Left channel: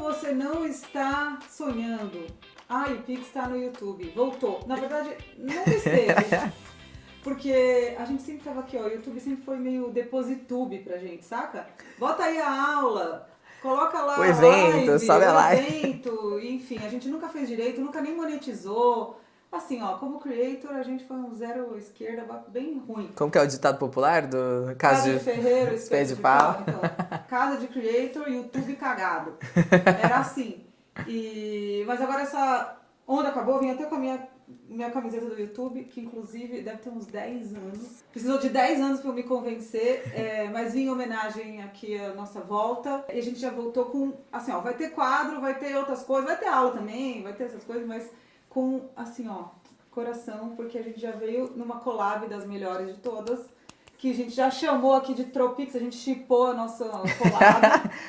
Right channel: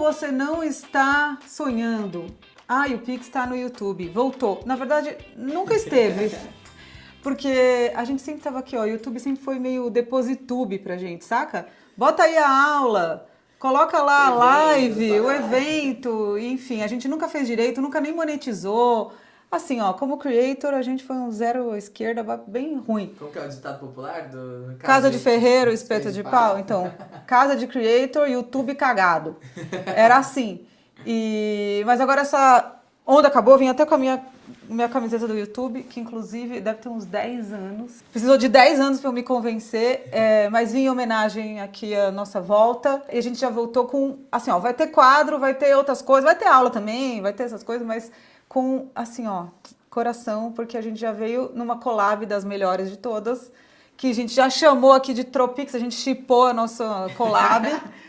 você não está sonhando? Ai, o Pix está no YouTube, voltou. Na verdade, nunca esteve. Porque a gente sempre tava aqui, ó, o YouTube sempre foi meio depositube pra gente, saca? Bota aí a aula, coloca lá a live, o evento, enfim, a gente nunca fez direito, nunca nem monetizou. Assim, ó, como creator, a gente foi um zero à esquerda bem ruim. Como que é o ditado popular do Casa de ferreiro, espeto de pau. Então, casa de creator, YouTube cagado. Era assim. Mas agora essa onda acabou, vim até com a minha camiseta do YouTube, que inclusive deve ter uns 10 anos. Precisou de 10 anos para eu me convencer, mas vim em homenagem aqui à nossa volta. E a gente já voltou com, assim, ó, vai ter quadro, vai ter outras coisas, vai ter aula também, vai ter essas coisas, mas com, assim, ó, coração, porque a gente já veio numa collab das melhores de todas, que a gente já chamou aqui de Tropix, a gente shippou a nossa collab.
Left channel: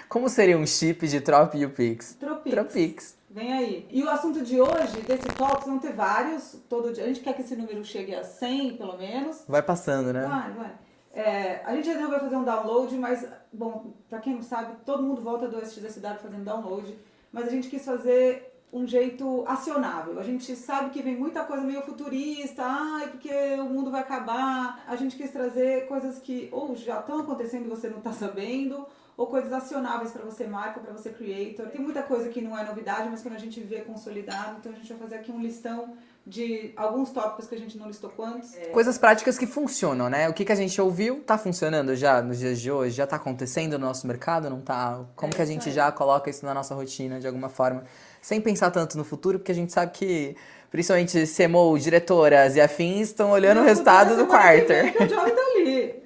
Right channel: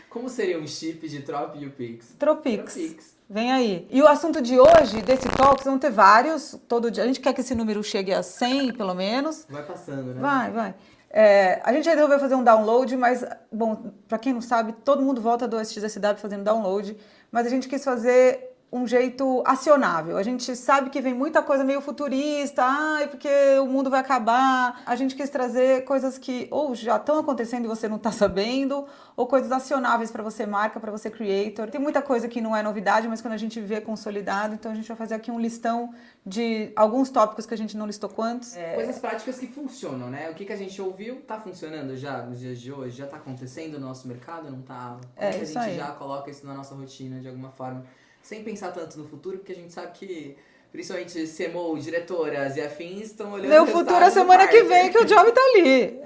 Como seria um chip de Trop e o Pix? Tropix. Vem aí. E o assunto de hoje, desse Talks, vão ter vários, todo dia. A gente quer que esse número chegue a 100, pelo menos. Vai passando, né? Vai. A gente resolveu fazer um download, mas, bom, pra quem não sabe, todo mundo volta do SXSW fazendo download, mas a gente quis fazer um jeito acionável. A gente sabe que vem muita coisa meio futurista, porque o mundo vai acabar. A gente quis trazer coisas que ou já estão acontecendo e você não está sabendo, ou coisas acionáveis para você marca, para você creator. Tem muita coisa que não é novidade, mas quando a gente vê consolidado, então a gente vai fazer aqui um listão de alguns tópicos que a gente não listou quantos. Coisas práticas que funcionam, né? O que a gente ouviu tá funcionando já nos dias de hoje? Já tá acontecendo no nosso mercado? Não tá? Como que a gente já coloca isso na nossa rotina de alguma forma? Sem pensar tanto no futuro, porque a gente sabe que, principalmente CMO, diretoras e afins, estão olhando o resultado do quarto. Semana que vem que o job tá ali.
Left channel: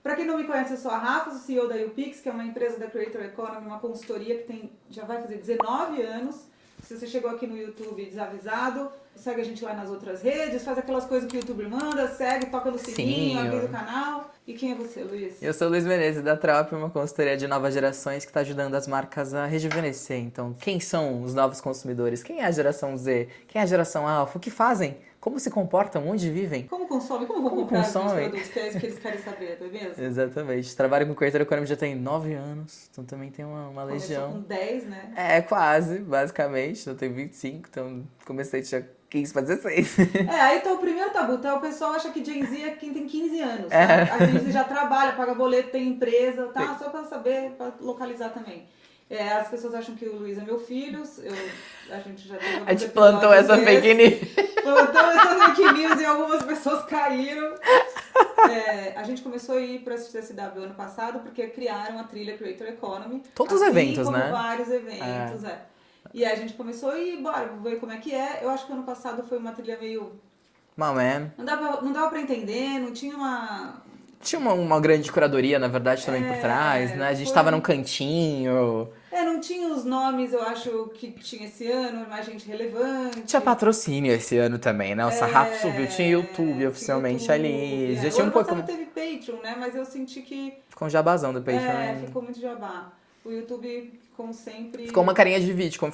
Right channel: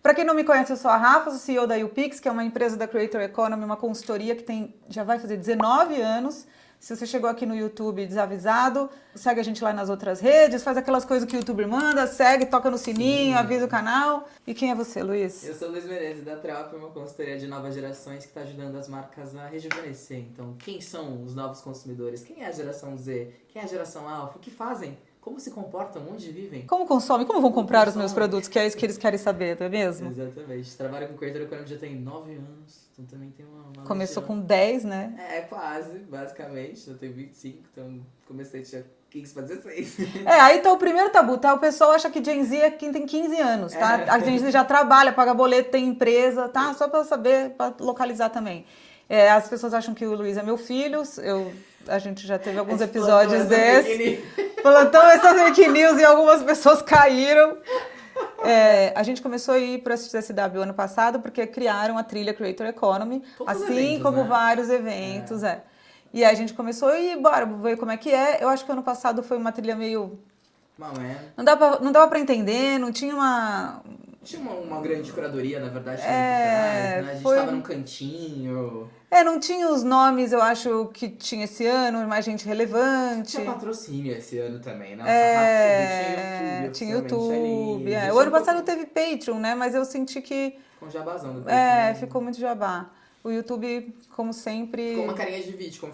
Para quem não me conhece, eu sou a Rafa, sou CEO da UPix, que é uma empresa da Creator Economy, uma consultoria que já vai fazer 19 anos. Se você chegou aqui no YouTube desavisado, segue a gente lá nas outras redes, faz aquelas coisas que o YouTuber manda, segue, toca no sininho, avisa o canal. E quem é você, Luiz? Eu sou o Luiz Menezes, da Trop, uma consultoria de novas gerações que está ajudando as marcas a rejuvenescer. Então, quem são os novos consumidores? Quem é a geração Z? Quem é a geração Alpha? O que fazem? Como se comportam? Onde vivem? Como consomem? Como vão comprar os meus produtos? Que é isso que eles querem saber, não é mesmo? Exatamente. Trabalho com Creator Economy já tem 9 anos, então também tem uma Começou legião. com 10, né? Quase, basicamente. Eu tenho 25, então comecei tinha 15 para 16. Aí então o primeiro tabu, tá? O pessoal acha que Gen Z é quem tem 15 anos, tá? A Gen Z já trabalha, paga boleto, tem empresa, tá? Só pra saber, pra localizar também. As pessoas acham que o Luiz é meu filho, a gente já teve alguns episódios plantou essa fake news. Plantou essa fake news e algumas pessoas caíram. A gente começou a ir para o SXSW ano passado porque criaram a trilha Creator Economy. Todos os eventos, assim como né? vários eventos, E aí a gente começou a ir, bora ver como é que é. Eu acho que ano passado foi uma trilha meio... Não dava pra entender, não tinha uma... Tinha uma grande curadoria, na verdade, também por trás, né? A gente tava num cantinho. Não tinha os nomes, eu acho que tinha esse ano, mais gente relevante. Tinha patrocínio esse ano também, né? O sarrafo subiu, tinha YouTube oficialmente ali. O ano passado teve Patreon, né? Mas eu senti que... Ficou um jabazão do Patreon. Ficou muito jabá. O YouTube, como sempre... Ficou uma carinha de VidCon.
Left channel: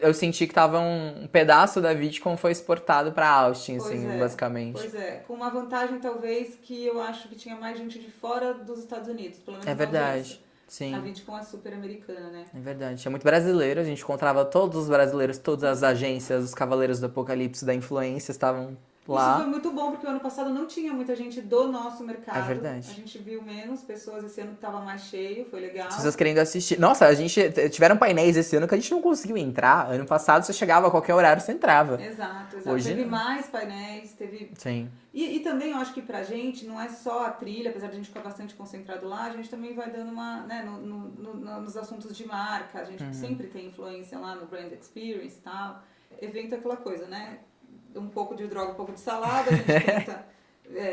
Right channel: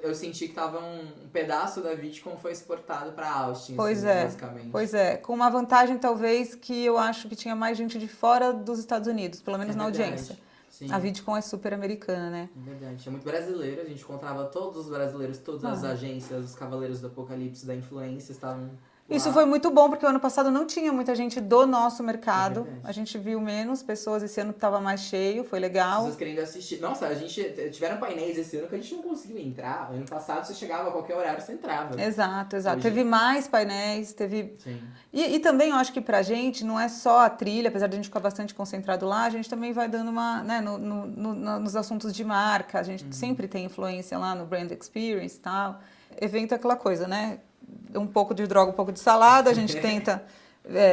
Eu senti que tava um pedaço da VidCon foi exportado pra Austin, basicamente. Pois é. Com uma vantagem, talvez, que eu acho que tinha mais gente de fora dos Estados Unidos, pelo menos na audiência. Sim. A VidCon é super americana, né? É verdade. Tinha muito brasileiro. A gente encontrava todos os brasileiros, todas as agências, os Cavaleiros do Apocalipse, da Influência, estavam... Isso foi muito bom, porque o ano passado não tinha muita gente do nosso mercado. É verdade. A gente viu menos pessoas, esse ano estava mais cheio, foi legal. As pessoas querendo assistir. Nossa, a gente tiveram painéis esse ano que a gente não conseguiu entrar. Ano passado você chegava a qualquer horário, você entrava. Exato. Hoje... Teve mais painéis, teve... Sim. E também eu acho que pra gente não é só a trilha, apesar de a gente ficar bastante concentrado lá, a gente também vai dando uma, né, nos assuntos de marca, a gente sempre tem influência lá no brand experience e tal. Evento é aquela coisa, né? Um pouco de droga, um pouco de salada, a gente tenta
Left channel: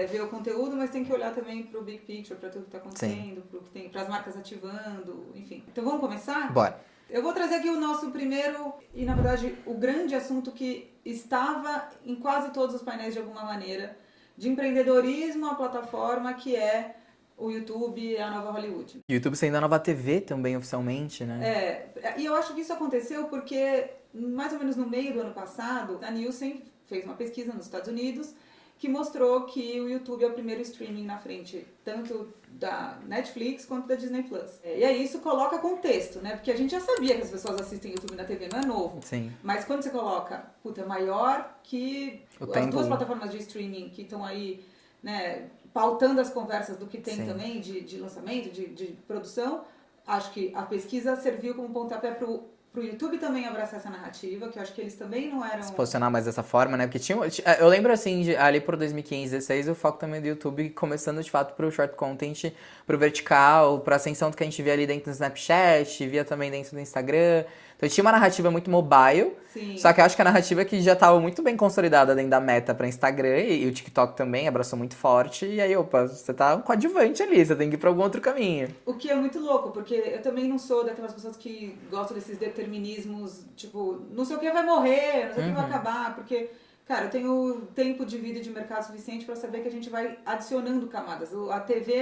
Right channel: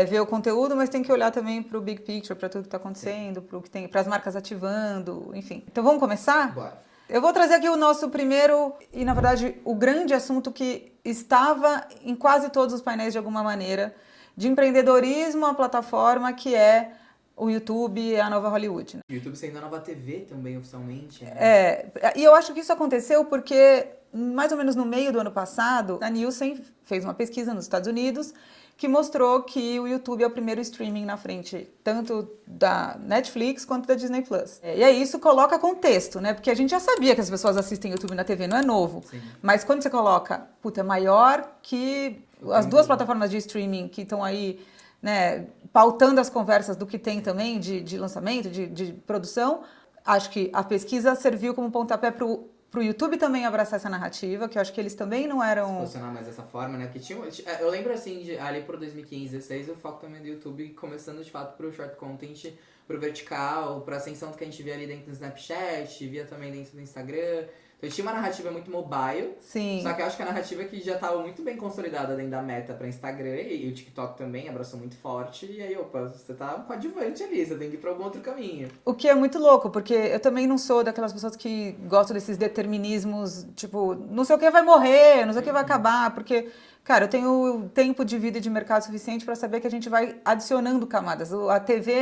ver o conteúdo, mas tem que olhar também para o big picture, para tudo que está acontecendo, para as marcas ativando, enfim. Então vamos começar? Bora. Eu vou trazer aqui o nosso primeiro e, na verdade, o grande assunto que estava em quase todos os painéis de alguma maneira, de empreendedorismo, a plataforma que é o YouTube e a nova Hollywood. Né? O YouTube sendo a nova TV também, oficialmente, né? E eu acho que isso aconteceu porque, mais ou menos no meio do ano passado, a Nielsen fez uma pesquisa nos Estados Unidos que mostrou que o YouTube é o primeiro streaming na frente, tanto da Netflix quanto da Disney Plus. E aí isso coloca contexto, né? Porque a gente já sabia que as pessoas assistem YouTube na TV, não é novo. Sim. Mas quando você coloca, puta, é maior que as duas plataformas de streaming que estão aí, né, pautando as conversas do que tem também de lançamento, de produção, acho que a pesquisa serviu como pontapé pro YouTube também abraçar essa narrativa, que eu acho que eles também não eram... Se posicionar mais dessa forma, né? Porque eu lembro, assim, ali por 2015, 2016, o foco também do YouTube começando, de fato, pro short content, pro vertical, pra ascensão do que a gente via ali dentro do Snapchat, via também dentro do Instagram. Então tinha uma narrativa muito mobile, Sim. Só que eu acho que a narrativa que já estava muito bem consolidada dentro da Meta para Instagram e o TikTok também abraçou muito forte. E aí, opa, você tá coadjuvante ali, você tem que ir para algum outro caminho. O que é muito louco, porque eu também não sou daquelas pessoas que gostam desses determinismos, tipo, não sei o que vai morrer, não sei o que vai acabar, porque... Cara, eu tenho tempo de vida e de mercado suficiente para saber que a gente vai adicionando camadas. A TV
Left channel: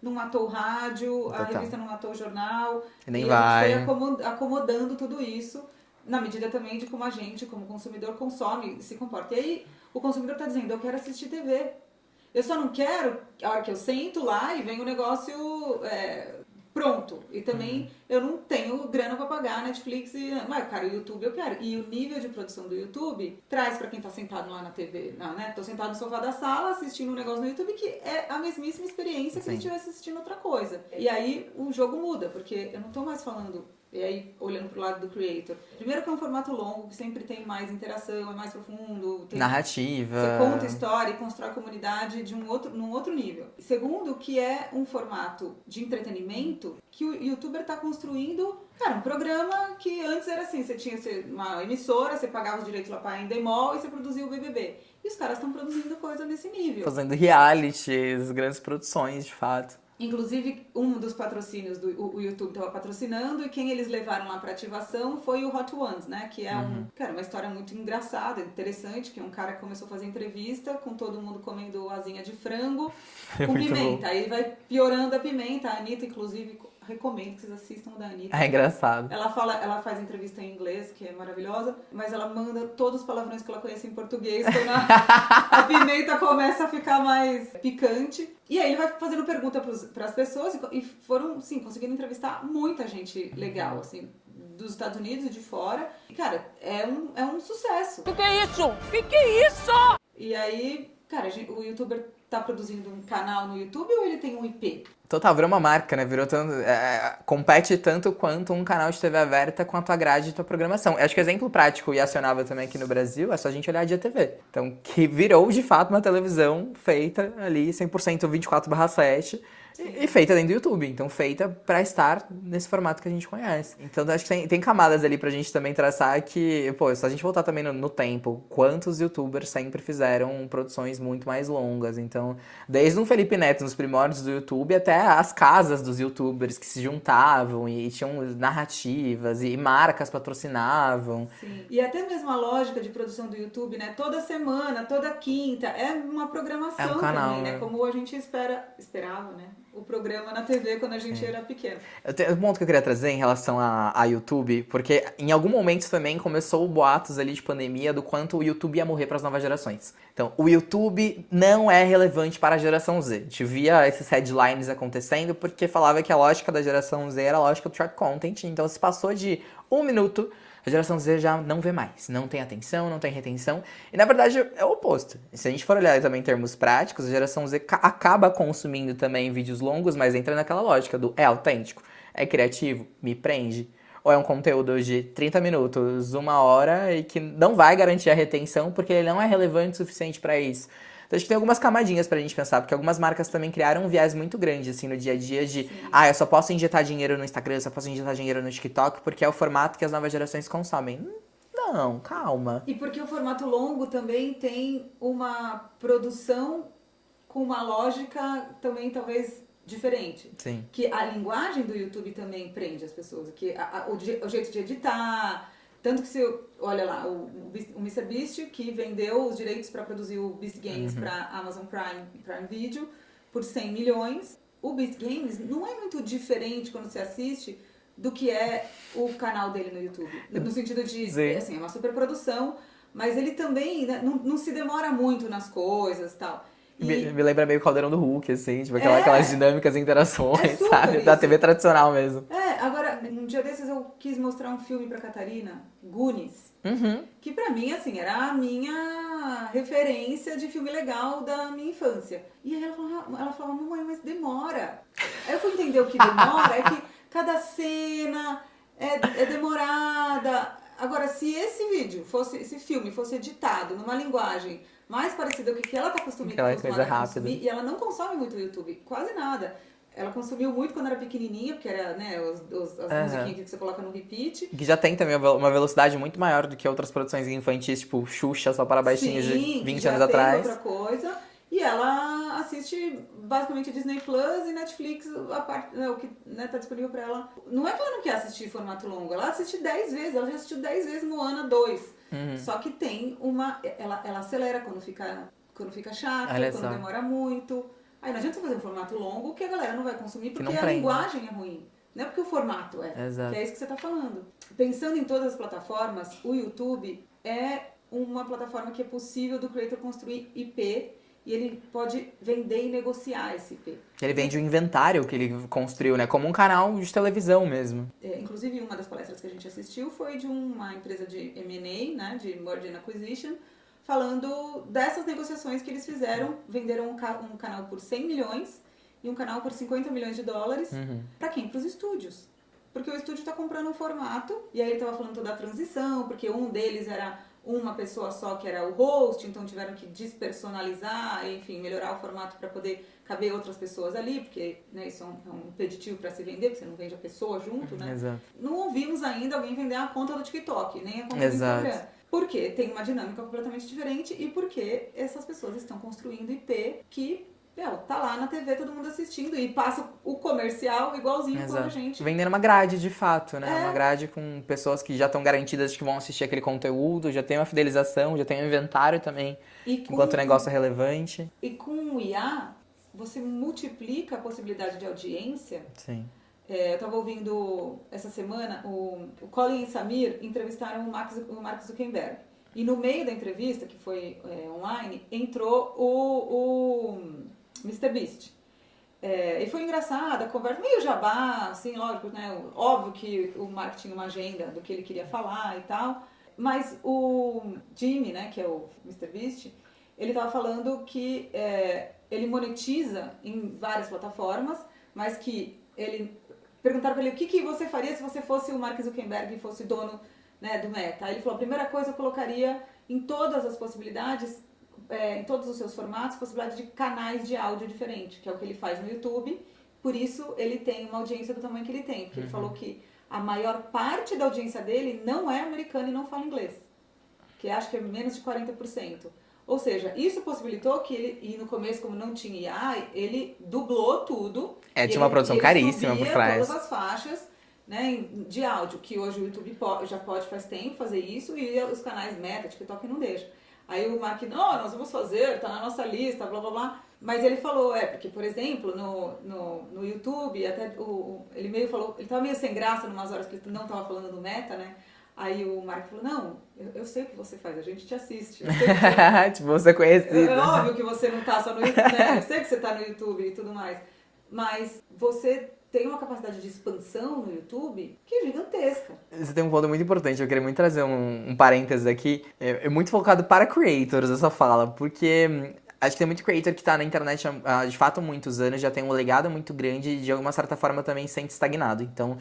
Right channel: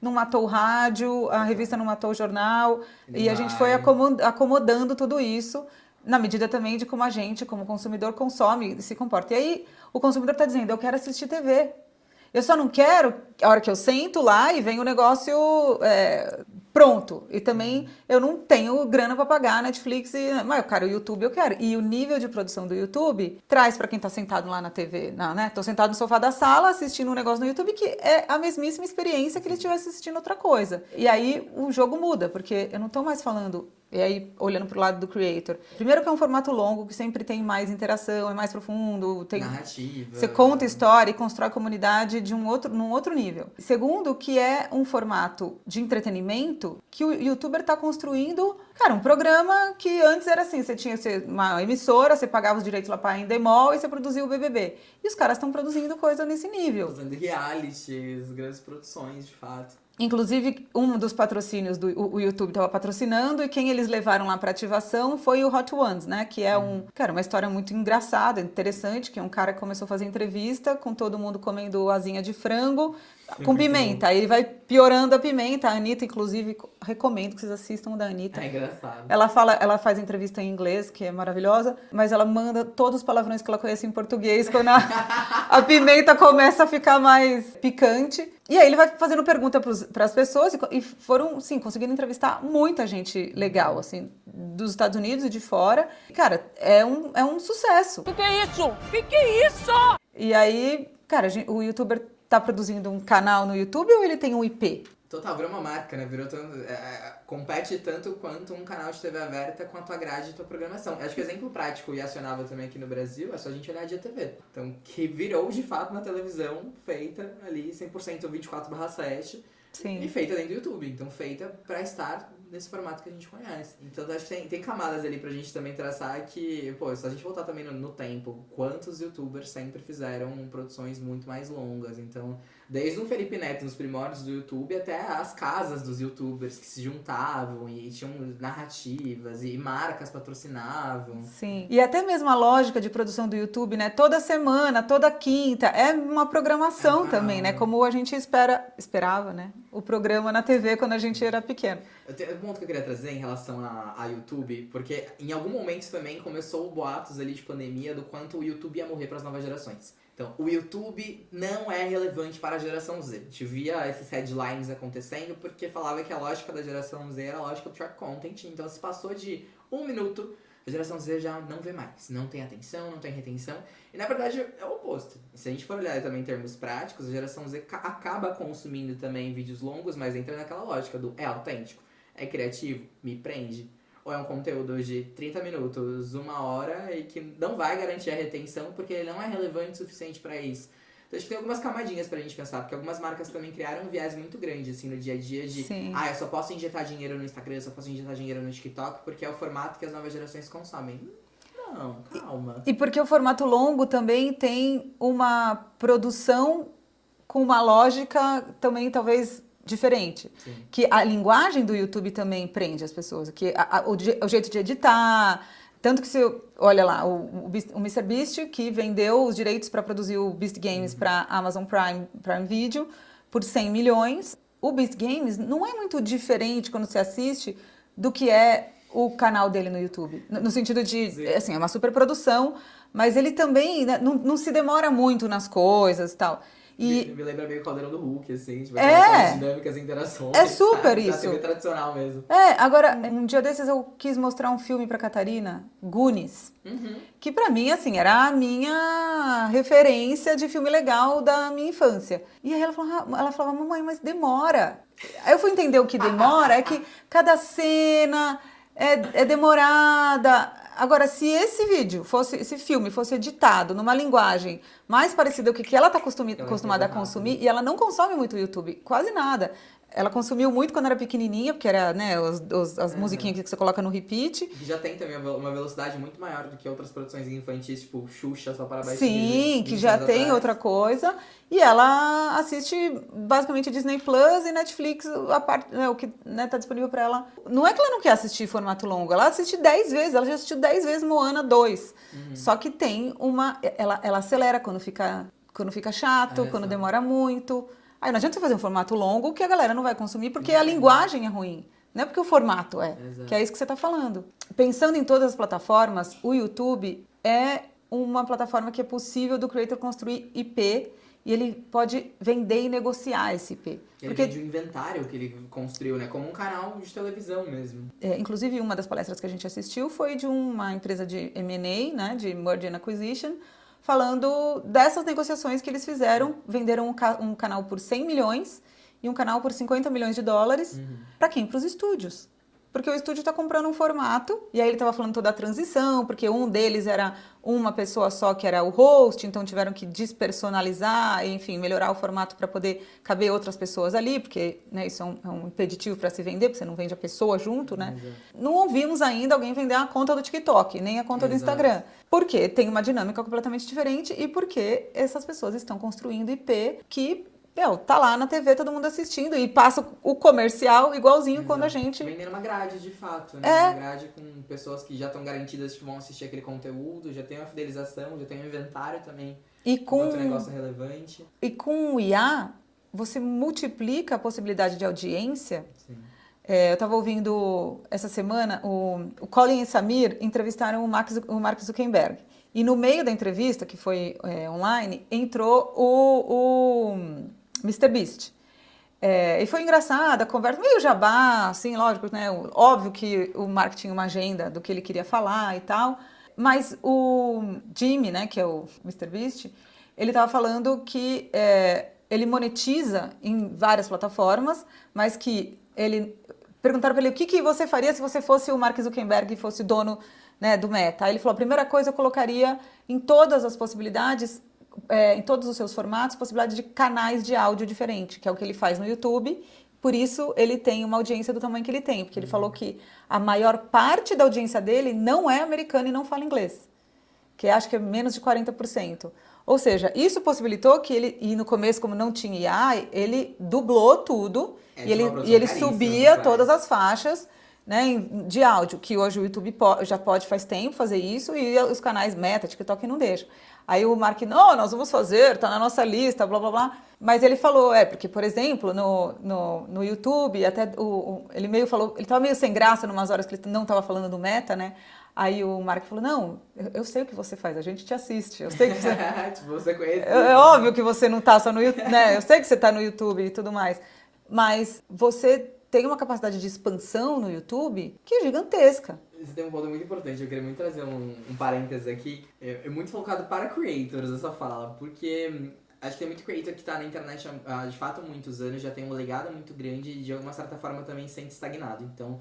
não matou o rádio, a revista não matou o jornal. E a gente foi acomodando tudo isso na medida também de como a gente, como consumidor, consome e se comporta. E aí o consumidor está dizendo, eu quero assistir TV. Eu só não quero a hora que eu sento lá e vem o negócio pronto. E também eu não tenho grana para pagar Netflix. Mas, cara, o YouTube eu quero. E o nível de produção do YouTube traz para quem tá sentado lá na TV, né? Tô sentado no sofá da sala assistindo um negócio no YouTube que é a mesmíssima experiência que ele estivesse assistindo outra coisa. E aí o jogo muda, porque eu não tô mais falando... E aí, olhando pro lado do creator. Primeiro que é um formato longo, que sempre tem mais interação, é mais profundo. Tem narrativa. Você conta história e constrói comunidade num outro nível. Segundo, que é um formato de entretenimento que o youtuber tá construindo, cara, um programa que antes era assim, você tinha uma emissora, você pagava os direitos lá para Endemol e você produzia o BBB. E os caras estão produzindo coisa nesse nível. Fazendo realities, grandes produções, de fato. Inclusive, um dos patrocínios o YouTube estava patrocinando e quem eles levaram lá para ativação foi o Hot Ones, né? Que é uma história muito engraçada, interessante, que é um cara que começou a fazer entrevista com todo mundo comendo asinha de frango com pimenta. Aí ele vai piorando a pimenta. A Anitta, inclusive, recomendo que vocês assistam o da Anitta. É engraçado. Ela faz entrevista em inglês, que é maravilhosa, mas ela manda todos os palavrões que ela conhece em português quando a pimenta começa a ficar mais picante. E aí ele vai fazendo pergunta para as pessoas e foram, sim, conseguindo entrevistar muita gente legal, assim, dos Estados Unidos e de fora. E, cara, é um sucesso. Que é isso? Que é isso? E aí, cara, o youtuber tá produzindo um canal no YouTube ou ele tem um IP? Total, virou uma marca, né? Virou tanto, compete tanto quanto um canal de TV aberta com a tua grade e tua programação. Eu acho que exemplo prático e acionável também aqui no Brasil é só a gente olhar a Dia TV. Então, que virou de fato uma televisão feita ali 100% 24/7 e feita dentro do YouTube. Então, feita pra estar nesse formato que a gente conhece. Então, acho que tem camadas ali pra gente também traçar que, pô, se a gente voltar também no tempo, quantos youtubers sempre fizeram produções muito mais longas. Então, desde um Felipe Neto nos primórdios do YouTube até as casas dos youtubers que se juntavam e tinham narrativas e marcas patrocinavam. Sim. E até mesmo a lógica de produção do YouTube, né? Toda semana, toda quinta, é uma programação também, né? Como a gente esperava, né? O programa na TV quando a gente era pequeno. Um ponto que eu queria trazer em relação a YouTube, porque em algum momento também começou boatos ali de pandemia do quanto o YouTube ia morrer para as novas gerações. Então, o YouTube não é relevante para a geração Z. A gente via esses headlines acontecendo porque falava que a lógica da geração Z era a lógica do short content. Então, se passou de 1 minuto, a geração Z já não vê mais. Não tem atenção, não tem retenção. E, na verdade, é o oposto. Se a gente for olhar também em termos práticos, a geração Z acaba consumindo também vídeos longos, mas entra naquela lógica do é autêntico, é criativo, me prende. Ou é um conteúdo de 30 minutos, 1 hora, e que não vai garantir a retenção porque ele não é relevante o suficiente para isso. Então, acho que tem algumas camadinhas pra gente pensar, porque algumas marcas também criaram um viés muito grande, assim, no dia a dia de... Sim. Eu só posso injetar dinheiro no Instagram, eu só posso injetar dinheiro no TikTok, porque é o formato que as novas gerações consomem. Não, calma. E porque o formato longo também tem uma produção com uma lógica também, talvez, diferente. Sim. Que a linguagem do YouTube também prende as pessoas. Que o jeito de editar... Tanto que você olha lá, o MrBeast, que vendeu os direitos para produzir o Beast Games para Amazon Prime Video por 100 milhões. O Beast Games não é muito diferente quando você assiste do que é o canal dele no YouTube. No sentido de, assim, é uma super produção, Mas ele também, né, não se demora muito nas coisas e tal. Me lembra meio o Caldeirão do Hulk, assim, tipo, aquelas dinâmicas e interações, é super sabe? isso. Da TV tradicional mesmo. Agora, um dia desses eu quis mostrar um filme pra Catarina, Goonies, que pra mim, assim, era a minha referência de filme legal da minha infância. E aí ela falava, mamãe, mas demora. Aí eu fui entender o que demora, é que cada cena é demorada. Agora, se esse filme fosse editado numa linguagem mais parecida com o que ela está acostumada a consumir, e ela não consome muito o YouTube, quase nada. Ela consumiu muito quando era pequenininha, porque era, né, as musiquinhas que você coloca no repeat. Que já tem também uma velocidade muito maior do que outras produções infantis, tipo Xuxa, só para baixinhos de 20 anos atrás. Sim, que já tem outra coisa. E ela assiste basicamente Disney Plus e Netflix, a parte, né, o que tá disponível para ela. Não é que ela não quer assistir formato longo, ela assiste 10 vezes, ela já assistiu 10 vezes Moana 2. Só que tem ela acelera quando fica chato, quando demora muito. Aí não adianta você fazer um formato longo que a galera não vai consumir porque a linguagem é ruim. Não é porque o formato Exato. Que é isso que você está falando. Pensando em todas as plataformas, o YouTube é uma plataforma que é possível do creator construir IP e ele pode vender e negociar esse IP. Ele vende o inventário que ele construiu, né? Como um canal de televisão mesmo. Inclusive, uma das palestras que a gente assistiu foi de uma empresa de M&A, né? De Merger and Acquisition, falando dessas negociações que eles fizeram. Venderam um canal por 100 milhões e um canal por 50 milhões de dólares. Para quem? Para os estúdios. Porque o estúdio está comprando um formato, e aí ele estava falando toda a transição, porque um deles era uma pessoa só que era o host, então tiveram que despersonalizar, enfim, melhorar o formato para poder caber outras pessoas ali, porque, né, isso é um impeditivo para se vender, porque você não vende a pessoa junto, né? Exato. Não ouvimos ainda alguém vender a conta do TikTok, nem a conta do Instagram. Porque tem uma dinâmica completamente diferente e porque essas pessoas estão construindo IP que tá lá na TV, todo mundo assistindo e passa o comercial igualzinho quando a gente... Vendendo uma grade, de fato, né? Uma grade com pessoas que já estão garantidas de que vão assistir aquele conteúdo, já tem uma fidelização, já tem um inventário também, enquanto o negócio é relevante. E com o IA, você multiplica a possibilidade de audiência. Sim. Eu estava ouvindo essa semana, o Colin e Samir entrevistaram o Mark Zuckerberg. E no meio da entrevista, que foi online, entrou o MrBeast. E foi engraçada a conversa, meio jabá, assim, lógico, né? Óbvio que o Mark tinha uma agenda do que ele queria falar e tal, mas o Jimmy, né, que é o MrBeast, ele estava falando que ele monetiza em várias plataformas, mas que perguntaram para ele o que você faria se você fosse o Mark Zuckerberg e fosse dono, né, do Meta. Aí ele falou, a primeira coisa eu colocaria em todas as possibilidades, em todos os seus formatos, possibilidade de canais de áudio diferente, que é o que ele faz no YouTube. Por isso, ele tem uma audiência do tamanho que ele tem. Porque ele falou que a maior parte da audiência dele não é americana e não fala inglês. Que acho que é menos de 40%. Ou seja, isso possibilitou que ele, e no começo, como não tinha IA, ele dublou tudo. De uma produção caríssima. Ele subia todas as faixas, né, de áudio, que hoje o YouTube já pode faz tempo fazer isso, e os canais Meta, TikTok não deixam. Aí o Mark, não, nós vamos fazer, tá na nossa lista, blá, blá, blá. Mas ele falou, porque, por exemplo, no YouTube, até ele meio falou, ele tava meio sem graça numas horas que ele não tava falando do Meta, né? Aí o Mark falou, não, eu sei o que você faz, a gente te assiste. Eu sei que você... tipo, você conhece. É óbvio que você não tá só no YouTube, né? Eu sei que você tá no YouTube e tudo mais. Mas você tem uma capacidade de expansão no YouTube que é gigantesca. Você tem um ponto muito importante, eu queria muito trazer um parênteses aqui. É muito focado para creators essa fala, porque acho que tem muito creator que tá na internet há de fato muitos anos, já tem um legado muito grande e de alguma certa forma também se sente estagnado. Então,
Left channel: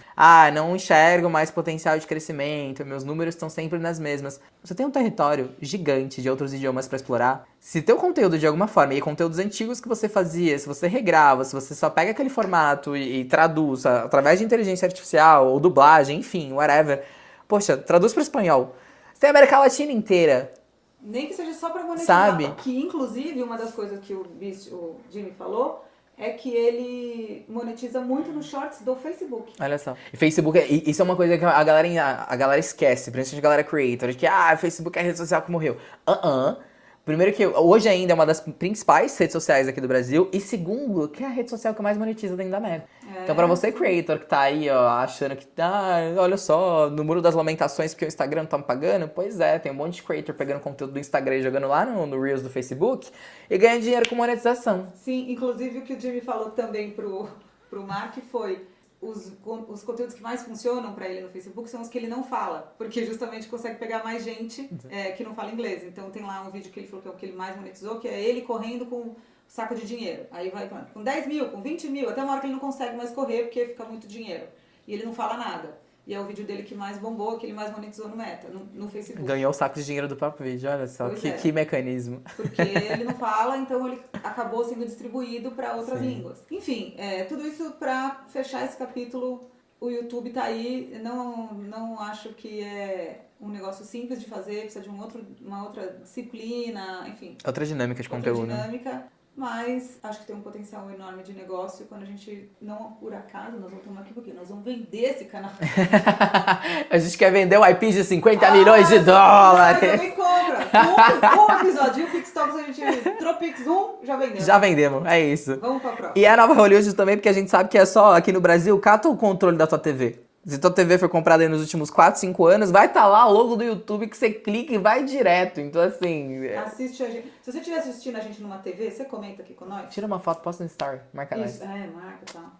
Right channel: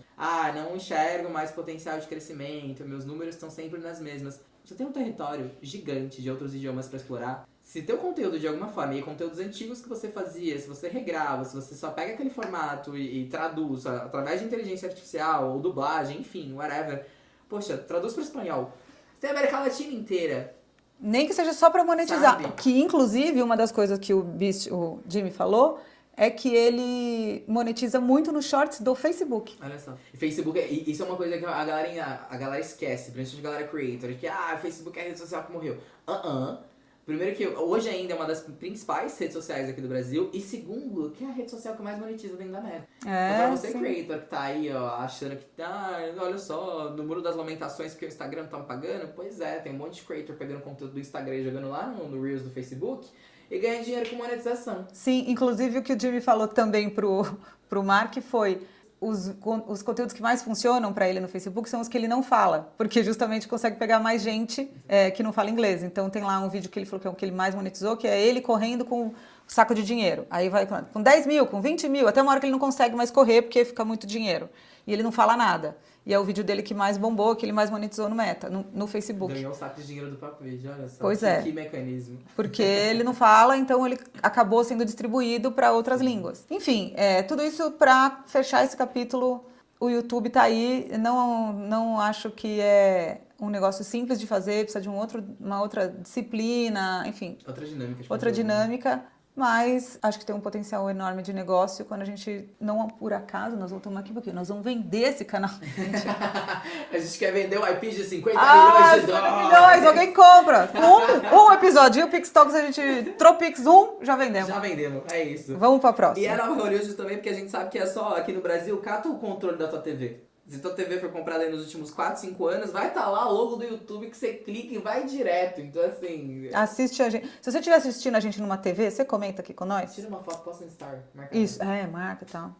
não enxergo mais potencial de crescimento, meus números estão sempre nas mesmas. Você tem um território gigante de outros idiomas para explorar. Se teu conteúdo de alguma forma, e conteúdos antigos que você fazia, se você regrava, se você só pega aquele formato e traduz através de inteligência artificial ou dublagem, enfim, whatever, poxa, traduz para espanhol. Você tem a América Latina inteira. Nem que seja só para monetizar. Sabe? Que, inclusive, uma das coisas que o Jimmy falou é que ele monetiza muito nos shorts do Facebook. Olha só. E Facebook, isso é uma coisa que a galera esquece, principalmente a galera creator, de que Facebook é a rede social que morreu. Primeiro que hoje ainda é uma das principais redes sociais aqui do Brasil. E segundo, que é a rede social que mais monetiza dentro da Meta. Então pra você, creator, que tá aí, ó, achando que, olha só, no Muro das Lamentações porque o Instagram tá me pagando. Pois é, tem um monte de creator pegando conteúdo do Instagram e jogando lá no Reels do Facebook e ganha dinheiro com monetização. Sim, inclusive o que o Jimmy falou também pro Mark foi... Os conteúdos que mais funcionam para ele no Facebook são os que ele não fala, porque justamente consegue pegar mais gente que não fala inglês. Então tem lá um vídeo que ele falou que é o que ele mais monetizou, que é ele correndo com um saco de dinheiro. Aí vai com 10 mil, com 20 mil, até uma hora que ele não consegue mais correr porque fica muito dinheiro. E ele não fala nada. E é o vídeo dele que mais bombou, que ele mais monetizou no Meta, no Facebook. Ganhou o saco de dinheiro do próprio vídeo, olha só. Pois Que mecanismo. Porque ele não fala, então ele acabou sendo distribuído para outras línguas. Enfim, tudo isso para fechar esse capítulo. O YouTube tá aí. Não acho que é um negócio simples de fazer, precisa de uma outra disciplina, enfim. Outra dinâmica de outra conteúdo. dinâmica. Mas acho que tem um potencial enorme de negócio quando a gente, não por acaso, nós voltamos aqui porque nós vamos vender esse canal. A gente quer vender um IP de 50 milhões de dólares. Alguém compra. Um episódio. E o Pix Talks a gente Tropix já vendemos. Já vendemos, é isso. Vamos pra próxima. E é a nova Hollywood também, porque a gente sabe que é só aqui no Brasil, cata o controle da tua TV. Se tua TV foi comprada aí nos últimos 4, 5 anos, vai estar lá o logo do YouTube que você clica e vai direto. Então, assim... Assiste a gente. Se você estiver assistindo a gente numa TV, você comenta aqui com nós. Tira uma foto, posta no story. Marca Isso, nós. marca e tal.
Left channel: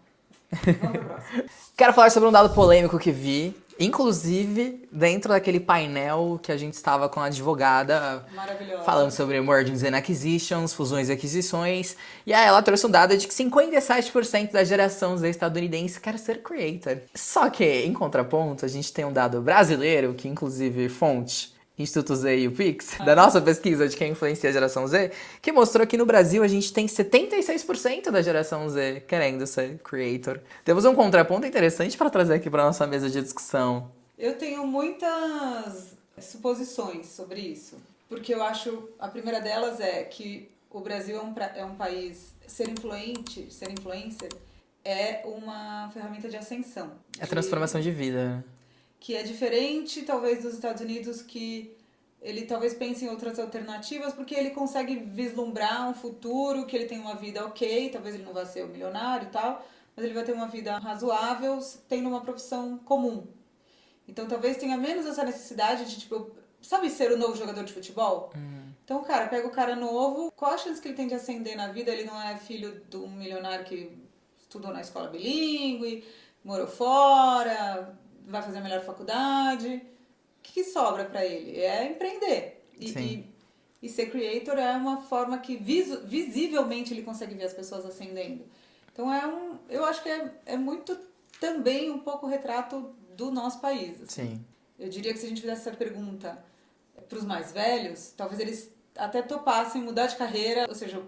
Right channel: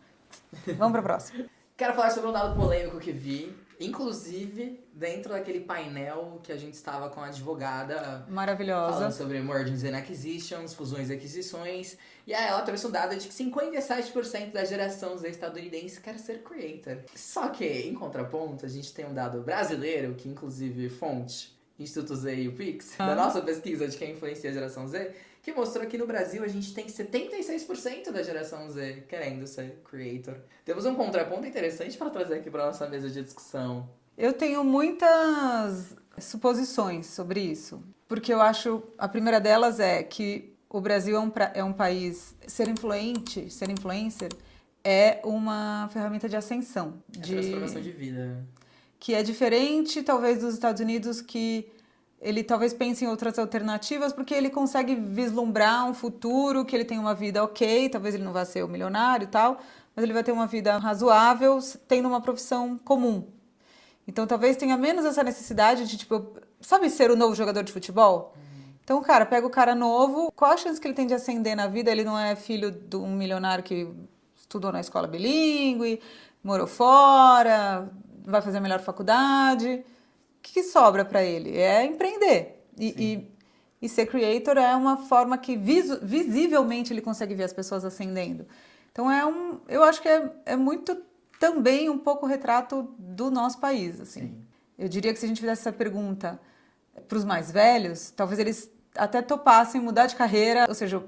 Vamos pra próxima. Quero falar sobre um dado polêmico que vi. Inclusive, dentro daquele painel que a gente estava com a advogada... Maravilhosa. Falando sobre mergers and acquisitions, fusões e aquisições. E aí ela trouxe um dado de que 57% da geração Z estadunidense quer ser creator. Só que, em contraponto, a gente tem um dado brasileiro, que inclusive fonte... Instituto Z e o Pix, da nossa pesquisa de quem influencia a geração Z, que mostrou que no Brasil a gente tem 76% da geração Z querendo ser creator. Temos um contraponto interessante para trazer aqui para nossa mesa de discussão. Eu tenho muitas suposições sobre isso, porque eu acho, a primeira delas é que o Brasil é um país, ser influencer, é uma ferramenta de ascensão. É transformação de vida. Que é diferente, talvez, dos Estados Unidos, que ele talvez pense em outras alternativas, porque ele consegue vislumbrar um futuro, que ele tem uma vida ok, talvez ele não vá ser o milionário e tal, mas ele vai ter uma vida razoável, tendo uma profissão comum. Então, talvez tenha menos essa necessidade de, tipo, sabe, ser o novo jogador de futebol? Então, cara, pega o cara novo, qual a chance que ele tem de ascender na vida? Ele não é filho de um milionário que estudou na escola bilíngue, morou fora... vai fazer a melhor faculdade, o que sobra para ele? É empreender. E ser creator é uma forma que visivelmente ele consegue ver as pessoas ascendendo. Então eu acho que é muito também um pouco retrato do nosso país. Assim. Sim. Eu diria que se a gente fizesse essa pergunta para os mais velhos, talvez eles até topassem mudar de carreira, ou seja,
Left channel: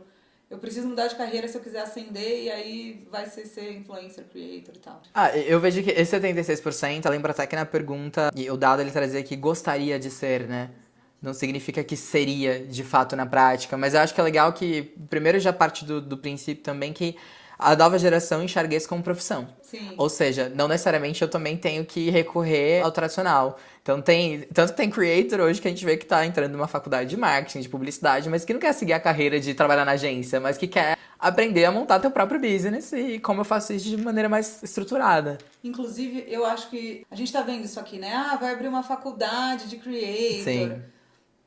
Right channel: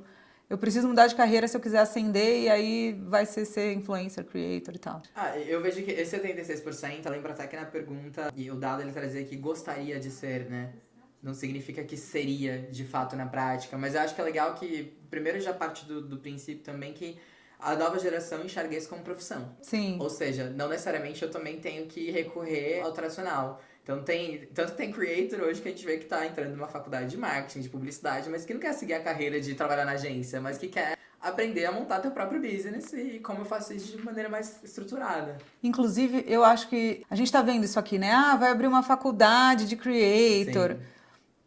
eu preciso mudar de carreira se eu quiser ascender e aí vai ser influencer, creator e tal. Eu vejo que esse 76%, lembra até que na pergunta, e o dado ele trazia que gostaria de ser, né? Não significa que seria, de fato, na prática. Mas eu acho que é legal que, primeiro, já parte do princípio também que a nova geração enxergue isso como profissão. Sim. Ou seja, não necessariamente eu também tenho que recorrer ao tradicional. Tanto que tem creator hoje que a gente vê que tá entrando numa faculdade de marketing, de publicidade, mas que não quer seguir a carreira de trabalhar na agência, mas que quer aprender a montar teu próprio business e como eu faço isso de maneira mais estruturada. Inclusive, eu acho que a gente tá vendo isso aqui, né? Vai abrir uma faculdade de creator. Sim.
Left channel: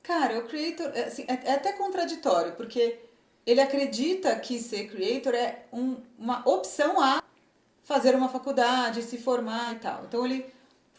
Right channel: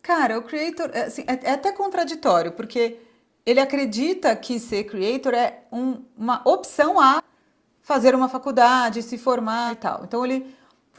Cara, o creator assim, é até contraditório, porque ele acredita que ser creator é uma opção a fazer uma faculdade, se formar e tal. Então,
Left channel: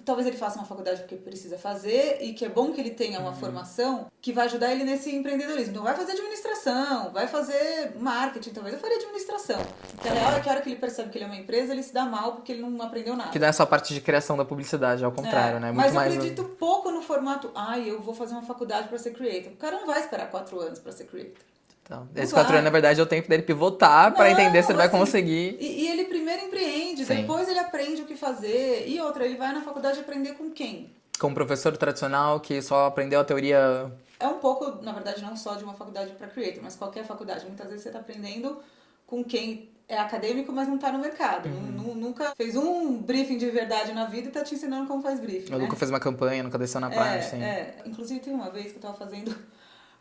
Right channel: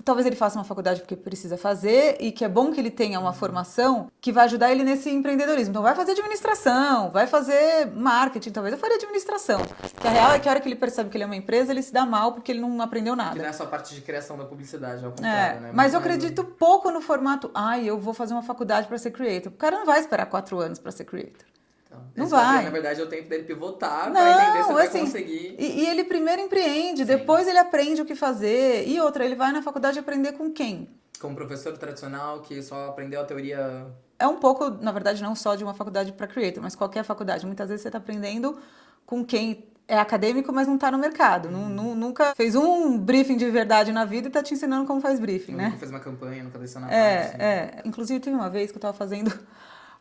talvez ele faça uma faculdade porque precisa fazer e que é bom que ele tenha uma formação que vai ajudar ele nesse empreendedorismo. Então, vai fazer administração, vai fazer marketing, talvez eu faria administração. Porque a real é que a hora que ele percebe que ele é uma empresa, ele se dá mal porque ele não aprendeu nada. Que não é só parte de criação da publicidade, ao contrário, né? Mas eu acredito pouco no formato, eu vou fazer uma faculdade para ser creator. O cara não vai esperar 4 anos para ser creator. Então, esse 4 anos, na verdade, é o tempo dele pivotar para entender se ele vai conseguir. E ele primeiro empreende, Sim. depois ele aprende o que fazer. E outra, ele vai na faculdade aprender com quem? Com um professor tradicional que só aprendeu a teoria... É um pouco, na verdade, não só de uma faculdade para creator, mas qualquer faculdade. Muitas vezes você está aprendendo com quem é acadêmico, mas não está no mercado. Nunca fez um briefing de verdade na vida e está te ensinando como faz briefing, Eu né? nunca fez uma campanha, nunca desceu na parte. Sim. Inclusive, teve uma vez que eu estava fazendo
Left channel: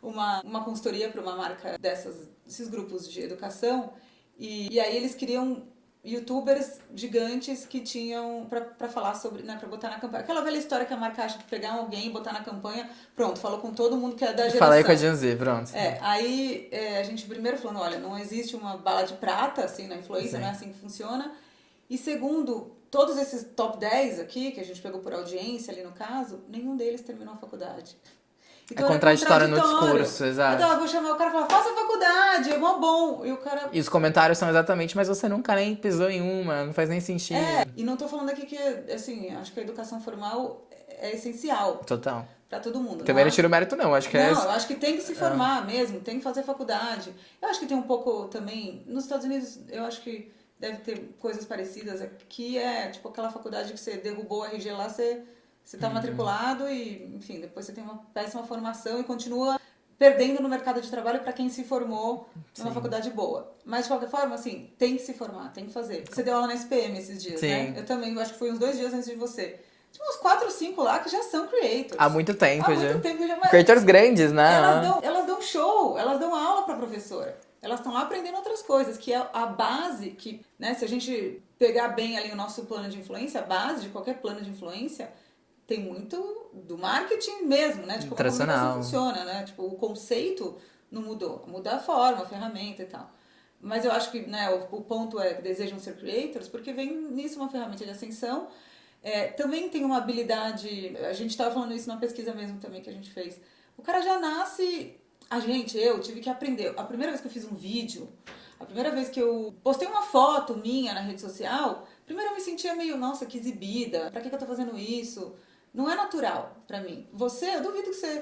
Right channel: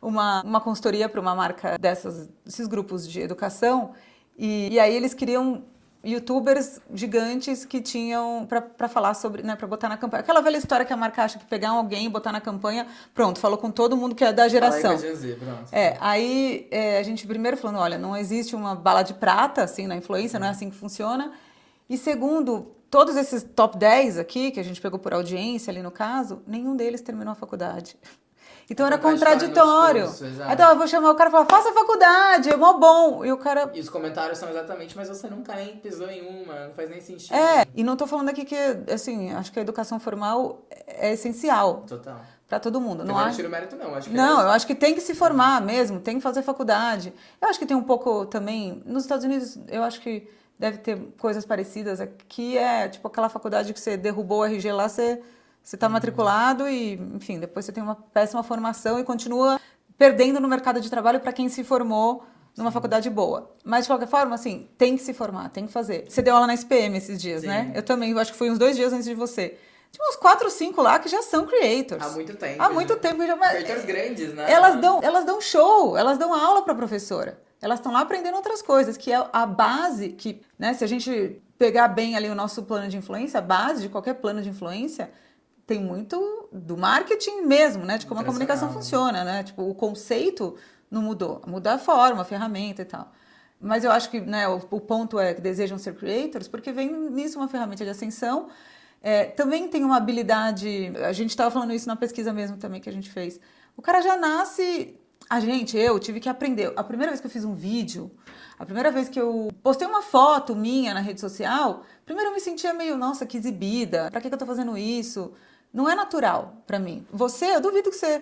uma consultoria para uma marca desses grupos de educação e aí eles queriam YouTubers gigantes que tinham para falar sobre, né, para botar na campanha. Aquela velha história que a marca acha que pegar alguém, botar na campanha, pronto, falou com todo mundo que é da geração. Falei com a Gen Z, pronto. Aí a gente primeiro falando, olha, não existe uma bala de prata assim na influência, não é assim que funciona. E segundo, todos esses top 10 aqui, que a gente pegou por audiência ali no caso, nenhum deles terminou a faculdade. Então era contraditório. No discurso, exato. Então eu vou chamar o cara e falar, faça faculdade, é mó bom. E o cara... E os comentários são exatamente, mas você nunca nem pisou em uma, não faz nem sentido. E não tô falando aqui que, assim, acho que a educação formal é essencial. Total. Pra todo mundo. Também não tiro o mérito, não. Acho que não, eu acho que tem que se formar mesmo, tem que fazer faculdade. Eu acho que tem um pouco também... Nos Estados Unidos, eu acho que deve ter coisas parecidas. Aqui é tipo aquela faculdade que você derrubou o RG lá, você está matriculado e, enfim, depois você tem uma péssima formação e continua perdendo no mercado de trabalho para quem se formou numa faculdade boa. Mas, de qualquer forma, assim, tem que se formar, tem que fazer. Você deu aula na SPM esses dias, né? Eu também, eu acho que foi uns 2 dias antes de você. Tinha uns 4 ou 5 lá que já são creators. Há muito tempo. Há muito tempo já. Creators grandes, né? Elas dão show, elas dão aula para professora. Elas estão lá aprendendo outras coisas, que é a base que, né, se a gente pegar bem ali o nosso plano de influência, a base de qualquer plano de influência tem muito do marketing mesmo, né, de como a comunicação funciona, né? Tipo, o conceito não mudou, muda a forma, a ferramenta e tal. Mas eu acho que, né, o ponto é que desejam ser creators, porque vem nisso uma ferramenta de ascensão. Também tem uma habilidade, a gente estava falando isso na pesquisa mesmo também que a gente fez. O cara já nasce... Eu tive que aprender. A primeira vez que eu fiz um vídeo, a primeira vez que eu postei uma foto minha na rede social, primeiro eu me sentia meio, nossa, que exibida. Pra que eu tô fazendo isso? Não é natural pra mim. Eu duvido que você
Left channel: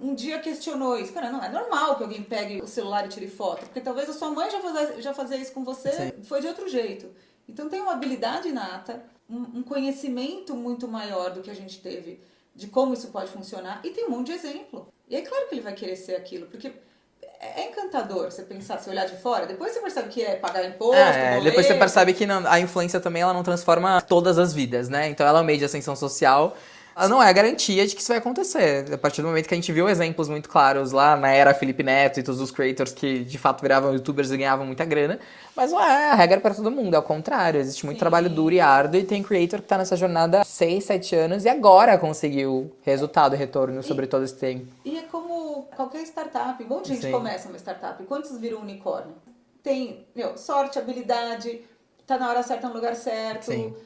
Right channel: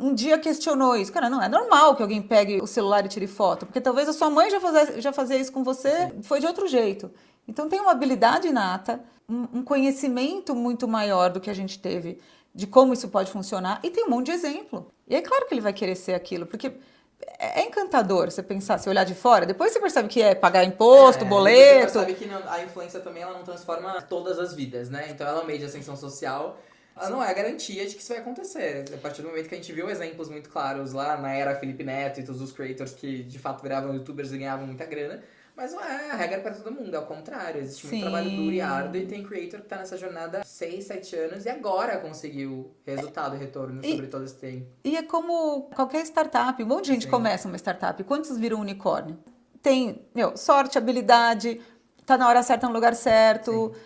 um dia questionou isso. Cara, não, é normal que alguém pegue o celular e tire foto. Porque talvez a sua mãe já fazia isso com você, foi de outro jeito. Então tem uma habilidade inata, um conhecimento muito maior do que a gente teve de como isso pode funcionar, e tem um monte de exemplo. E é claro que ele vai querer ser aquilo, porque é encantador você pensar, você olhar de fora, depois você percebe que é pagar imposto, boleto... Depois você percebe que a influência também ela não transforma todas as vidas, né? Então ela é um meio de ascensão social, ela não é a garantia de que isso vai acontecer. A partir do momento que a gente viu exemplos muito claros lá na era Felipe Neto e todos os creators que de fato viravam youtubers e ganhavam muita grana, mas não é a regra para todo mundo, é o contrário. Existe muito trabalho duro e árduo e tem creator que tá nessa jornada há 6, 7 anos e agora conseguiu resultado e retorno sobre todo esse tempo. E é como qualquer startup, um monte de gente começa uma startup, quantos viram unicórnio? Tem, sorte, habilidade, tá na hora certa, no lugar certo,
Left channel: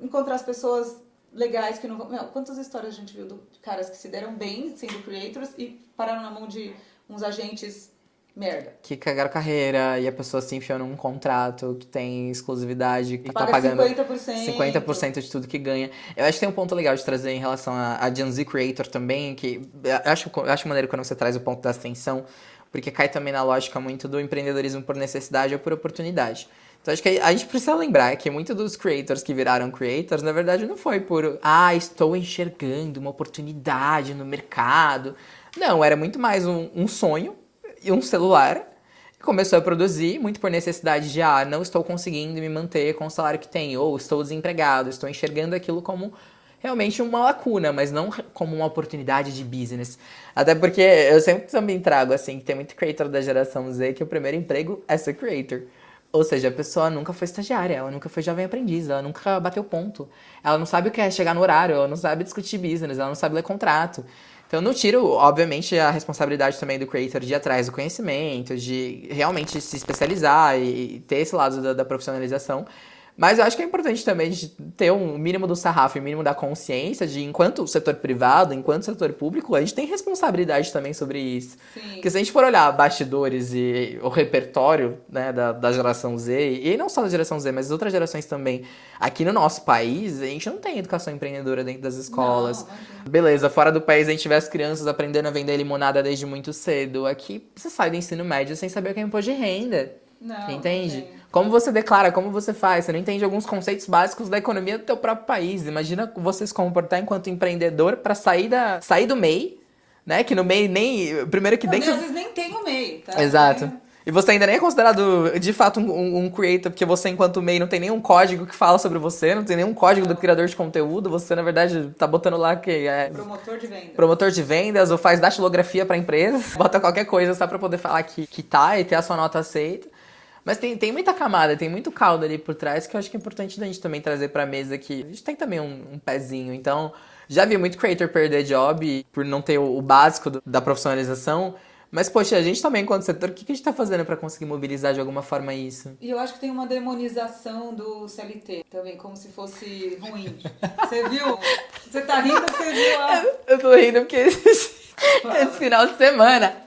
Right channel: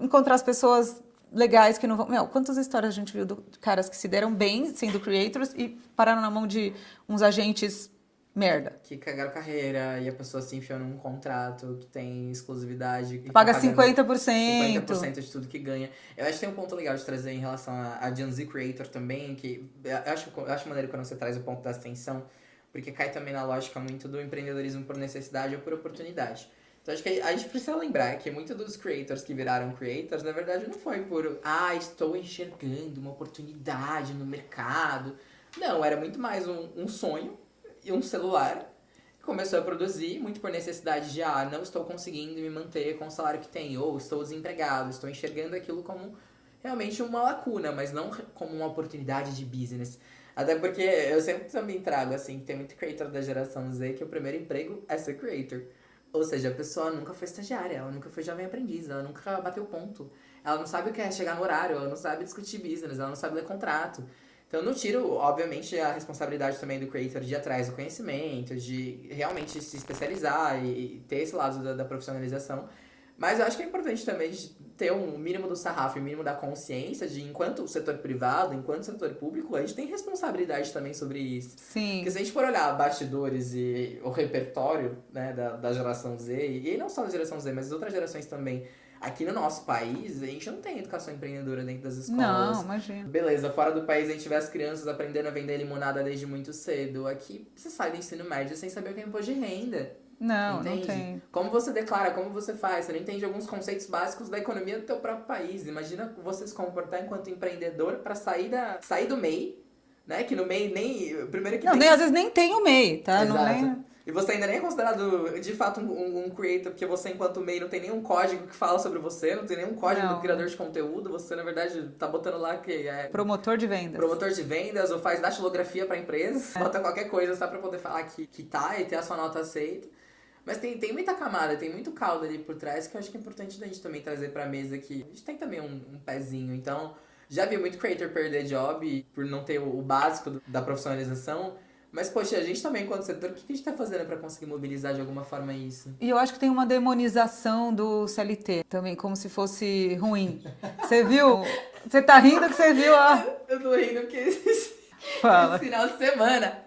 encontrar as pessoas legais que não vão... quantas histórias a gente viu de caras que se deram bem sendo creators e pararam na mão de uns agentes... merda. Que cagaram carreira e a pessoa se enfiou num contrato que tem exclusividade. Que paga tá pagando 50%. 50% de tudo que ganha. Eu acho que tem um ponto legal de trazer em relação a Gen Z Creator também, que eu acho maneiro quando você traz o ponto da ascensão, porque cai também na lógica muito do empreendedorismo por necessidade ou por oportunidade. Então acho que a gente precisa lembrar que muitos dos creators que viraram creators, na verdade, não foi por estou enxergando uma oportunidade no mercado. Não, era muito mais um sonho e um celular, começou a produzir, muito por necessidade de, não estou conseguindo me manter com o salário que tenho, ou estou desempregado, estou enxergando aquilo como realmente uma lacuna, mas não como uma oportunidade de business. Até porque eu sempre também trago, assim, que tem muito creator da geração Z que o primeiro emprego é ser creator. Ou seja, a pessoa nunca foi estagiária, ela nunca foi jovem aprendiz, ela nunca bateu ponto. Ela não sabe o que é chegar no horário, ela não sabe discutir business, ela não sabe ler contrato. Então, eu não tiro, obviamente, a responsabilidade também do creator de ir atrás do conhecimento, de realmente se especializar e ter esse lado da profissionalização. Mas eu acho que é importante também de ter um mínimo do sarrafo e um mínimo da consciência de, enquanto setor privado, enquanto setor público, a gente tem responsabilidade também sobre isso. Sim. Porque se a gente for olhar bastidores e o repertório, né, da geração Z, e não só da geração Z, mas das outras gerações também, aqui no nosso país, a gente não tem educação empreendedora dentro das escolas. Não, imagina. Beleza, fora do país a gente vê as crianças aprendendo a vender limonada desde muito cedo. Aqui você sai do ensino médio sem saber o que é imposto de renda. Não, entende? não tem. Como você declara, como você faz, você não entende alguns conceitos básicos da economia do teu próprio país. Imagina você se comportar enquanto empreendedor para sair do MEI, né? Que no MEI nem... Primeiro que Não, dentro... às vezes nem tem o MEI, tá? Exato. E você ainda nem é considerado, de fato, um creator, porque você, enquanto MEI, não tem nenhum código que fala sobre você, não tem nenhum código do criador de conteúdo, você, na verdade, tá botando lá que é... Promotor de vendas. Promotor de vendas, ou faz datilografia pra empresa, bota qualquer coisa só pra poder falar que tá e ter a sua nota aceita. Mas tem muita camada, tem muito caldo ali por trás que eu acho que é importante a gente também trazer pra mesa aqui. A gente tem também um pezinho, então... Já vi muito creator perder job por não ter o básico da profissionalização. Mas, poxa, a gente também, enquanto setor, o que a gente tá fazendo pra conseguir mobilizar de alguma forma isso? E eu acho que tem uma demonização do CLT também, como se fosse ruim. Você viu? Você tá rindo que você viu a... Eu tô rindo porque esse final de semana,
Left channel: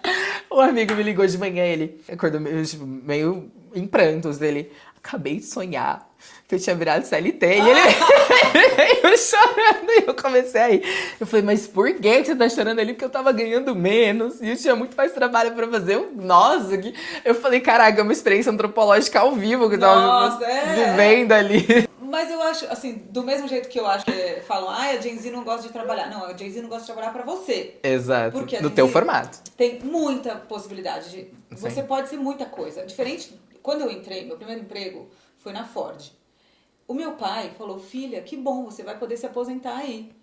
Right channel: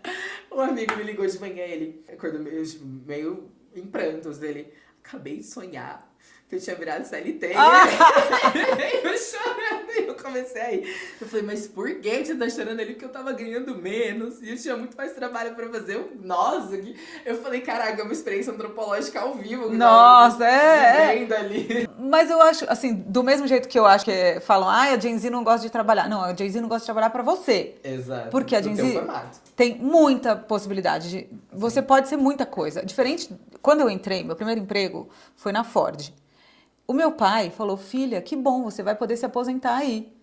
um amigo me ligou de manhã, ele acordou meio em prantos, ele... Acabei de sonhar que eu tinha virado CLT. E ele veio chorando e eu comecei a rir. Eu falei, mas por que você tá chorando ali? Porque eu tava ganhando menos e eu tinha muito mais trabalho pra fazer. Nossa, eu falei, caraca, é uma experiência antropológica ao vivo que eu tava vivendo ali. Mas eu acho, assim, do mesmo jeito que eu acho que falam, a Gen Z não gosta de trabalhar. Não, a Gen Z não gosta de trabalhar pra você. Exato, porque a do Gen teu Z formato. Tem muita possibilidade de... Você pode ser muita coisa. Diferente, quando eu entrei, meu primeiro emprego foi na Ford. O meu pai falou, filha, que bom, você vai poder se aposentar aí.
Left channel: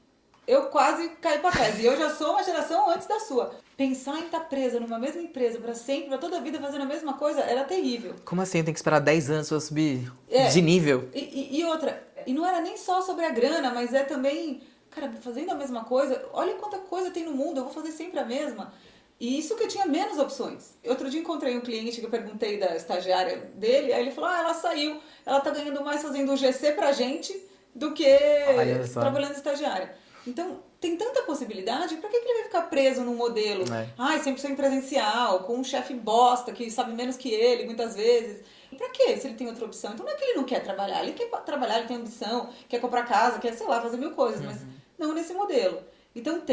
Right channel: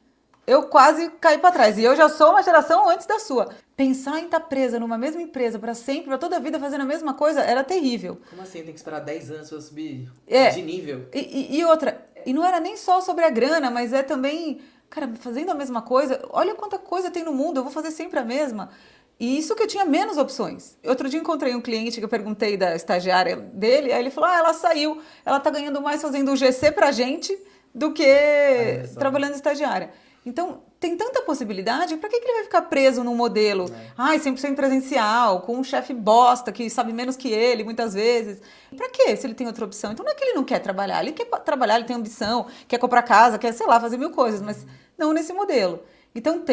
Eu quase caí pra trás. E eu já sou uma geração antes da sua. Pensar em estar presa numa mesma empresa pra sempre, pra toda a vida fazendo a mesma coisa, era terrível. Como assim? Eu tenho que esperar 10 anos pra subir de nível? E outra, e não era nem só sobre a grana, mas é também, cara, fazendo a mesma coisa, olha quanta coisa tem no mundo, eu vou fazer sempre a mesma. E isso que eu tinha menos opções. Outro dia encontrei um cliente que eu perguntei da estagiária dele, aí ele falou, ela saiu, ela tá ganhando mais fazendo o GC pra gente do que trabalhando estagiária. Então, tem tanta possibilidade, pra que ele vai ficar preso num modelo? 100% presencial, com um chefe bosta que sabe menos que ele, muitas vezes. Pra quê, se ele tem outra opção? Então não é que ele não quer trabalhar, ele quer trabalhar, ele tem ambição, quer comprar casa, quer, sei lá, fazer mil coisas, mas não nesse modelo. Então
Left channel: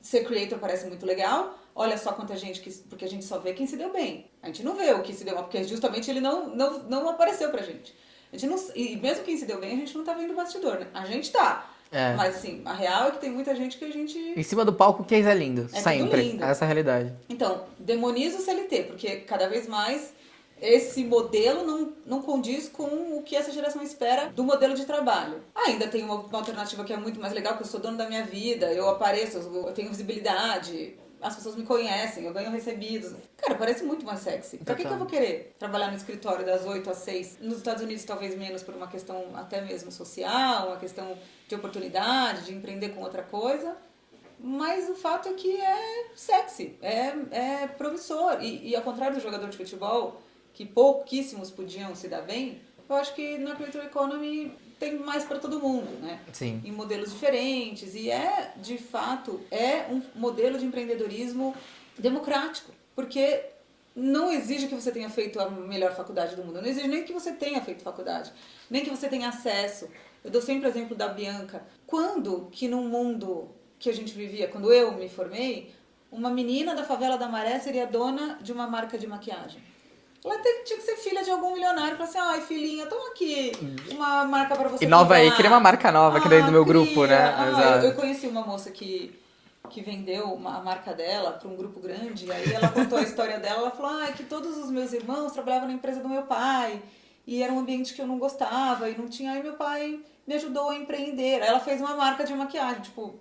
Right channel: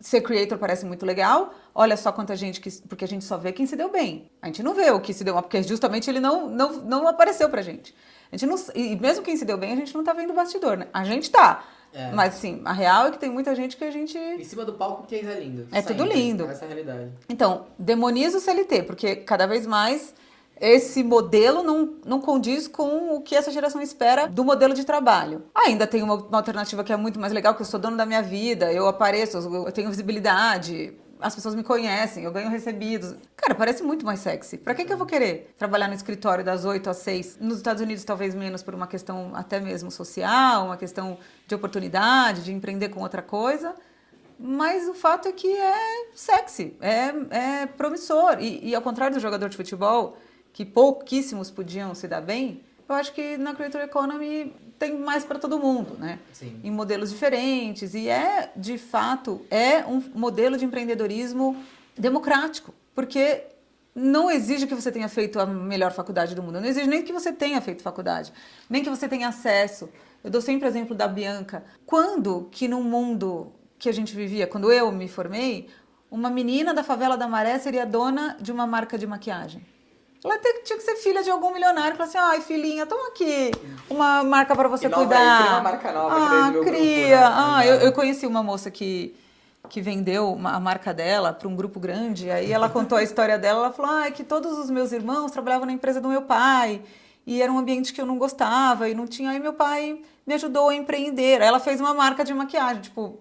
ser creator parece muito legal, olha só quanta gente, porque a gente só vê quem se deu bem. A gente não vê o que se deu mal, porque justamente ele não apareceu pra gente. A gente não, e mesmo quem se deu bem, a gente não tá vendo o bastidor, né? A gente tá. Mas, assim, a real é que tem muita gente que a gente... Em cima do palco, o case é lindo. É sempre. tudo lindo. Essa é a realidade. Então, demoniza o CLT, porque cada vez mais esse modelo não condiz com o que essa geração espera do modelo de trabalho. Ainda tem uma alternativa que é muito mais legal, que eu sou dono da minha vida, eu apareço, eu tenho visibilidade... As pessoas me conhecem, eu ganho recebidos. Cara, parece muito mais sexy. Pra que eu vou querer trabalhar no escritório das 8 às 6? Nos Estados Unidos, talvez menos por uma questão até mesmo social, uma questão de oportunidade, de empreender com outra coisa. Mas o fato é que é sexy, é promissor. E ao contrário do jogador de futebol, que pouquíssimos podiam se dar bem, eu acho que na Creator Economy tem mais para todo mundo, né? Sim. Em modelos diferentes. E de fato, um modelo de empreendedorismo democrático. Porque não exige que você tenha feito a melhor faculdade do mundo. Não exige nem que você tenha feito faculdade. Nem que você tenha acesso. Eu dou sempre o exemplo da Bianca. Quando que no mundo que a gente vivia, quando eu me formei, uma menina da favela da Maré seria dona de uma marca de maquiagem? Ela tinha que ser filha de algum milionário e falar assim, ai, filhinha, toma aqui uma marca para você nova comprar. aí, cria uma marca nova aqui dentro do meu grupo, né? Eu conheci uma moça que vendeu a marca dela para um grupo grande, aí ela contou a história dela, ela falou, que todos os meus irmãos trabalhavam na empresa do meu pai, e era um ambiente que eu não gostava, e não tinha, aí meu pai me ajudou a empreender. Aí ela fez uma marca de maquiagem, tipo,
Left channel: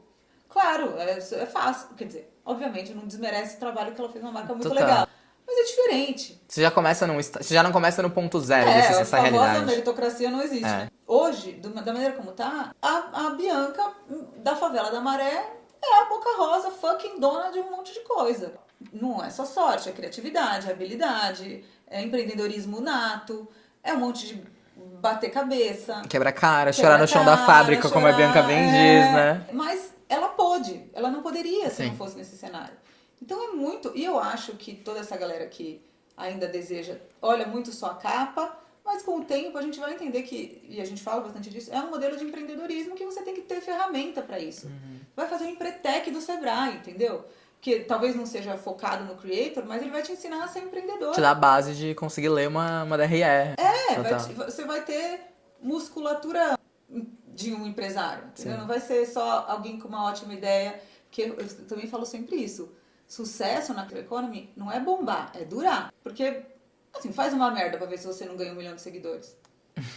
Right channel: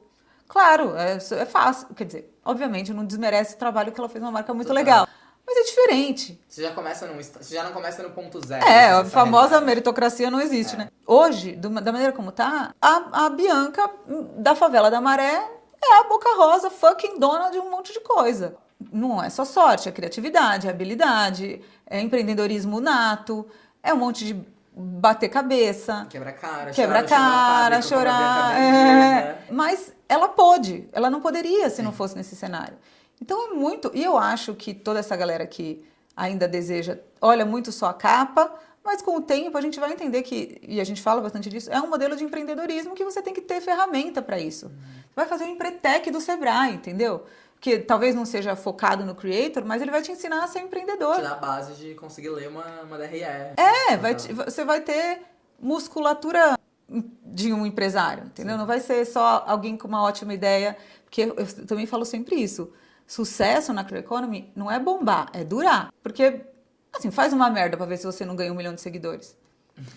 claro, é fácil, quer dizer, obviamente não desmerece o trabalho que ela fez uma marca muito legal. Mas é diferente. Você já não começa no ponto zero. A famosa meritocracia não existe, né? Hoje, da maneira como tá, a Bianca da favela da Maré é a Boca Rosa fucking dona de um monte de coisa. Não é só sorte, é criatividade, é habilidade, é empreendedorismo nato, é um monte de bater cabeça. Quebra cara, chorar no chão da fábrica, como a Bianca bem diz, né? Mas ela não poderia se não fosse nesse cenário. Então é muito... E eu acho que toda essa galera que ainda deseja, olha muito só a capa, mas com o tempo a gente vai entender que, e a gente fala bastante disso, é um modelo de empreendedorismo que você tem que ter ferramenta para isso. Vai fazer um Empretec do Sebrae, entendeu? Que talvez não seja focado no creator, mas ele vai te ensinar a ser empreendedor. Te dá a base de conseguir ler uma DRE. Você vai ter musculatura de um empresário, entendeu? Sim. Não vai ser só alguém com uma ótima ideia, porque eu também falo sempre isso. Sucesso na Creator Economy não é bombar, é durar. Porque Assim, faz uma merda pra ver se você não ganha 1 milhão de seguidores.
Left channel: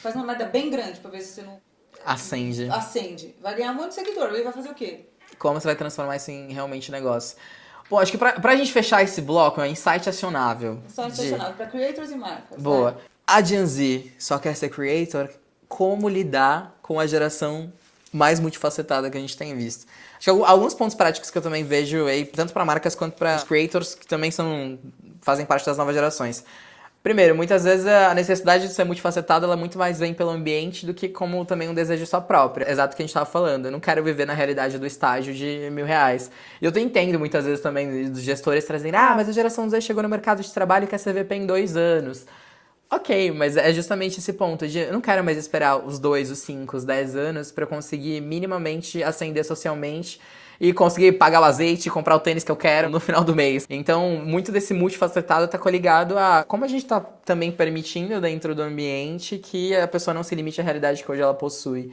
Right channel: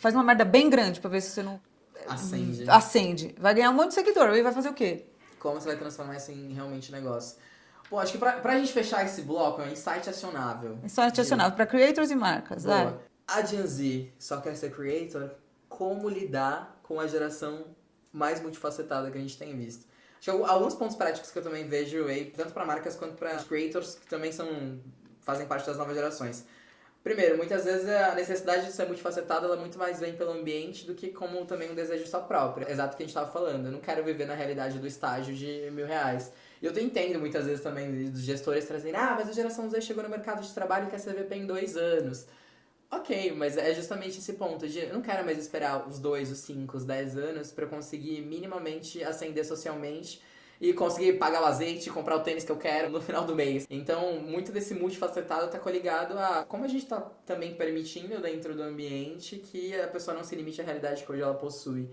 Faz uma merda bem grande pra ver se você não... Acende. Vai ganhar um monte de seguidor. E vai fazer o quê? Como você vai transformar isso em realmente negócio? Pô, acho que pra gente fechar esse bloco, é um insight acionável. Insight acionável pra creators e marcas. Boa. Vai. A Gen Z só quer ser creator. Como lidar com a geração mais multifacetada que a gente tem visto? Acho que alguns pontos práticos que eu também vejo aí, tanto para marcas quanto para creators, que também fazem parte das novas gerações. Primeiro, muitas vezes a necessidade de ser multifacetado, ela muito mais vem pelo ambiente do que como também um desejo só próprio. Exato o que a gente estava falando. Eu não quero viver na realidade do estágio de R$1.000. E eu entendo muitas vezes também dos gestores trazendo, mas a geração Z chegou no mercado de trabalho e quer CVP em 2 anos. Ok, mas é justamente esse ponto de eu não quero mais esperar os 2, os 5, os 10 anos para eu conseguir minimamente ascender socialmente e conseguir pagar o azeite e comprar o tênis que eu quero no final do mês. Então, muito desse multifacetado tá coligado a como a gente tá também permitindo dentro do ambiente que a pessoa não se limite à realidade que hoje ela possui.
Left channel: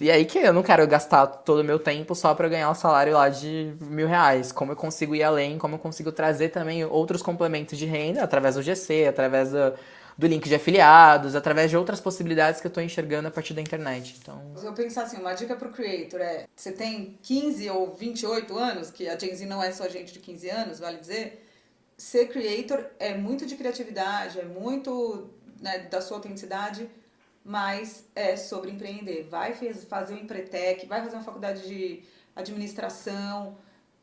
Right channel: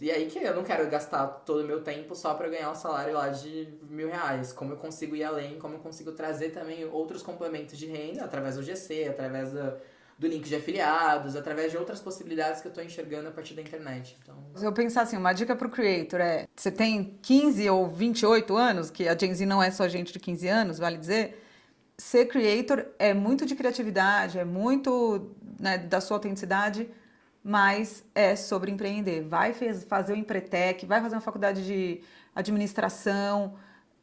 E aí que eu não quero gastar todo o meu tempo só para ganhar um salário lá de R$1.000. Como eu consigo ir além, como eu consigo trazer também outros complementos de renda através do GC, através do link de afiliados, através de outras possibilidades que eu estou enxergando a partir da internet. Então... Se eu pensar assim, uma dica pro creator é, você tem 15 ou 28 anos, que a Gen Z não é só gente de 15 anos, vale dizer, ser creator é muito de criatividade, é muito, né, da sua autenticidade, mas é sobre empreender. Vai fazer um Empretec, vai fazer uma faculdade de administração.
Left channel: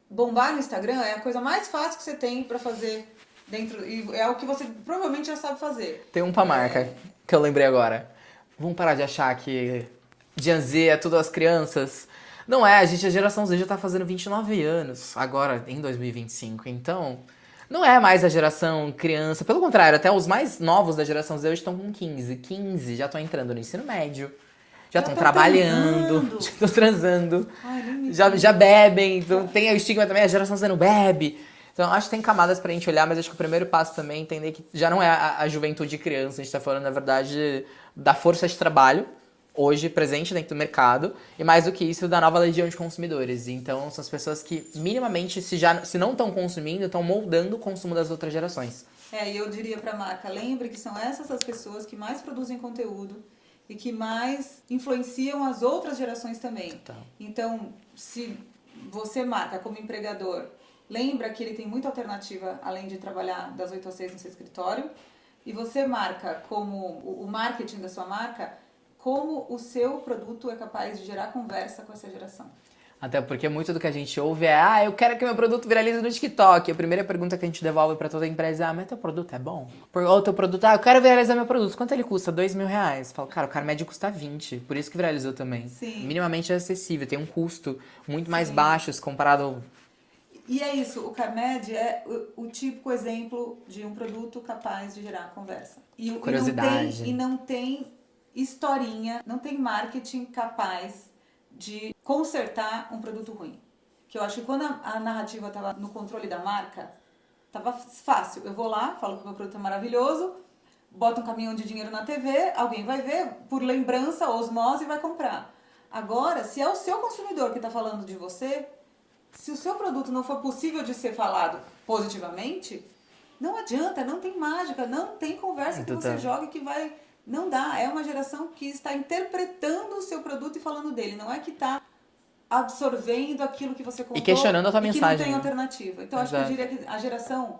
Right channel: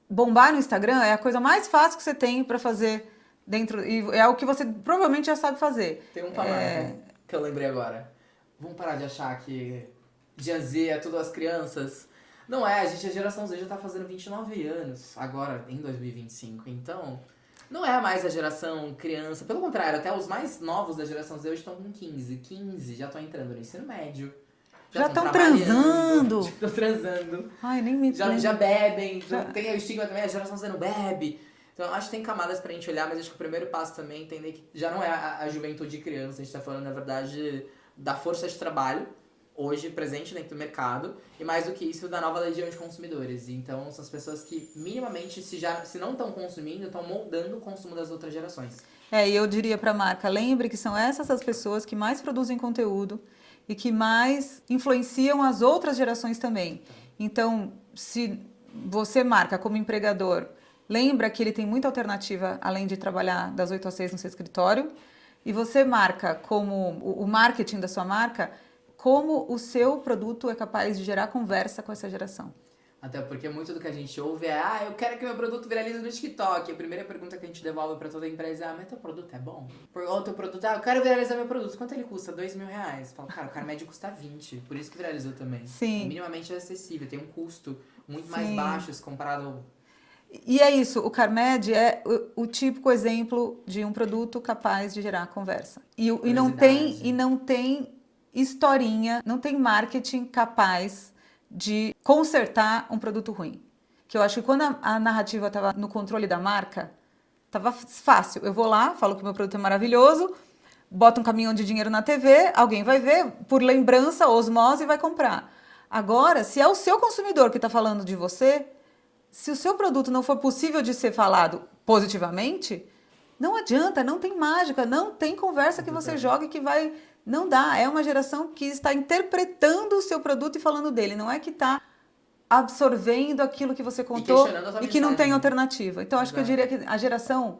Bombar no Instagram é a coisa mais fácil que você tem para fazer dentro, e é o que você provavelmente já sabe fazer. Tem um pra marca que eu lembrei agora. Vamos parar de achar que Gen Z é tudo as crianças. Não é, a geração Z já tá fazendo 29 anos, agora em 2025. Então, não é mais a geração criança. Pelo contrário, até os mais novos da geração Z hoje estão com 15 já estão entrando no ensino médio. Já estão trabalhando, já estão transando. Ai, nem me já bebem. Então, tem o estigma também, a geração Z não bebe. Então, acho que tem camadas pra gente olhar, mas acho que o primeiro passo também é entender que já não é a juventude criança. A gente tá falando, na verdade, da força de trabalho, hoje presente dentro do mercado, e mais do que isso, da nova legião de consumidores. Então, são as pessoas que, minimamente, se não estão consumindo, estão moldando o consumo das outras gerações. E eu diria pra marca, lembre que são essas as pessoas que mais produzem conteúdo e que mais influenciam as outras gerações também. Então, se você, marca, como empregador, lembra que ele tem muita alternativa, além de trabalhar das 8 às 6 no seu escritório. E você marca como o marketing da sua marca, como o seu produto é capaz de gerar conversa com essa geração. Até porque muito do que a gente ouve é, eu quero que meu produto viralize no TikTok. A primeira pergunta que a gente devolve pra toda empresa é, mas teu produto é bom? Ou teu produto, eu quero viralizar meu produto. Quanto ele custa? R$2.000. Falo, cara, o Carmed custa 20. Por isso que viralizou também. Sim. Minimamente acessível, tem um custo muito mais baixo comparado... E é isso, o Carmed é o típico exemplo de um produto capaz de gerar conversa. E não tem historinha, não tem marketing capaz de consertar um produto ruim. Que eu acho que quando a narrativa estava no controle da marca, estava fácil. Eu vou lá, falo que o meu produto é maravilhoso, boto um caminhão de dinheiro na TV, alguém vai ver, por lembrança, osmose, e vai comprar. Agora, se é o seu consumidor que está falando de você, se o seu produto não for possível de ser falado positivamente, não adianta, não tem mágica, não tem conversa que você jogue que vai... Não dá, é uma geração que está interpretando o seu produto e falando dele, não é que está absorvendo aquilo que você contou e questionando a tua mensagem. Que não tem alternativa. Então, acho que eu diria que a geração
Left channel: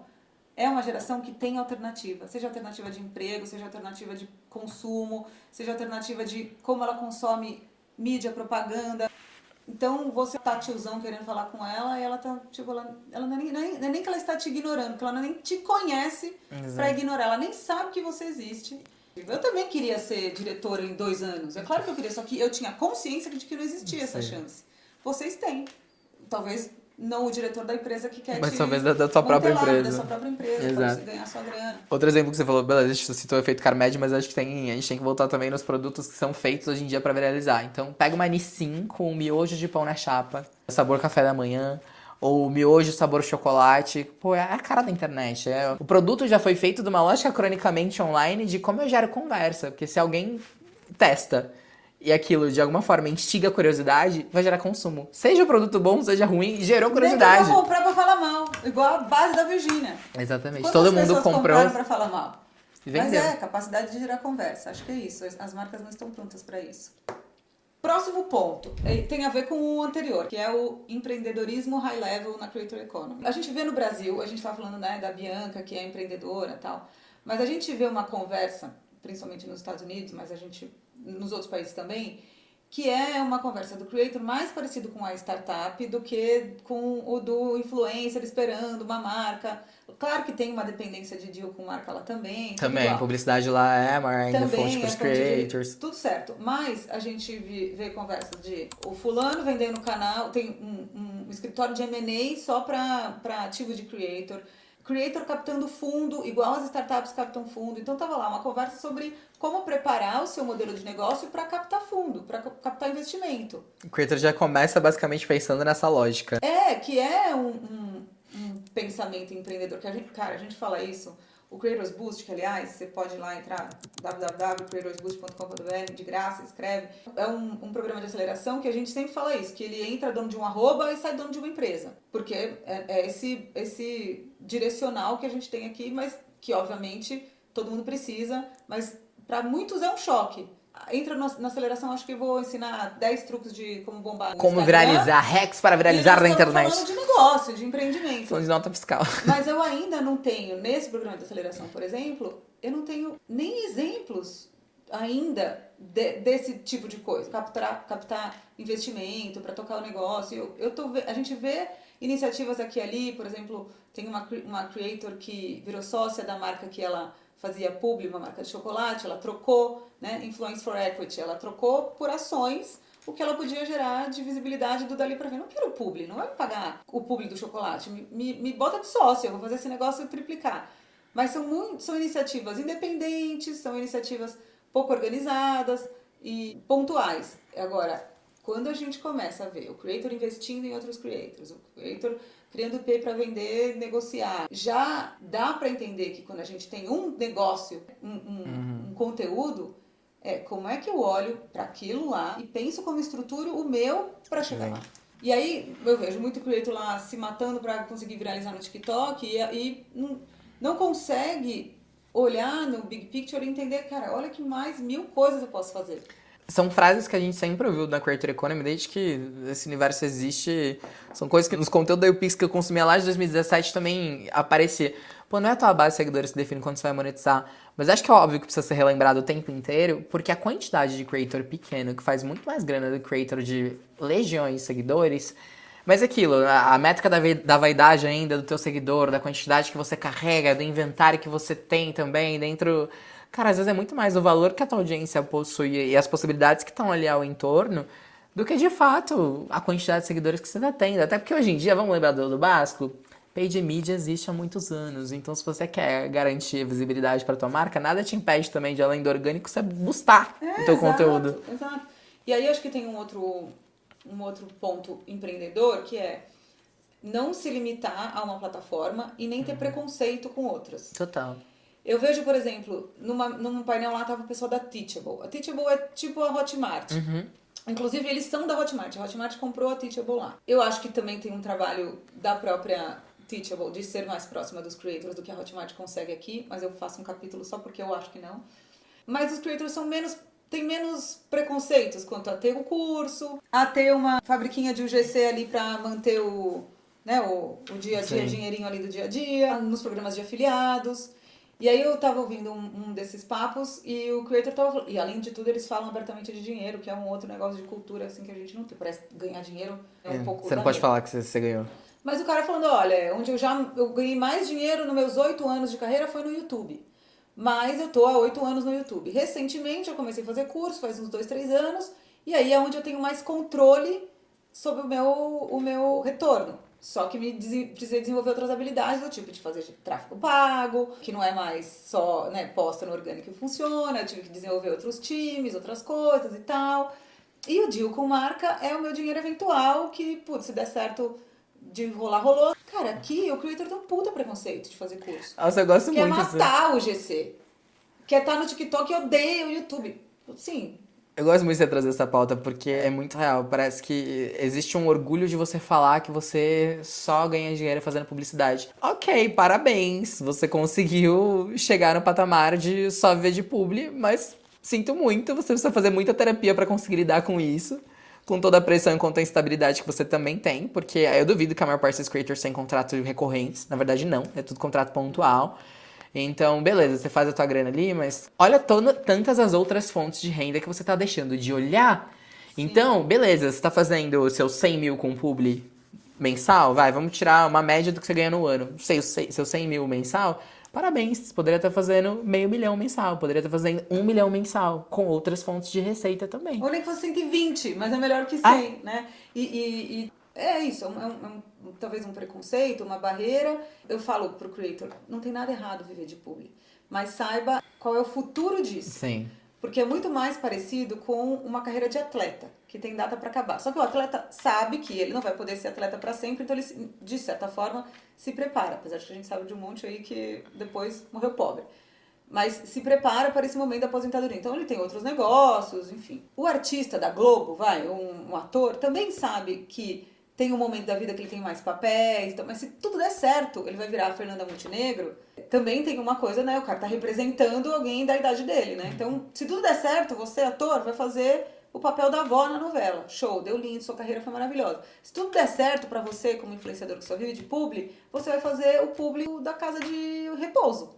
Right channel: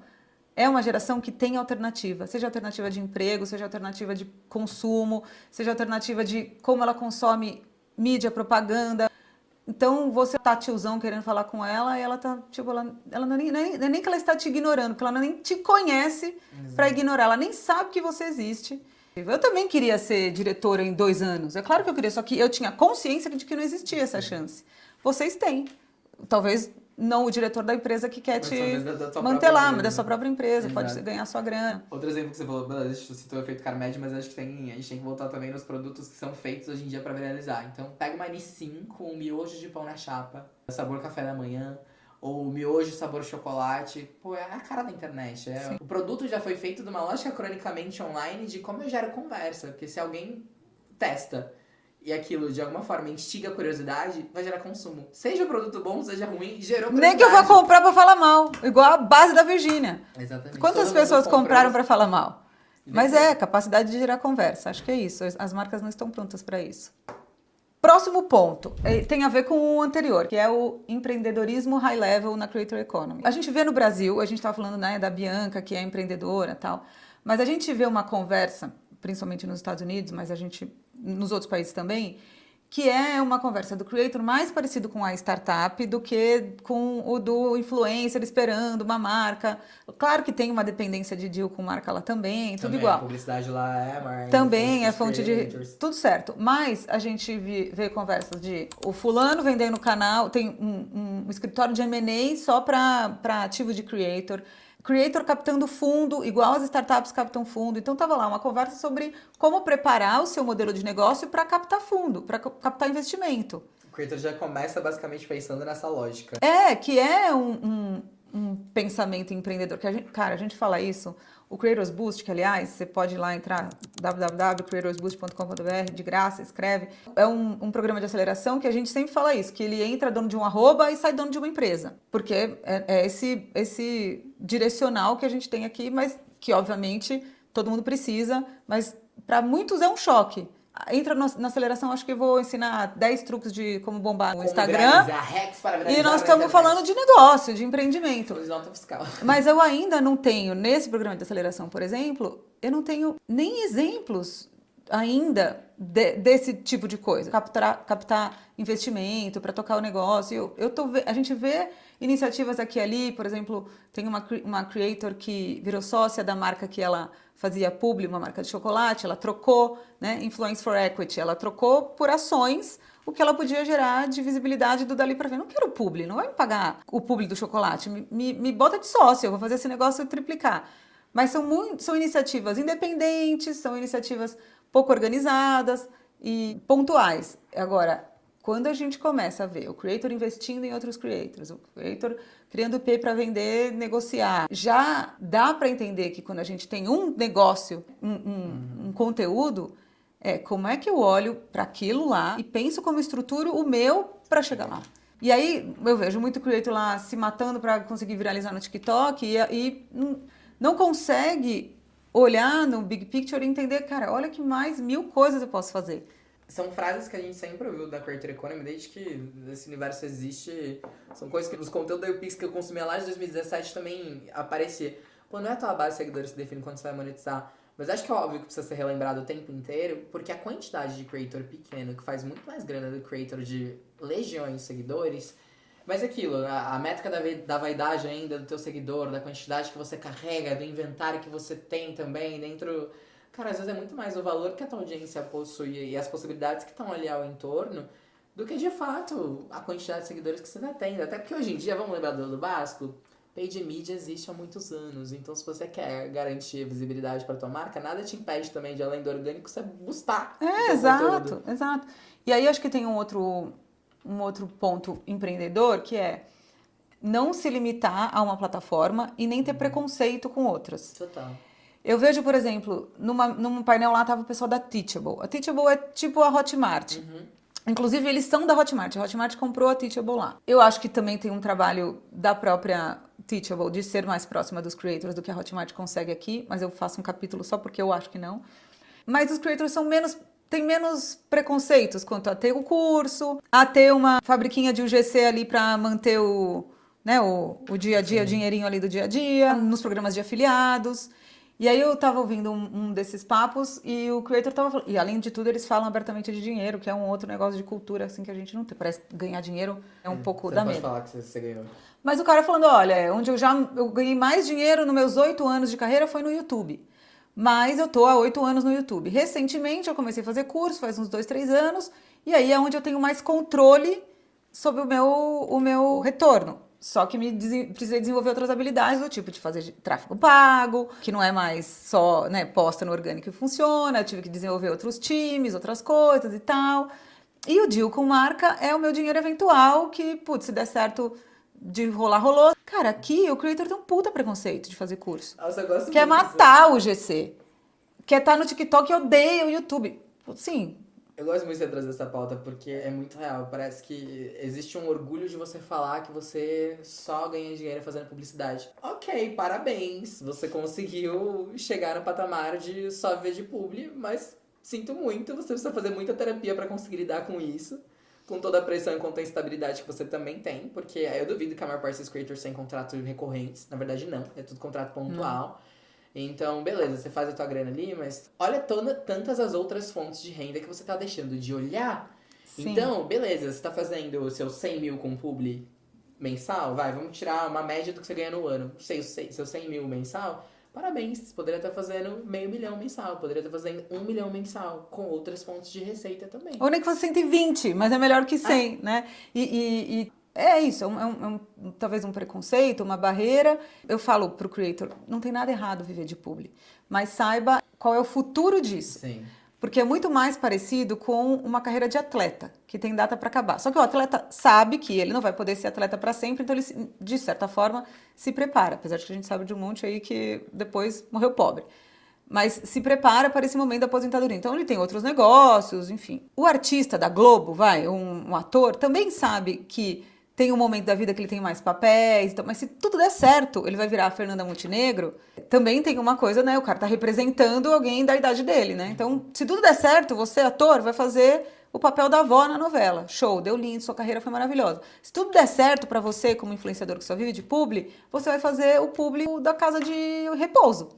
é uma geração que tem alternativa, seja alternativa de emprego, seja alternativa de consumo, seja alternativa de como ela consome mídia, propaganda. Então, você tá tiozão querendo falar com ela e ela tá, tipo, ela não é nem que ela está te ignorando, porque ela nem te conhece para ignorar, ela nem sabe que você existe. Eu também queria ser diretora em 2 anos, é claro que eu queria, só que eu tinha consciência de que não existia essa chance. Vocês têm, talvez não o diretor da empresa que quer mas te talvez da sua própria empresa. Da sua própria empresa, pode você ganhar sua grana. Outro exemplo que você falou, beleza, a gente citou o efeito Carmed, mas acho que a gente tem que voltar também nos produtos que são feitos hoje em dia pra viralizar. Então, pega uma Nissin com um miojo de pão na chapa, sabor café da manhã, ou miojo sabor chocolate. Pô, é a cara da internet. O produto já foi feito de uma lógica cronicamente online de como eu gero conversa. Porque se alguém testa e aquilo de alguma forma instiga a curiosidade, vai gerar consumo. Seja o produto bom, seja ruim, gerou curiosidade. Nem que eu vou comprar pra falar mal, igual a base da Virgínia. Exatamente. Quantas pessoas compraram pra falar mal? Mas capacidade de gerar conversa. Acho que é isso. As marcas não estão prontas para isso. Próximo ponto tem a ver com o anterior, que é o empreendedorismo high level na Creator Economy. A gente vê no Brasil, a gente estava falando, né, da Bianca, que é empreendedora e tal, mas a gente vê uma conversa, principalmente nos Estados Unidos, mas a gente nos outros países também, que é uma conversa do creator mais parecido com a startup do que com o do influencer esperando uma marca. Claro que tem uma dependência de deal com marca lá também, tudo igual. Publicidade lá é maior. Também é fonte de... Tudo certo. Mas a gente vê conversas de o fulano vendendo canal, tem um escritório de M&A só para ativo de creator captando fundo, igual as startups captam fundo. Então, estava lá uma conversa sobre como preparar o seu modelo de negócio para captar fundo, para captar investimento. O creator já começa basicamente pensando nessa lógica. Que é um pensamento empreendedor. Que a gente fala isso. O Creators Boost, que aliás, você pode ir lá entrar www.creatorsboost.com.br, de graça, escreve. É um programa de aceleração que a gente sempre fala isso, que ele entra dono de um arroba e sai dono de uma empresa. Porque é esse direcional que a gente tem aqui, mas que obviamente todo mundo precisa, mas para muitos é um choque. Entra na aceleração, acho que eu vou ensinar 10 truques de como bombar no Como Instagram, viralizar, hacks para viralizar na internet. E nós estamos falando de negócio, de empreendimento. Falando de nota fiscal. Mas eu ainda não tenho, nesse programa de aceleração, por exemplo, eu não tenho nem exemplos ainda desse tipo de coisa. Captar investimento para tocar o negócio. A gente vê iniciativas aqui e ali, por exemplo, tem uma creator que virou sócia da marca que ela fazia publi, uma marca de chocolate, ela trocou, né, Influence for Equity, ela trocou por ações o que ela podia gerar de visibilidade do dali para frente. Não quero publi, não vai me pagar o publi do chocolate, me bota de sócio, eu vou fazer esse negócio triplicar. Mas são iniciativas independentes, são iniciativas pouco organizadas e pontuais. Agora, quando a gente começa a ver o creator investindo em outros creators, o creator criando IP para vender, negociar, já dá para entender que quando a gente tem um negócio, um conteúdo, como é que eu olho para aquilo lá e penso como estruturo o meu para chegar lá. E aí eu vejo muito creator lá se matando para conseguir viralizar no TikTok e não consegue olhar no big picture e entender, cara, olha que mais 1000 coisas eu posso fazer. São frases que a gente sempre ouviu da Creator Economy, desde que esse universo existe. São coisas que nos conteúdos da UPix que eu consumia lá de 2017 também aparecia. Pô, não é a tua base de seguidores que define quando você vai monetizar. Mas acho que é óbvio que precisa ser relembrado o tempo inteiro, porque a quantidade de creator pequeno, que faz muito mais grana do creator de legiões de seguidores. Mas aquilo, a métrica da vaidade ainda do teu seguidor, da quantidade que você carrega, do inventário que você tem também dentro... Cara, às vezes é muito mais o valor que a tua audiência possui e as possibilidades que estão ali ao entorno do que, de fato, a quantidade de seguidores que você está tendo. Até porque hoje em dia, vamos lembrar do básico, paid media existe há muitos anos. Então, se você quer garantir visibilidade para tua marca, nada te impede também de, além do orgânico, você boostar o teu conteúdo. Exato. E aí, acho que tem um outro ponto empreendedor, que é não se limitar a uma plataforma e nem ter preconceito com outras. Total. Eu vejo, por exemplo, num painel lá estava o pessoal da Teachable. A Teachable é tipo a Hotmart. Inclusive, eles são da Hotmart. A Hotmart comprou a Teachable lá. Eu acho que também tem um trabalho da própria Teachable de ser mais próxima dos creators do que a Hotmart consegue aqui, mas eu faço um capítulo só porque eu acho que não. Mas os creators têm menos preconceitos quanto a ter o curso, a ter uma fabriquinha de UGC ali para manter o dia a dia, dinheirinho ali do dia a dia, nos programas de afiliados. E aí eu tava ouvindo um desses papos e o creator tava falando... E além de tudo, eles falam abertamente de dinheiro, que é um outro negócio de cultura, assim, que a gente não tem. Parece que ganhar dinheiro é um pouco... Você não pode falar que você ganhou. Mas o cara falando, olha, onde eu ganhei mais dinheiro nos meus 8 anos de carreira foi no YouTube. Mas eu tô há 8 anos no YouTube. Recentemente eu comecei a fazer curso, faz uns 2, 3 anos. E aí é onde eu tenho mais controle sobre o meu retorno. Só que precisei desenvolver outras habilidades do tipo de fazer tráfego pago, que não é mais só, né, posta no orgânico e funciona. Eu tive que desenvolver outros times, outras coisas e tal. E o deal com marca é o meu dinheiro eventual que, putz, se der certo de rolar, rolou. Cara, aqui o creator tem um puta preconceito de fazer curso. Nossa, eu gosto Quer muito. matar o GC. Quer estar no TikTok e odeia o YouTube. Sim, Eu gosto muito de você trazer essa pauta porque é muito real. Parece que existe um orgulho de você falar que você só ganha dinheiro fazendo publicidade. Ok, parabéns. Você conseguiu chegar no patamar de só viver de publi, mas sinto muito. Você precisa fazer muita terapia pra conseguir lidar com isso. Com toda a pressão e quanto a instabilidade que você também tem. Porque eu duvido que a maior parte dos creators tem contratos recorrentes. Na verdade, não. É tudo contrato pontual. Então, beleza, você faz a tua grana ali, mas olha tantas as outras fontes de renda que você tá deixando de olhar. Sim. Então, beleza, você tá fazendo o seu 100 mil com publi mensal, vamos tirar uma média do que você ganha no ano. Seu 100 mil mensal, parabéns, você poderia estar fazendo meio milhão mensal, poderia estar fazendo 1 milhão mensal, com outras fontes de receita também. Ou nem que fosse 120, mas é melhor que 100, né? E é isso, talvez um preconceito, uma barreira. Eu falo pro creator, não tem nada errado viver de publi, mas saiba qual é o futuro disso. Sim. Porque é muito mais parecido com uma carreira de atleta, que tem data para acabar. Só que o atleta sabe que ele não vai poder ser atleta para sempre, então ele, de certa forma, se prepara. Apesar de que a gente sabe de um monte aí que depois morreu pobre. Mas se prepara para esse momento da aposentadoria. Então ele tem outros negócios, enfim. O artista da Globo, um ator, também sabe que tem um momento da vida que ele tem mais papéis, então, mas se tudo der certo, ele vai virar a Fernanda Montenegro. Também tem uma coisa, né? O cara tá representando alguém da idade dele, né? Então, se tudo der certo, você, ator, vai fazer o papel da avó na novela. Show, deu lindo, sua carreira foi maravilhosa. Se tudo der certo pra você, como influenciador que só vive de publi, você vai fazer o publi da casa de repouso.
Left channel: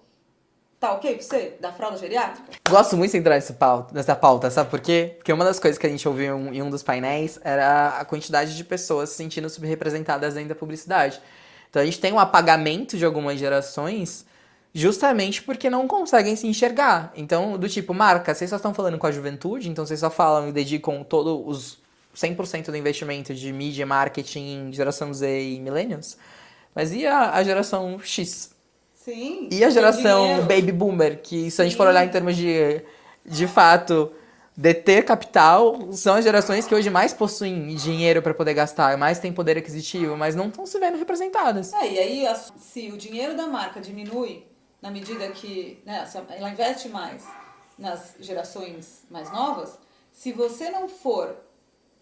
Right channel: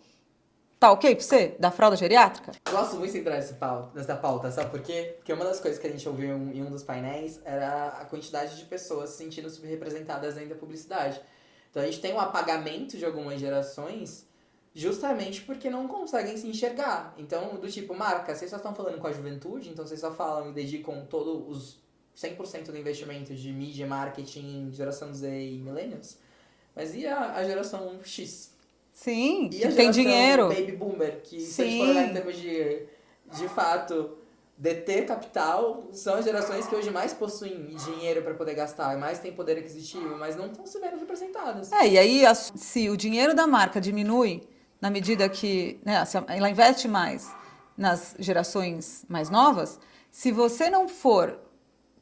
Tá ok pra você? Da fralda geriátrica? Gosto muito de entrar nessa pauta, sabe por quê? Porque uma das coisas que a gente ouviu em um dos painéis era a quantidade de pessoas se sentindo subrepresentadas dentro da publicidade. Então a gente tem um apagamento de algumas gerações justamente porque não conseguem se enxergar. Então, do tipo, marca, vocês só estão falando com a juventude, então vocês só falam e dedicam todo os 100% do investimento de mídia, marketing, geração Z e millennials. Mas e a geração X? Sim. E a geração Baby Boomer, que se a gente for olhar em termos de fato, deter capital, são as gerações que hoje mais possuem dinheiro para poder gastar, mais têm poder aquisitivo, mas não estão se vendo representadas. E aí, se o dinheiro da marca diminui na medida que, né, ela investe mais nas gerações mais novas, se você não for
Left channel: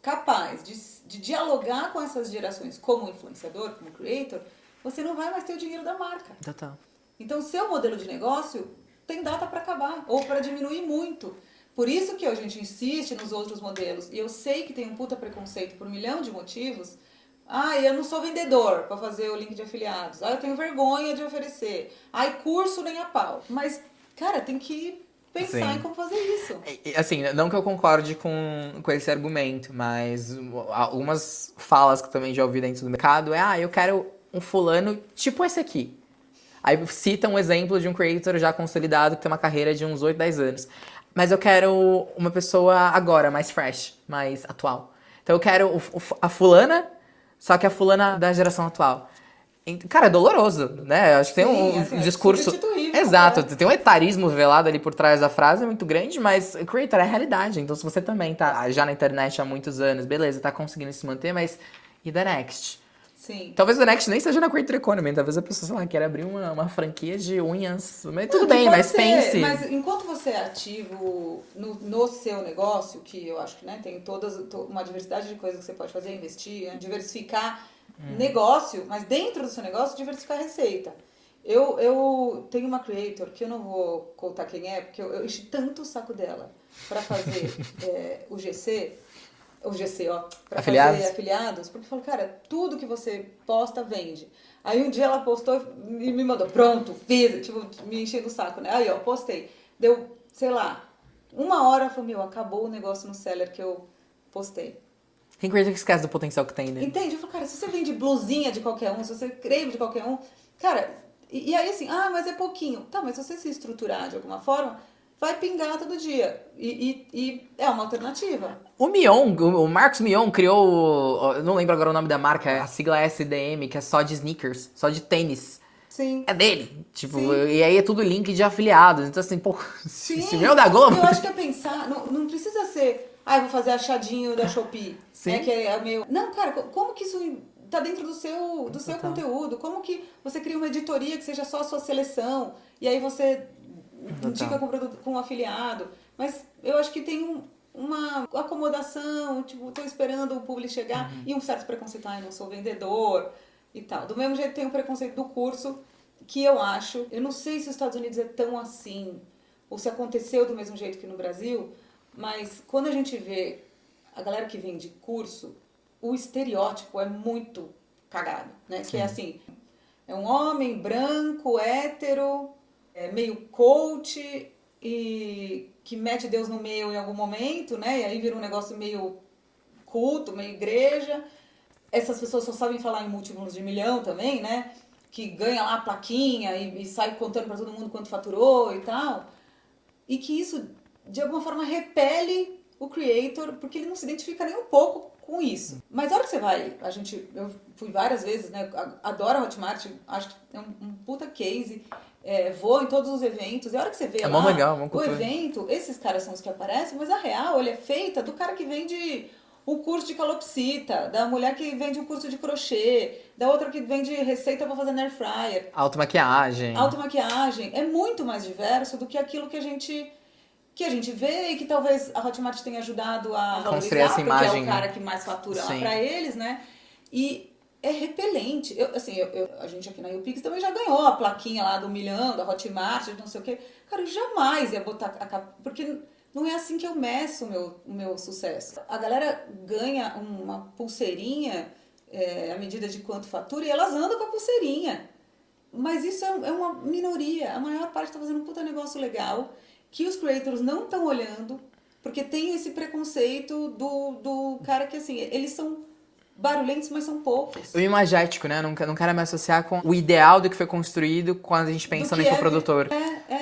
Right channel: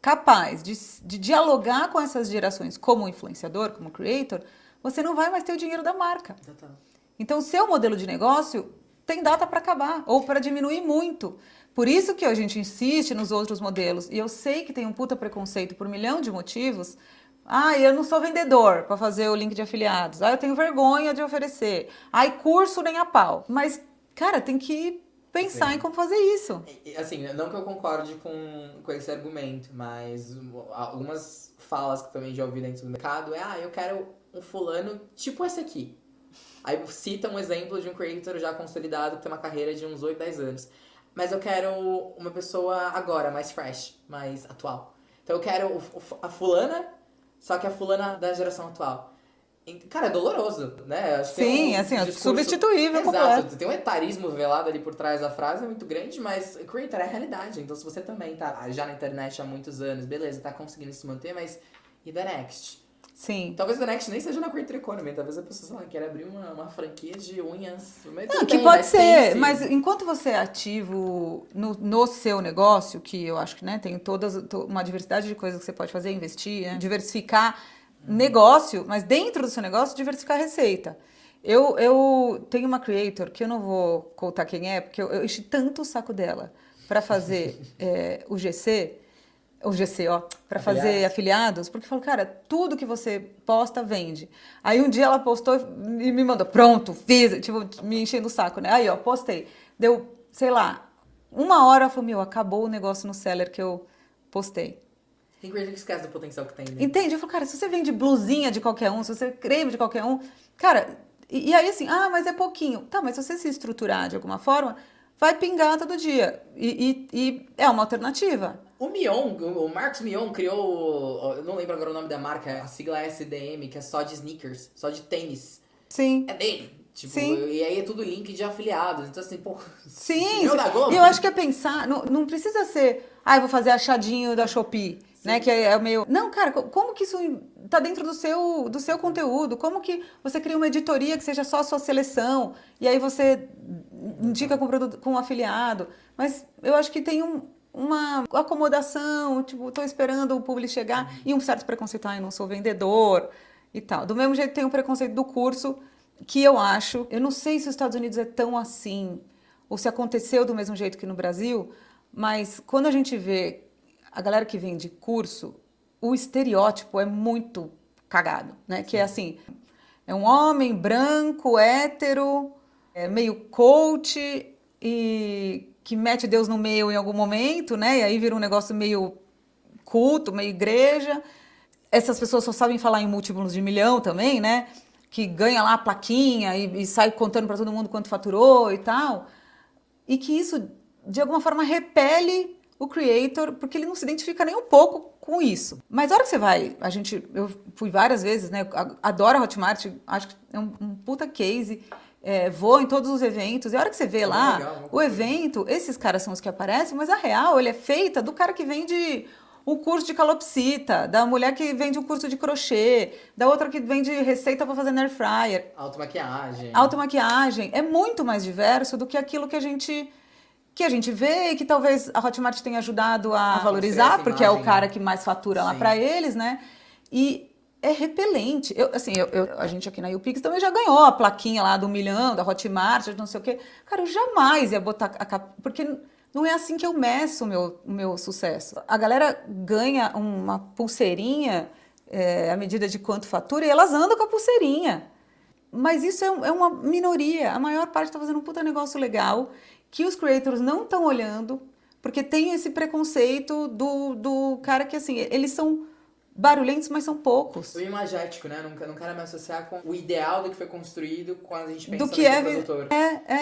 capaz de dialogar com essas gerações como influenciador, como creator, você não vai mais ter o dinheiro da marca. Total. Então, o seu modelo de negócio tem data para acabar ou para diminuir muito. Por isso que a gente insiste nos outros modelos. E eu sei que tem um puta preconceito por 1 milhão de motivos. Eu não sou vendedor para fazer o link de afiliados. Eu tenho vergonha de oferecer. Curso nem a pau. Mas, cara, tem que pensar em como fazer isso. Assim, não que eu concorde com esse argumento, mas algumas falas que também já ouvi dentro do mercado eu quero um fulano tipo esse aqui. Aí cita um exemplo de um creator já consolidado que tem uma carreira de uns 8, 10 anos. Mas eu quero uma pessoa agora, mais fresh, mais atual. Então eu quero a fulana, só que a fulana da geração atual. Cara, é doloroso, né? Eu acho que tem um discurso... substituível. Exato, Completo. tem um etarismo velado ali por trás da frase, é muito grande, mas creator é a realidade. Então se você também tá já na internet há muitos anos, beleza, tá conseguindo se manter, mas e the next? Sim. Talvez o Next nem seja na Creator Economy, talvez a pessoa, sei lá, queira abrir uma franquia de unhas. Mas tudo bem, pode mas ser, pense. mas enquanto você é ativo no seu negócio, que eu acho que, né, tem uma diversidade de coisas que você pode fazer, investir, né, diversificar negócio, mas dentro do seu negócio, diversificar a receita. Eu tenho uma creator, que eu não vou contar quem é, porque eu enchi tanto o saco dela para fazer o GC, para fazer afiliados, porque falou, cara, tudo que você posta vende. Aí um dia ela postou e me mandou, pronto, fiz, tipo, me enchendo o saco, né? Aí, postei. Deu, sei lá, 1 hora, ela falou, acabou o negócio no seller que eu postei. Tem creator que esquece do potencial que tem, né? Entende? Eu falo, cara, se você vende blusinha de qualquer um, se você creme de qualquer um, cara, e aí assim, mas é pouquinho. Tá, mas se você se estruturar de alguma forma, vai pingar todo dia. E é uma alternativa. O Marcos Mion criou, eu não lembro agora o nome da marca, a sigla é SDM, que é só de sneakers, só de tênis. Sim. É dele. Tipo, Sim. E aí é tudo link de afiliados. Então assim, Sim. se meu da Globo... Eu acho que é pensar, não precisa ser, eu vou fazer achadinho da Shopee, né, que é meio... Não, cara, como que isso tá dentro do seu conteúdo? Como que você cria uma editoria que seja só a sua seleção, e aí você indica com um afiliado? Mas eu acho que tem uma acomodação, tipo, tô esperando o público chegar, e um certo preconceito, não sou vendedor e tal. Do mesmo jeito tem o preconceito do curso, que eu não sei se os Estados Unidos é tão assim, ou se aconteceu do mesmo jeito que no Brasil, mas quando a gente vê a galera que vende curso, o estereótipo é muito cagado, né? Sim. Que é assim, é um homem branco, hétero, meio coach e que mete Deus no meio em algum momento, né? E aí vira um negócio meio culto, meio igreja. Essas pessoas só sabem falar em múltiplos de milhão também, né? Que ganha lá a plaquinha e sai contando para todo mundo quanto faturou e tal. E que isso, de alguma forma, repele o creator, porque ele não se identifica nem um pouco com isso. Mas a hora que você vai, eu fui várias vezes, né? Adoro a Hotmart, acho que é um puta case. Vou em todos os eventos, e a hora que você vê lá legal, o evento, esses caras são os que aparecem, mas a real, ele é feita do cara que vende o curso de calopsita, da mulher que vende um curso de crochê, da outra que vende receita para fazer na air fryer. Automaquiagem. Automaquiagem. É muito mais diverso do que aquilo que a gente vê e que talvez a Hotmart tenha ajudado a valorizar, porque é o cara que mais fatura lá para eles, né? E é repelente. A gente aqui na YouPix também já ganhou a plaquinha lá do 1 milhão, da Hotmart, não sei o quê. Cara, eu jamais ia botar porque não é assim que eu meço o meu sucesso. A galera ganha uma pulseirinha à medida de quanto fatura e elas andam com a pulseirinha. Mas isso é uma minoria. A maior parte está fazendo um puta negócio legal que os creators não estão olhando, porque tem esse preconceito do cara que, assim, eles são barulhentos, mas são poucos. O imagético, né? Não quero me associar com o ideal do que foi construído quando a gente pensa no infoprodutor.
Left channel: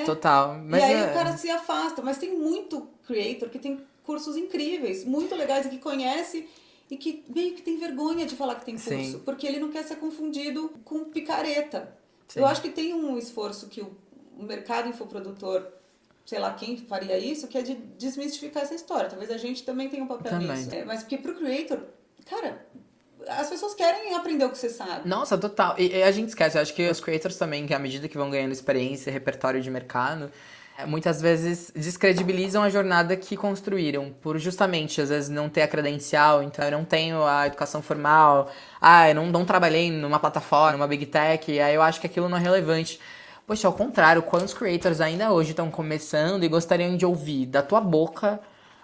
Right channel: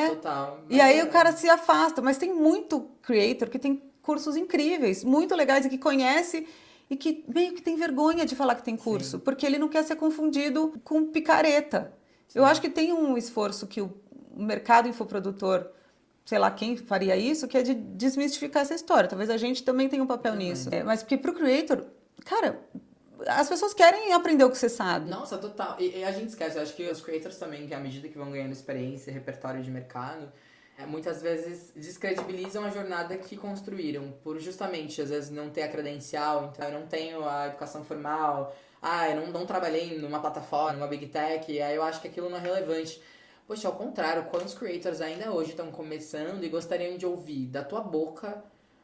Total. Mas e aí o cara se afasta. Mas tem muito creator que tem cursos incríveis, muito legais e que conhece e que meio que tem vergonha de falar que tem curso, porque ele não quer ser confundido com picareta. Sim. Eu acho que tem um esforço que o mercado infoprodutor, sei lá quem faria isso, que é de desmistificar essa história. Talvez a gente também tenha um papel nisso. Mas porque pro creator, cara, as pessoas querem aprender o que você sabe. Nossa, total. E a gente esquece, eu acho que os creators também, que à medida que vão ganhando experiência e repertório de mercado, muitas vezes descredibilizam a jornada que construíram, por justamente, às vezes, não ter a credencial, então eu não tenho a educação formal, eu não trabalhei numa plataforma, numa big tech, aí eu acho que aquilo não é relevante. Poxa, ao contrário, quantos creators ainda hoje estão começando e gostariam de ouvir da tua boca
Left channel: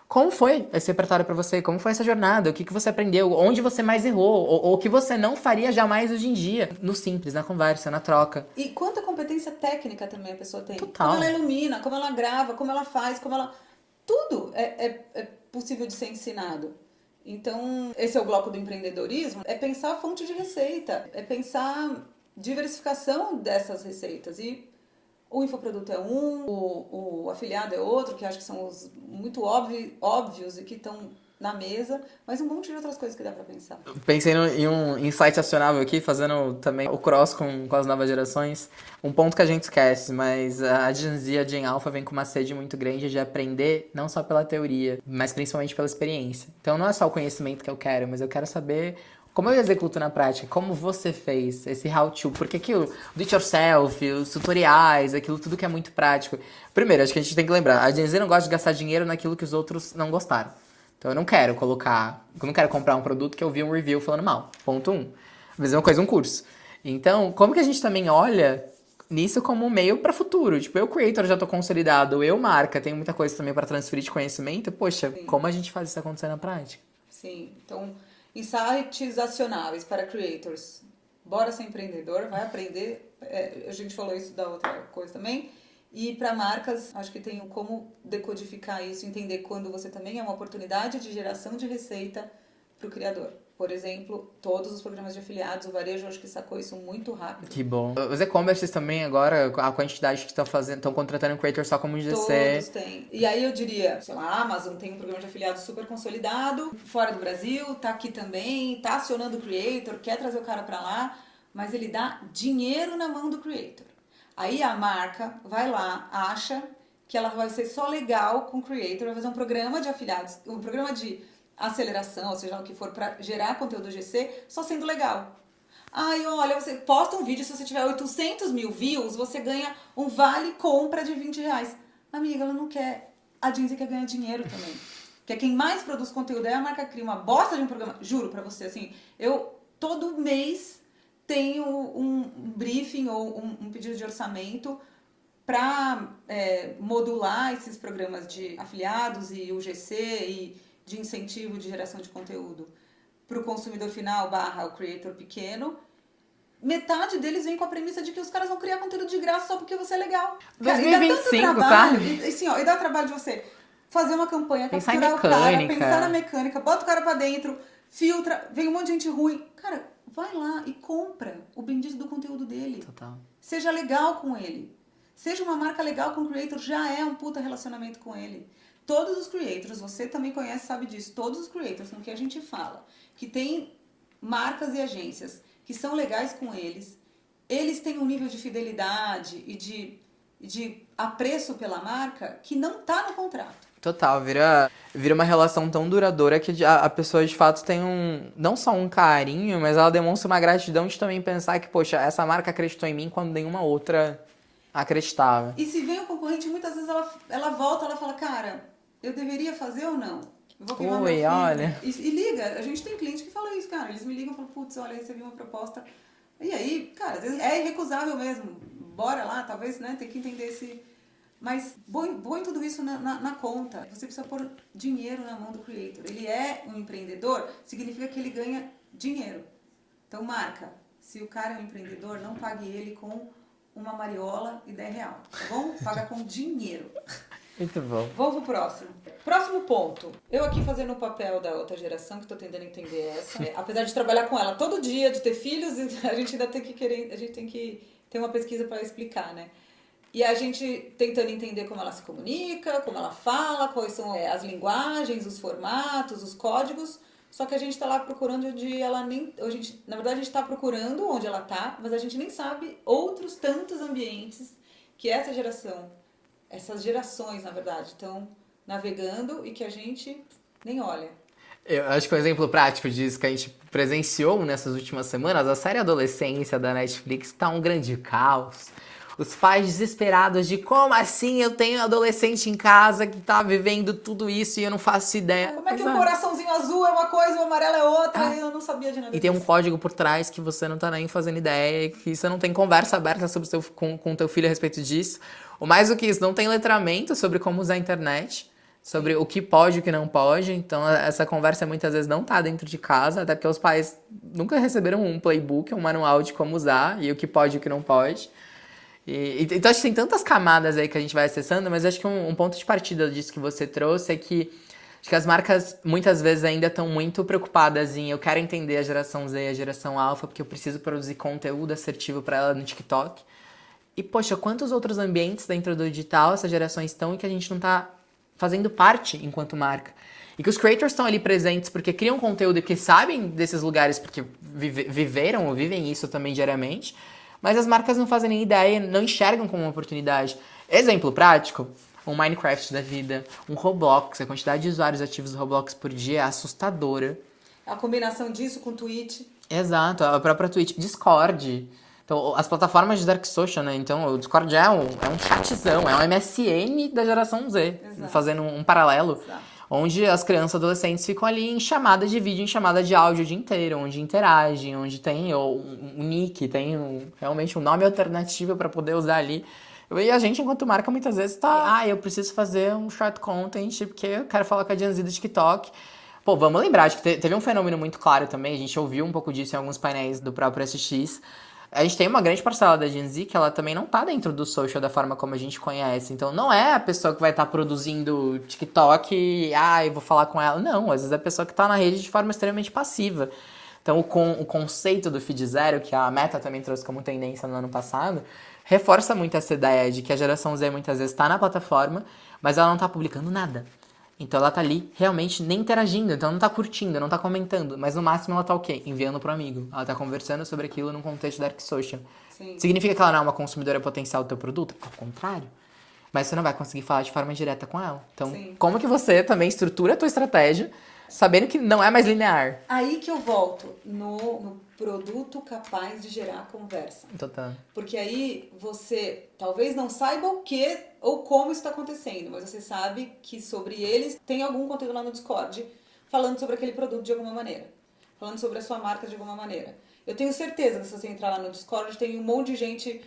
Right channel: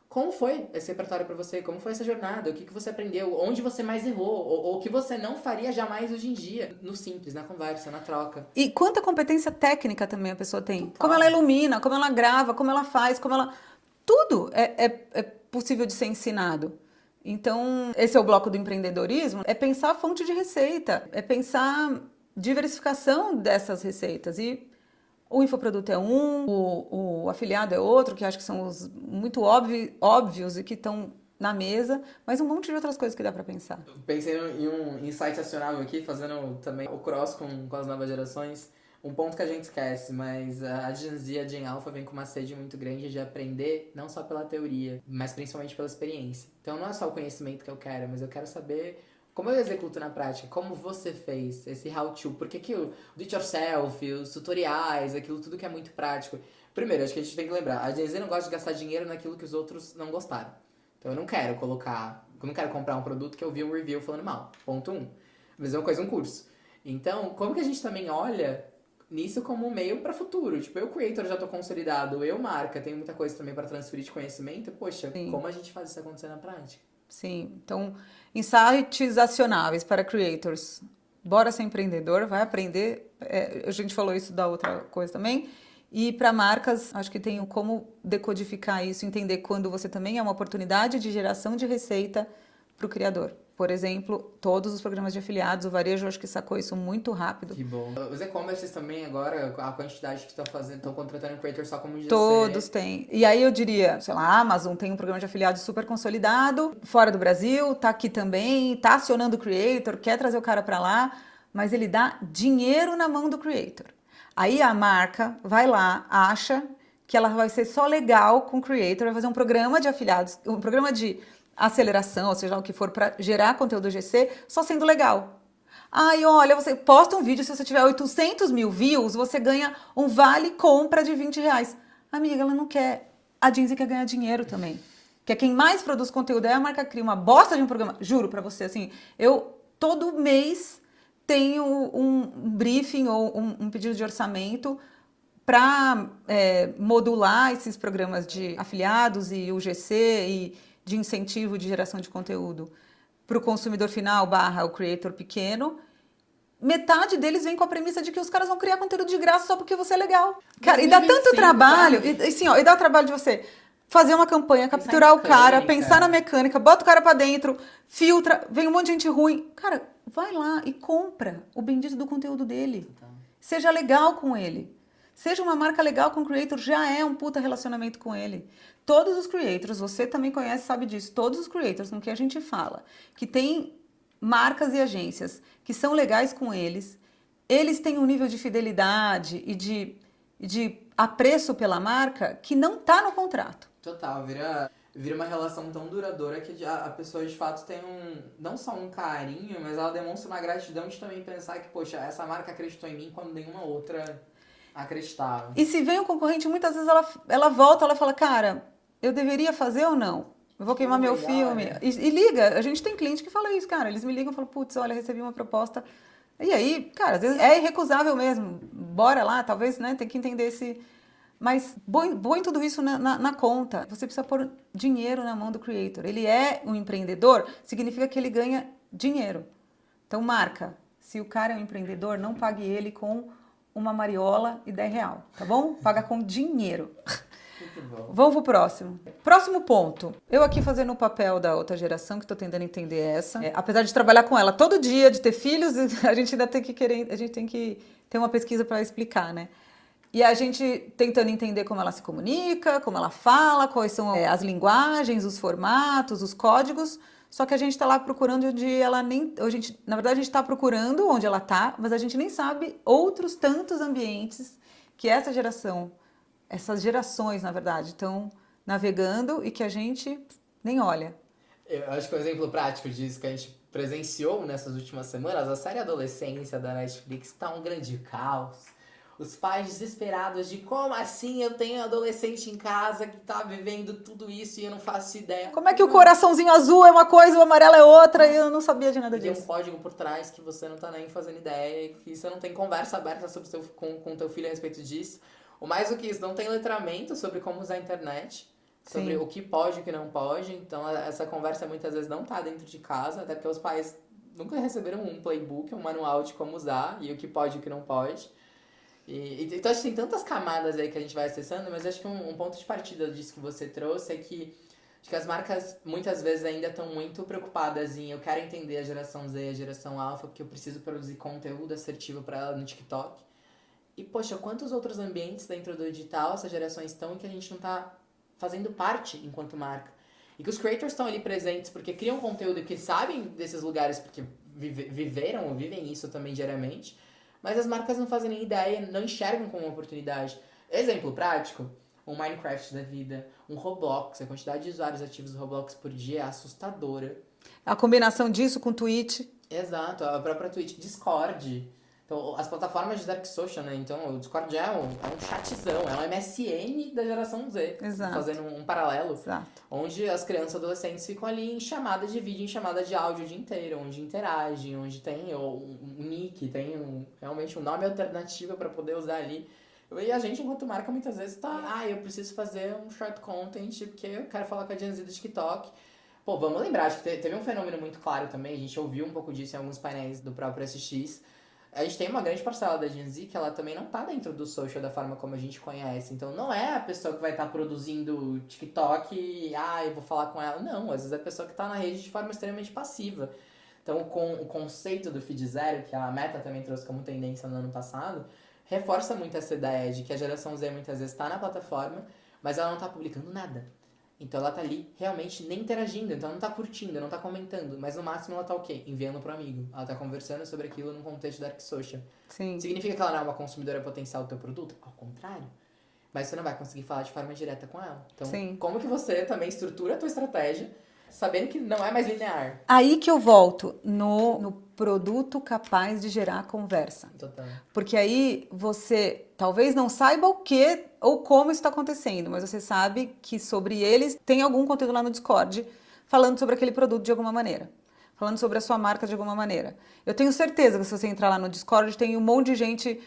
como foi esse repertório pra você, como foi essa jornada, o que você aprendeu, onde você mais errou, ou o que você não faria jamais hoje em dia, no simples, na conversa, na troca. E quanta competência técnica também a pessoa tem. Total. Como ela ilumina, como ela grava, como ela faz, tudo é possível de ser ensinado. Então, esse é o bloco do empreendedorismo, é pensar a fonte de receita, é pensar diversificação dessas receitas. E o infoproduto é o afiliado é outro, que acho que são os muito óbvios e que estão na mesa, mas um monte de outras coisas que dá para pensar. Pensei em um insight acionável aqui, fazendo também o cross com as novas gerações. Um ponto que a gente esquece, mas a Gen Z, a Gen Alpha vem com uma sede muito grande de aprender, não só pela teoria, mas principalmente pela experiência. Então não é só o conhecimento que eu quero, mas eu quero saber como eu executo na prática, como você fez esse how-to, porque aquilo, do it yourself, os tutoriais, aquilo tudo que é muito prático. Primeiro, acho que a gente tem que lembrar, a Gen Z não gosta de gastar dinheiro naquilo que os outros não gostaram. Então eu não quero comprar um produto que eu vi um review falando mal. Ponto 1. A mesma coisa um curso. Então, como que a gente também olha nisso como um meio para futuro? Tipo, eu creator já tô consolidado, eu marca, tenho muita coisa também para transferir de conhecimento. Poxa, sim, como a gente faz isso acontecer na prática? Sim, então insights acionáveis para creators. Bora ser empreendedor, vai aprender. A gente falou isso da outra coisa também. E para marcas, acho que tem como decodificar isso, entender quando você também é uma oportunidade de geração de receita para o criador. Por exemplo, todos os programas de afiliados, o varejo acho que sacou isso muito rápido. Que bom. Os e-commerces também agora, a quantidade que estão contratando creators só como GC. Todos têm. E aí eu diria, sei lá, a Amazon tem um programa de afiliados super consolidado, fora do Brasil, tá aqui também, tá acionando o creator, quer trazer o cara para lá, mas ele dá dinheiro na mão do creator. Aí a marca vai lá, acha que ela vai ser só legal com o creator, vai fazer um programa de afiliados, um programa de aceleração, ou seja, o que for para gerar conteúdo GC, só sendo legal. Ai, olha, você posta um vídeo, se você tiver 800 mil views, você ganha um vale compra de R$20. Amiga, ela não quer. A Gen Z quer ganhar dinheiro também. que é quem mais produz conteúdo, aí a marca cria uma bosta de um programa. Juro pra você, assim, eu todo mês tenho um briefing ou um pedido de orçamento para modular esses programas de afiliados e UGC e de incentivo de geração de conteúdo para o consumidor final / o creator pequeno. Metade deles vem com a premissa de que os caras vão criar conteúdo de graça só porque você é legal. Cara, e dá tanto 2025, trabalho, sabe? assim, ó, e dá trabalho de você fazer uma campanha, Pensar em capturar o cara, mecânica. pensar na mecânica, bota o cara pra dentro, filtra, vem um monte de gente ruim. Cara, vai lá e compra o bendito do conteúdo dele. Total. Seja legal com ele. Seja uma marca legal com o creator, já é um puta relacionamento com ele. Todos os creators, você também conhece, sabe disso, todos os creators no que a gente fala, que tem marcas e agências que são legais com eles, eles têm um nível de fidelidade e de apreço pela marca que não tá no contrato. Total, vira uma relação tão duradoura que a pessoa de fato tem não só um carinho, mas ela demonstra uma gratidão de também pensar que, poxa, essa marca acreditou em mim quando nenhuma outra acreditava. E se vem o concorrente, muitas vezes ela volta, ela fala, cara, eu deveria fazer ou não? Eu vou queimar meu Oi, filme. olha. E liga, a gente tem cliente que fala isso, cara. Eles me ligam e falam, putz, olha, recebi uma proposta. E aí, cara, às vezes é irrecusável mesmo. Bora lá, talvez, né, tem que entender esse... Mas põe tudo isso na conta. Você precisa pôr dinheiro na mão do creator. Ele é um empreendedor, significa que ele ganha dinheiro. Então, marca. Se o cara é um empreendedor, não pague ele com uma mariola e R$10, tá bom? Paga com dinheiro. Muito bom. Vamos pro próximo. Próximo ponto. Eu aqui fazendo o papel da outra geração, que tô tentando entender essa. Apesar de trabalhar com ela todo dia, de ter filhos, a gente ainda tem que ter uma pesquisa para explicar, né? E a gente tentando entender como ela se comunica, como ela fala, quais são as linguagens, os formatos, os códigos. Só que a gente está lá procurando onde ela nem... na verdade, a gente está procurando onde ela está, mas a gente nem sabe outros tantos ambientes que essas gerações, na verdade, estão navegando e que a gente nem olha. Eu acho que um exemplo prático disso que a gente presenciou nessas últimas semanas, a série Adolescência da Netflix tá um grande caos. Os pais desesperados de como assim eu tenho adolescente em casa que tá vivendo tudo isso e eu não faço ideia. Como é que o coraçãozinho azul é uma coisa, o amarelo é outra, e eu não sabia de nada E disso. tem um código por trás que você não tá nem fazendo ideia, que você não tem conversa aberta sobre com o teu filho a respeito disso. Ou mais do que isso, não tem letramento sobre como usar a internet, sobre o que pode e o que não pode. Então, essa conversa muitas vezes não tá dentro de casa, até porque os pais nunca receberam um playbook, um manual de como usar e o que pode e o que não pode. Então, acho que tem tantas camadas aí que a gente vai acessando, mas acho que um ponto de partida disso que você trouxe é que acho que as marcas muitas vezes ainda estão muito preocupadas em eu quero entender a geração Z e a geração Alpha, porque eu preciso produzir conteúdo assertivo para ela no TikTok. E, poxa, quantos outros ambientes dentro do digital essas gerações estão e que a gente não tá fazendo parte enquanto marca? E que os creators estão ali presentes porque criam conteúdo e que sabem desses lugares porque viveram ou vivem isso também diariamente, mas as marcas não fazem nem ideia, não enxergam como uma oportunidade. Exemplo prático, um Minecraft da vida, um Roblox, a quantidade de usuários ativos do Roblox por dia é assustadora. A combinação disso com Twitch. Exato, a própria Twitch, Discord. Então, as plataformas de Dark Social, né? Então, o Discord é um chatzão, é um MSN da geração Z. Exato. Fazendo um paralelo. Exato. Onde as crianças e adolescentes ficam ali em chamada de vídeo, em chamada de áudio o dia inteiro, onde interagem, onde tem um nick, tem realmente um nome alternativo para poder usar ali. E a gente, enquanto marca, muitas vezes tá... eu preciso fazer um short content porque eu quero falar com a Gen Z do TikTok. Pô, vamos lembrar, acho que teve um fenômeno muito claro também, a gente ouviu um pouco disso em alguns painéis do próprio SX. A gente tem uma grande parcela da Gen Z que ela também não tá dentro do social da forma como a gente conhece. Então, não é a pessoa que vai estar produzindo TikTok e, eu vou falar com ela. Não, às vezes é a pessoa que tá na rede de forma extremamente passiva. Então, o conceito do feed zero, que a Meta também trouxe como tendência no ano passado, reforça muito essa ideia de que a geração Z muitas vezes tá na plataforma, mas ela não tá publicando nada. Então ela tá ali realmente nem interagindo, então ela não tá curtindo, não tá comentando, mas no máximo ela tá o quê? Enviando pro amigo. Ela tá conversando sobre aquilo num contexto Dark Social. Sim. Significa que ela não é uma consumidora potencial do teu produto? Ao contrário. Mas você não vai conseguir falar de forma direta com ela. Então, Sim. como que você também estrutura a tua estratégia Sabendo que não é mais linear. Aí que eu volto no produto capaz de gerar conversa. Total. Porque aí você talvez não saiba o que ou como isso está acontecendo, mas você sabe que sobre eles tem algum conteúdo lá no Discord falando sobre aquele produto de alguma maneira. Falando sobre a sua marca de alguma maneira. Eu tenho certeza que se você entrar lá no Discord, tem um monte de gente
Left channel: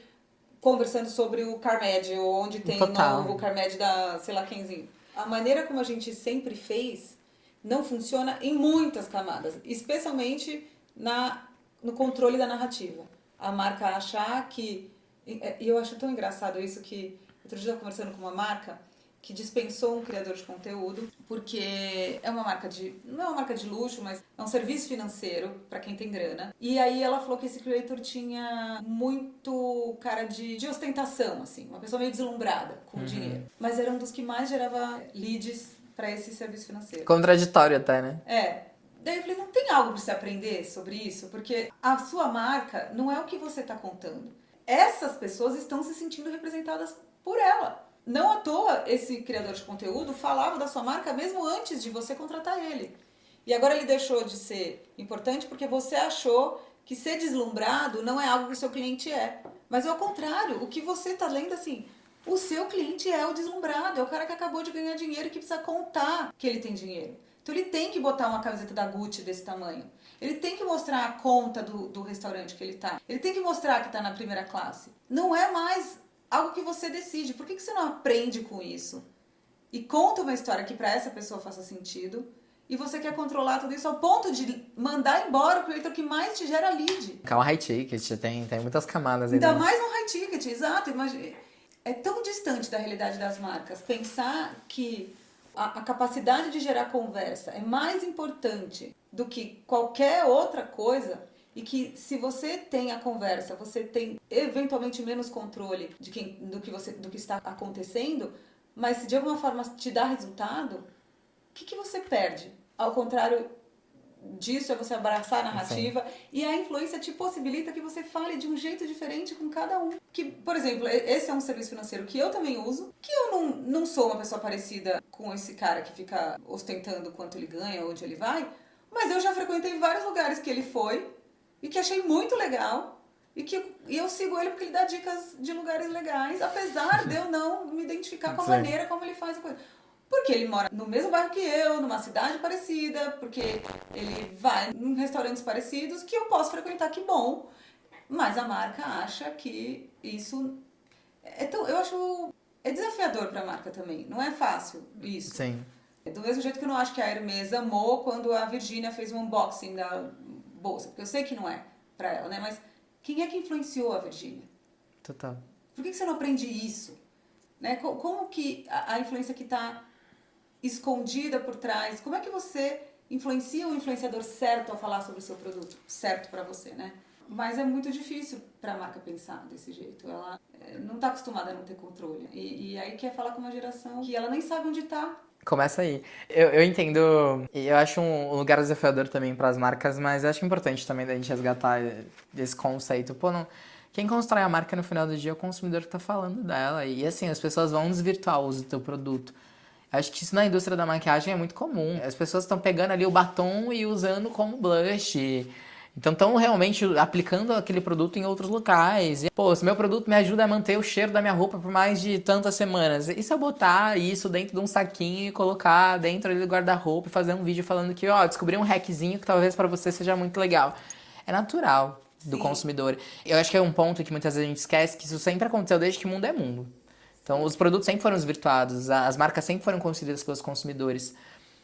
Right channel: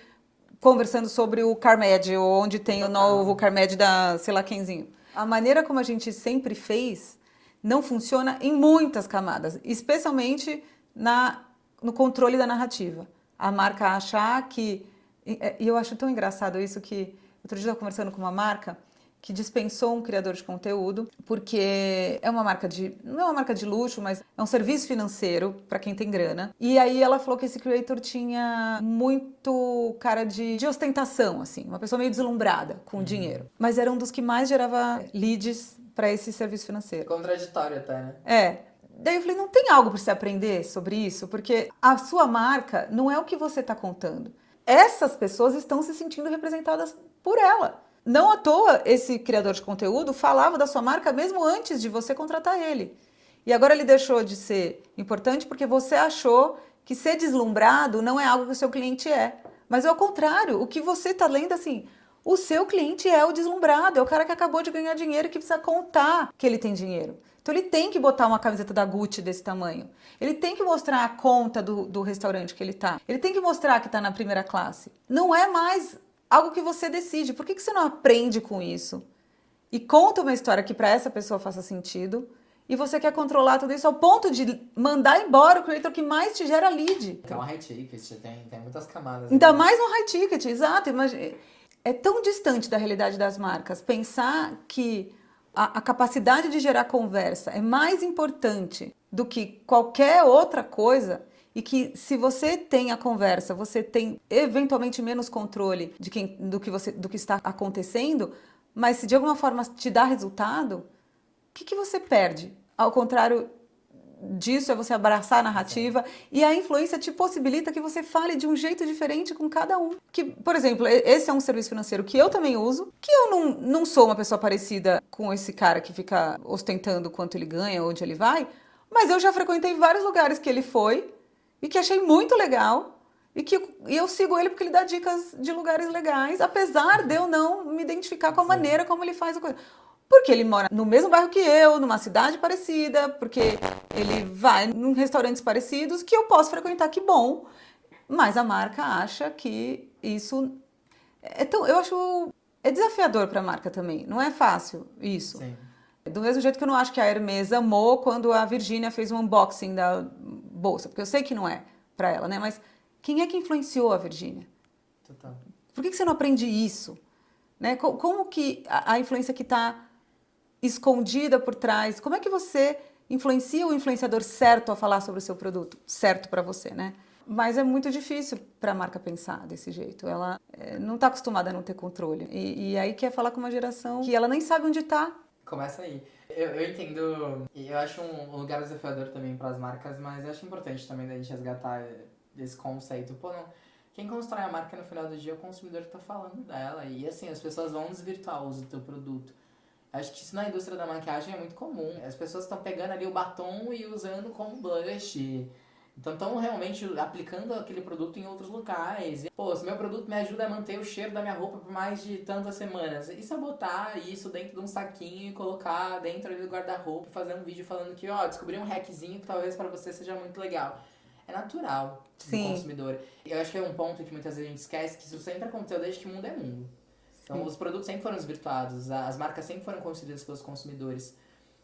conversando sobre o CarMed, ou onde tem o novo CarMed da sei lá quemzinho. A maneira como a gente sempre fez não funciona em muitas camadas, especialmente no controle da narrativa. A marca achar que... E eu acho tão engraçado isso que... Outro dia eu estava conversando com uma marca que dispensou um criador de conteúdo, porque é uma marca não é uma marca de luxo, mas é um serviço financeiro para quem tem grana. E aí ela falou que esse creator tinha muito cara de ostentação, assim, uma pessoa meio deslumbrada com o dinheiro. Mas era um dos que mais gerava leads para esse serviço financeiro. Contraditório até, né? Daí eu falei, não tem algo para você aprender sobre isso? Porque a sua marca não é o que você está contando. Essas pessoas estão se sentindo representadas por ela. Não à toa, esse criador de conteúdo falava da sua marca mesmo antes de você contratar ele. E agora ele deixou de ser importante porque você achou que ser deslumbrado não é algo que o seu cliente é. Mas é o contrário, o que você está lendo assim, o seu cliente é o deslumbrado, é o cara que acabou de ganhar dinheiro e que precisa contar que ele tem dinheiro. Então ele tem que botar uma camiseta da Gucci desse tamanho. Ele tem que mostrar a conta do restaurante que ele tá. Ele tem que mostrar que tá na primeira classe. Não é mais algo que você decide. Por que você não aprende com isso? E conta uma história que para essa pessoa faça sentido. E você quer controlar tudo isso ao ponto de mandar embora o creator que mais te gera lead. É uma high ticket, tem muitas camadas. Ainda mais no high ticket, exato. É tão distante da realidade das marcas. Pensar que a capacidade de gerar conversa é mais importante do que qualquer outra coisa e que se você tem a conversa, você tem eventualmente menos controle do que está acontecendo, mas se de alguma forma te dá resultado, o que você perde? Ao contrário disso, é você abraçar a narrativa. Sim. E a influência te possibilita que você fale de um jeito diferente com cada um. Que, por exemplo, esse é um serviço financeiro que eu também uso, que eu não sou uma pessoa parecida com esse cara que fica ostentando quanto ele ganha, onde ele vai, mas eu já frequentei vários lugares que ele foi e que achei muito legal e eu sigo ele porque ele dá dicas de lugares legais, apesar de eu não me identificar com a maneira como ele faz a coisa. Porque ele mora no mesmo bairro que eu, numa cidade parecida, porque ele vai em restaurantes parecidos que eu posso frequentar, que bom. Mas a marca acha que isso... eu acho... É desafiador para a marca também. Não é fácil isso. Sim. Do mesmo jeito que eu não acho que a Hermès amou quando a Virgínia fez um unboxing da bolsa. Porque eu sei que não é para ela, né? Mas quem é que influenciou a Virgínia? Total. Por que você não aprende isso? Né? Como que a influência que está escondida por trás, como é que você influencia o influenciador certo a falar sobre o seu produto? Certo para você, né? Mas é muito difícil para a marca pensar desse jeito. Ela não está acostumada a não ter controle. E aí quer falar com uma geração que ela nem sabe onde está. Começa aí. Eu entendo, e eu acho um lugar desafiador também para as marcas, mas eu acho importante também da gente resgatar esse conceito. Pô, não... Quem constrói a marca no final do dia é o consumidor que está falando dela. E assim, as pessoas vão desvirtuar o uso do teu produto. Acho que isso na indústria da maquiagem é muito comum. As pessoas estão pegando ali o batom e usando como blush. Então estão realmente aplicando aquele produto em outros locais. E, pô, se meu produto me ajuda a manter o cheiro da minha roupa por mais de tantas semanas, e se eu botar isso dentro de um saquinho e colocar dentro do guarda-roupa e fazer um vídeo falando que, ó, descobri um hackzinho que talvez para você seja muito legal. É natural do consumidor. Eu acho que é um ponto que muitas vezes a gente esquece, que isso sempre aconteceu desde que mundo é mundo. Então, os produtos sempre foram desvirtuados, as marcas sempre foram construídas pelos consumidores.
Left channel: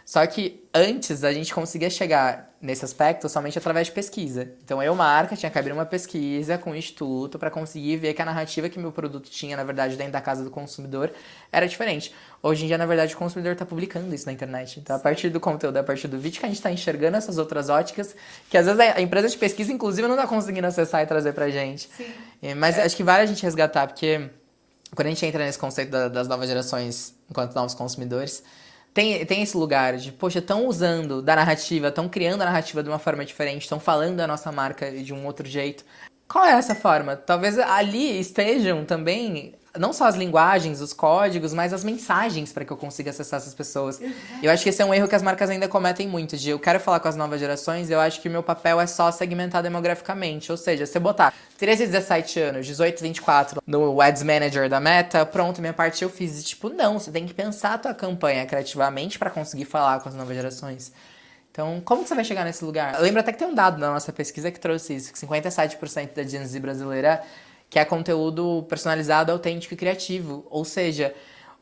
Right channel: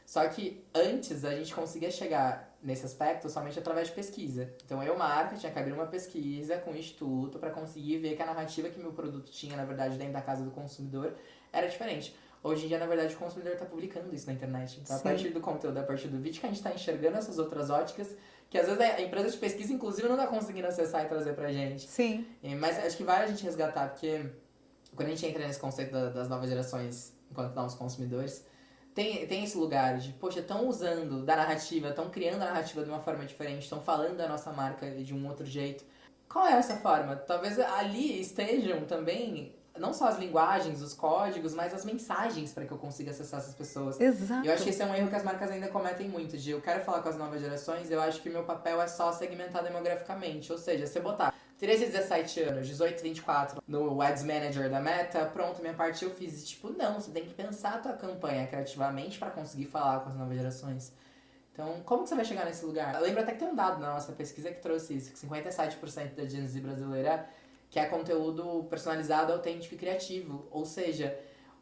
Só que antes a gente conseguia chegar nesse aspecto somente através de pesquisa. Então, eu, marca, tinha que abrir uma pesquisa com o instituto para conseguir ver que a narrativa que meu produto tinha, na verdade, dentro da casa do consumidor, era diferente. Hoje em dia, na verdade, o consumidor está publicando isso na internet. Então, a partir do conteúdo, a partir do vídeo, que a gente está enxergando essas outras óticas, que às vezes a empresa de pesquisa, inclusive, não está conseguindo acessar e trazer pra gente. Sim. Mas acho que vale a gente resgatar, porque quando a gente entra nesse conceito das novas gerações, enquanto novos consumidores, tem esse lugar de, poxa, estão usando da narrativa, estão criando a narrativa de uma forma diferente, estão falando da nossa marca de um outro jeito. Qual é essa forma? Talvez ali estejam também não só as linguagens, os códigos, mas as mensagens para que eu consiga acessar essas pessoas. Exato. E eu acho que esse é um erro que as marcas ainda cometem muito, de eu quero falar com as novas gerações, eu acho que o meu papel é só segmentar demograficamente. Ou seja, se eu botar 13 a 17 anos, 18 a 24 no Ads Manager da Meta, pronto, minha parte eu fiz. E tipo, não, você tem que pensar a tua campanha criativamente para conseguir falar com as novas gerações. Então, como que você vai chegar nesse lugar? Eu lembro até que tem um dado na nossa pesquisa que trouxe isso, que 57% da Gen Z brasileira quer conteúdo personalizado, autêntico e criativo. Ou seja,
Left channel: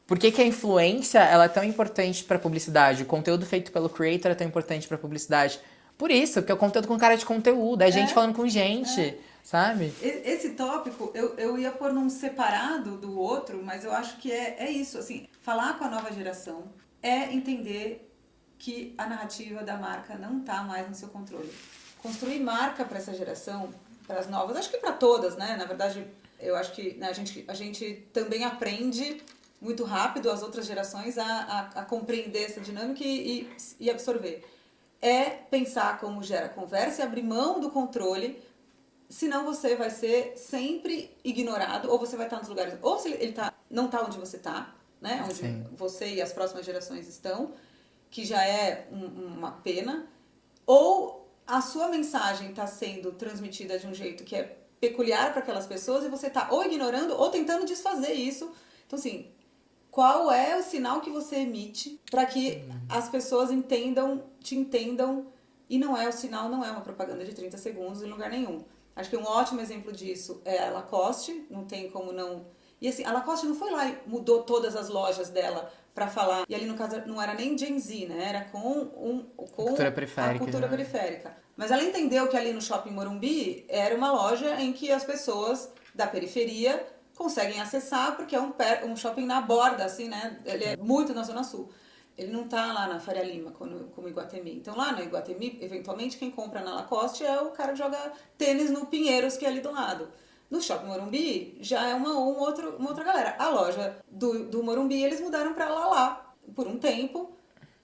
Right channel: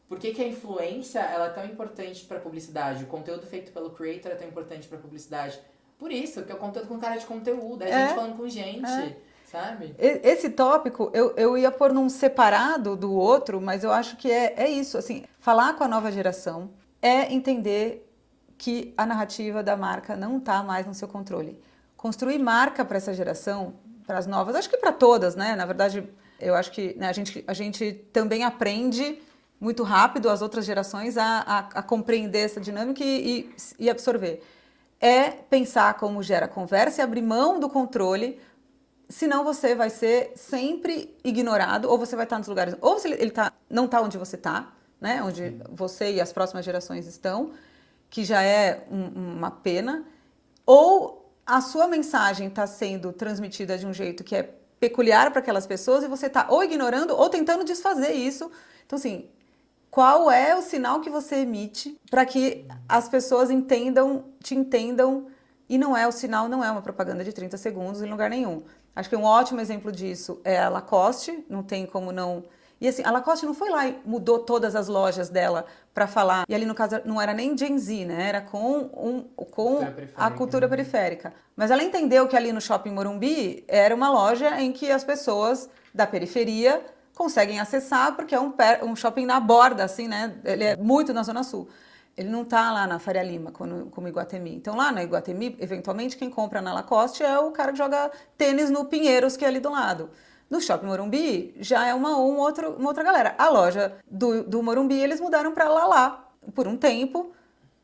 por que a influência ela é tão importante para publicidade? O conteúdo feito pelo creator é tão importante para publicidade? Por isso, porque é o conteúdo com cara de conteúdo, é gente falando com gente, sabe? Esse tópico eu ia pôr num separado do outro, mas eu acho que é isso. Assim, falar com a nova geração é entender que a narrativa da marca não está mais no seu controle. Construir marca para essa geração, para as novas, acho que para todas, né? Na verdade, eu acho que né, a gente também aprende muito rápido as outras gerações a compreender essa dinâmica e absorver. É pensar como gera conversa e abrir mão do controle, senão você vai ser sempre ignorado, ou você vai estar nos lugares, ou ele não está onde você está, né? Onde você e as próximas gerações estão, que já é uma pena, ou a sua mensagem está sendo transmitida de um jeito que é peculiar para aquelas pessoas e você está ou ignorando ou tentando desfazer isso. Então, assim, qual é o sinal que você emite para que as pessoas te entendam e não é o sinal, não é uma propaganda de 30 segundos em lugar nenhum. Acho que um ótimo exemplo disso é a Lacoste, não tem como não... E assim, a Lacoste não foi lá e mudou todas as lojas dela para falar. E ali, no caso, não era nem Gen Z, né? Era com a cultura periférica. Mas ela entendeu que ali no Shopping Morumbi era uma loja em que as pessoas da periferia conseguem acessar, porque é um shopping na borda, assim, né? Ele é muito na Zona Sul. Ele não tá lá na Faria Lima, como Iguatemi. Então, lá no Iguatemi, eventualmente, quem compra na Lacoste é o cara que joga tênis no Pinheiros, que é ali do lado. No Shopping Morumbi, já é uma outra galera. A loja do Morumbi, eles mudaram para Lala por um tempo,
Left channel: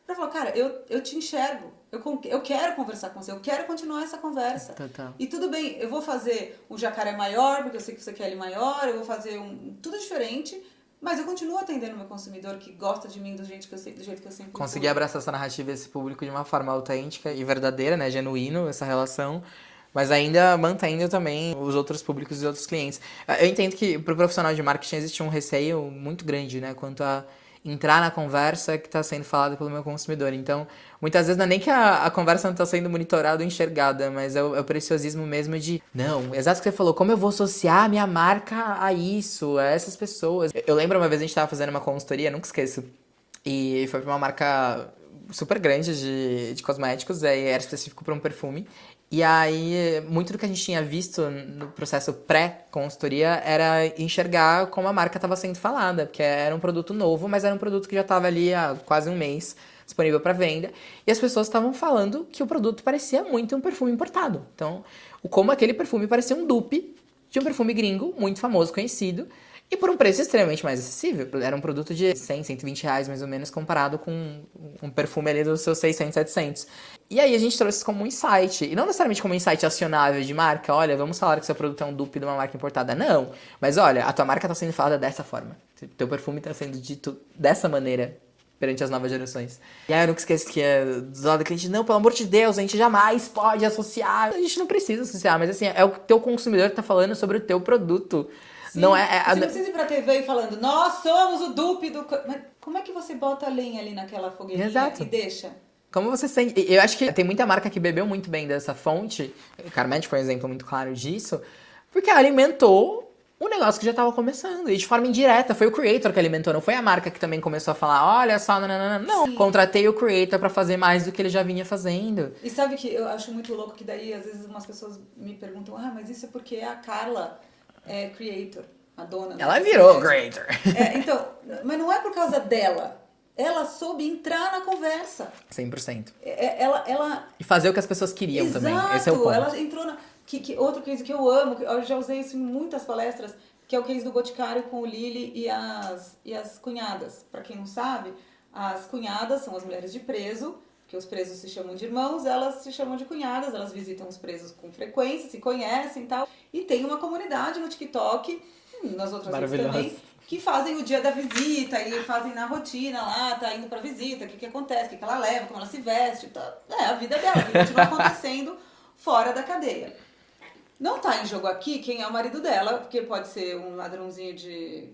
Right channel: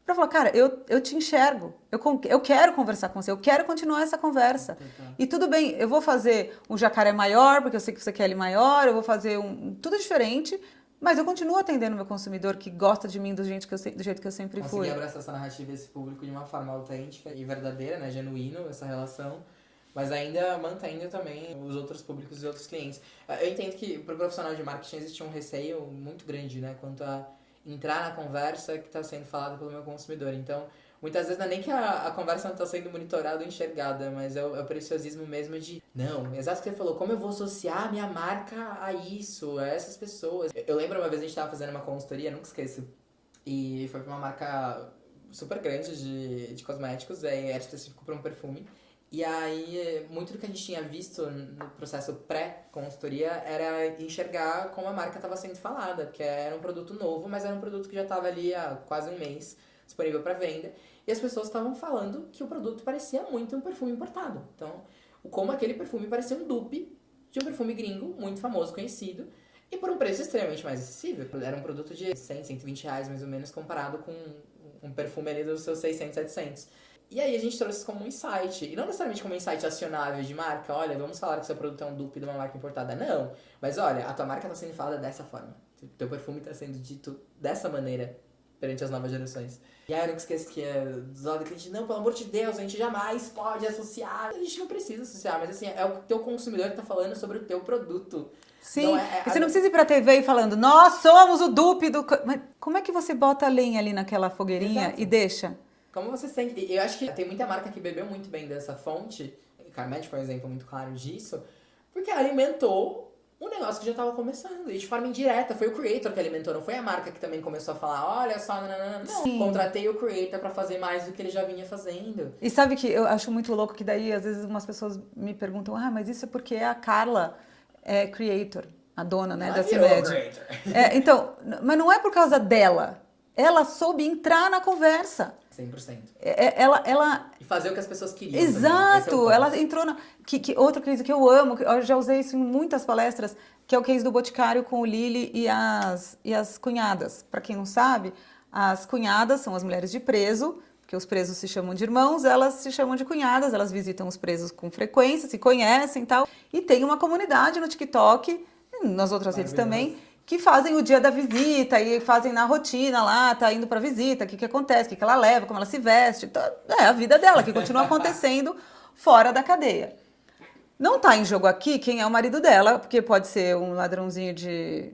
para falar, cara, eu te enxergo, eu quero conversar com você, eu quero continuar essa conversa. Total. E tudo bem, eu vou fazer um jacaré maior, porque eu sei que você quer ele maior, eu vou fazer tudo diferente, mas eu continuo atendendo meu consumidor que gosta de mim do jeito que eu sempre fui. Conseguir abraçar essa narrativa, esse público de uma forma autêntica e verdadeira, né? Genuíno, essa relação. Mas ainda mantendo também os outros públicos e outros clientes. Eu entendo que para o profissional de marketing existe um receio muito grande, né? Quanto a entrar na conversa que está sendo falada pelo meu consumidor. Então, muitas vezes não é nem que a conversa não está sendo monitorada ou enxergada, mas é o preciosismo mesmo de... Não, exato o que você falou. Como eu vou associar a minha marca a isso, a essas pessoas? Eu lembro uma vez a gente estava fazendo uma consultoria, nunca esqueço. E foi para uma marca super grande de cosméticos, era específico para um perfume. E aí, muito do que a gente tinha visto no processo pré-consultoria era enxergar como a marca estava sendo falada, porque era um produto novo, mas era um produto que já estava ali há quase um mês disponível para venda, e as pessoas estavam falando que o produto parecia muito um perfume importado. Então, como aquele perfume parecia um dupe de um perfume gringo, muito famoso, conhecido, e por um preço extremamente mais acessível. Era um produto de 100, 120 reais, mais ou menos, comparado com um perfume ali dos seus 600, 700. E aí a gente trouxe isso como um insight. E não necessariamente como um insight acionável de marca. Olha, vamos falar que seu produto é um dupe de uma marca importada. Não. Mas olha, a tua marca está sendo falada dessa forma. Teu perfume está sendo dito dessa maneira perante as novas gerações. E aí eu nunca esqueço que do lado do cliente, não, pelo amor de Deus, a gente jamais pode associar. A gente não precisa associar, mas assim, é o teu consumidor que tá falando sobre o teu produto. Sim, não você não precisa ir pra TV e falando, nós somos o dupe do... Mas como é que você bota a lenha ali naquela fogueirinha Exato. e deixa? Como você sente? Eu acho que tem muita marca que bebeu muito bem dessa fonte. Carmed foi um exemplo muito claro disso. Porque alimentou um negócio que já estava começando. E de forma indireta. Foi o creator que alimentou. Não foi a marca que também começou a falar, olha só, não. Sim. Contratei o creator para fazer mais do que ele já vinha fazendo. E sabe que eu acho muito louco que daí, às vezes, umas pessoas me perguntam, mas isso é porque a Carla é creator, a dona, né? Ela virou creator. Então, mas não é por causa dela. Ela soube entrar na conversa. 100%. Ela... E fazer o que as pessoas queriam também. Exato! Esse é o ponto. Ela entrou na... outro case que eu amo, eu já usei isso em muitas palestras, que é o case do Boticário com o Lili e as cunhadas. Para quem não sabe, as cunhadas são as mulheres de preso, porque os presos se chamam de irmãos, elas se chamam de cunhadas, elas visitam os presos com frequência, se conhecem e tal. E tem uma comunidade no TikTok, nas outras redes também, que fazem o dia da visita e fazem na rotina lá, tá indo pra visita, o que acontece, o que ela leva, como ela se veste, é a vida dela, que continua acontecendo fora da cadeia. Não tá em jogo aqui quem é o marido dela, porque pode ser um ladrãozinho de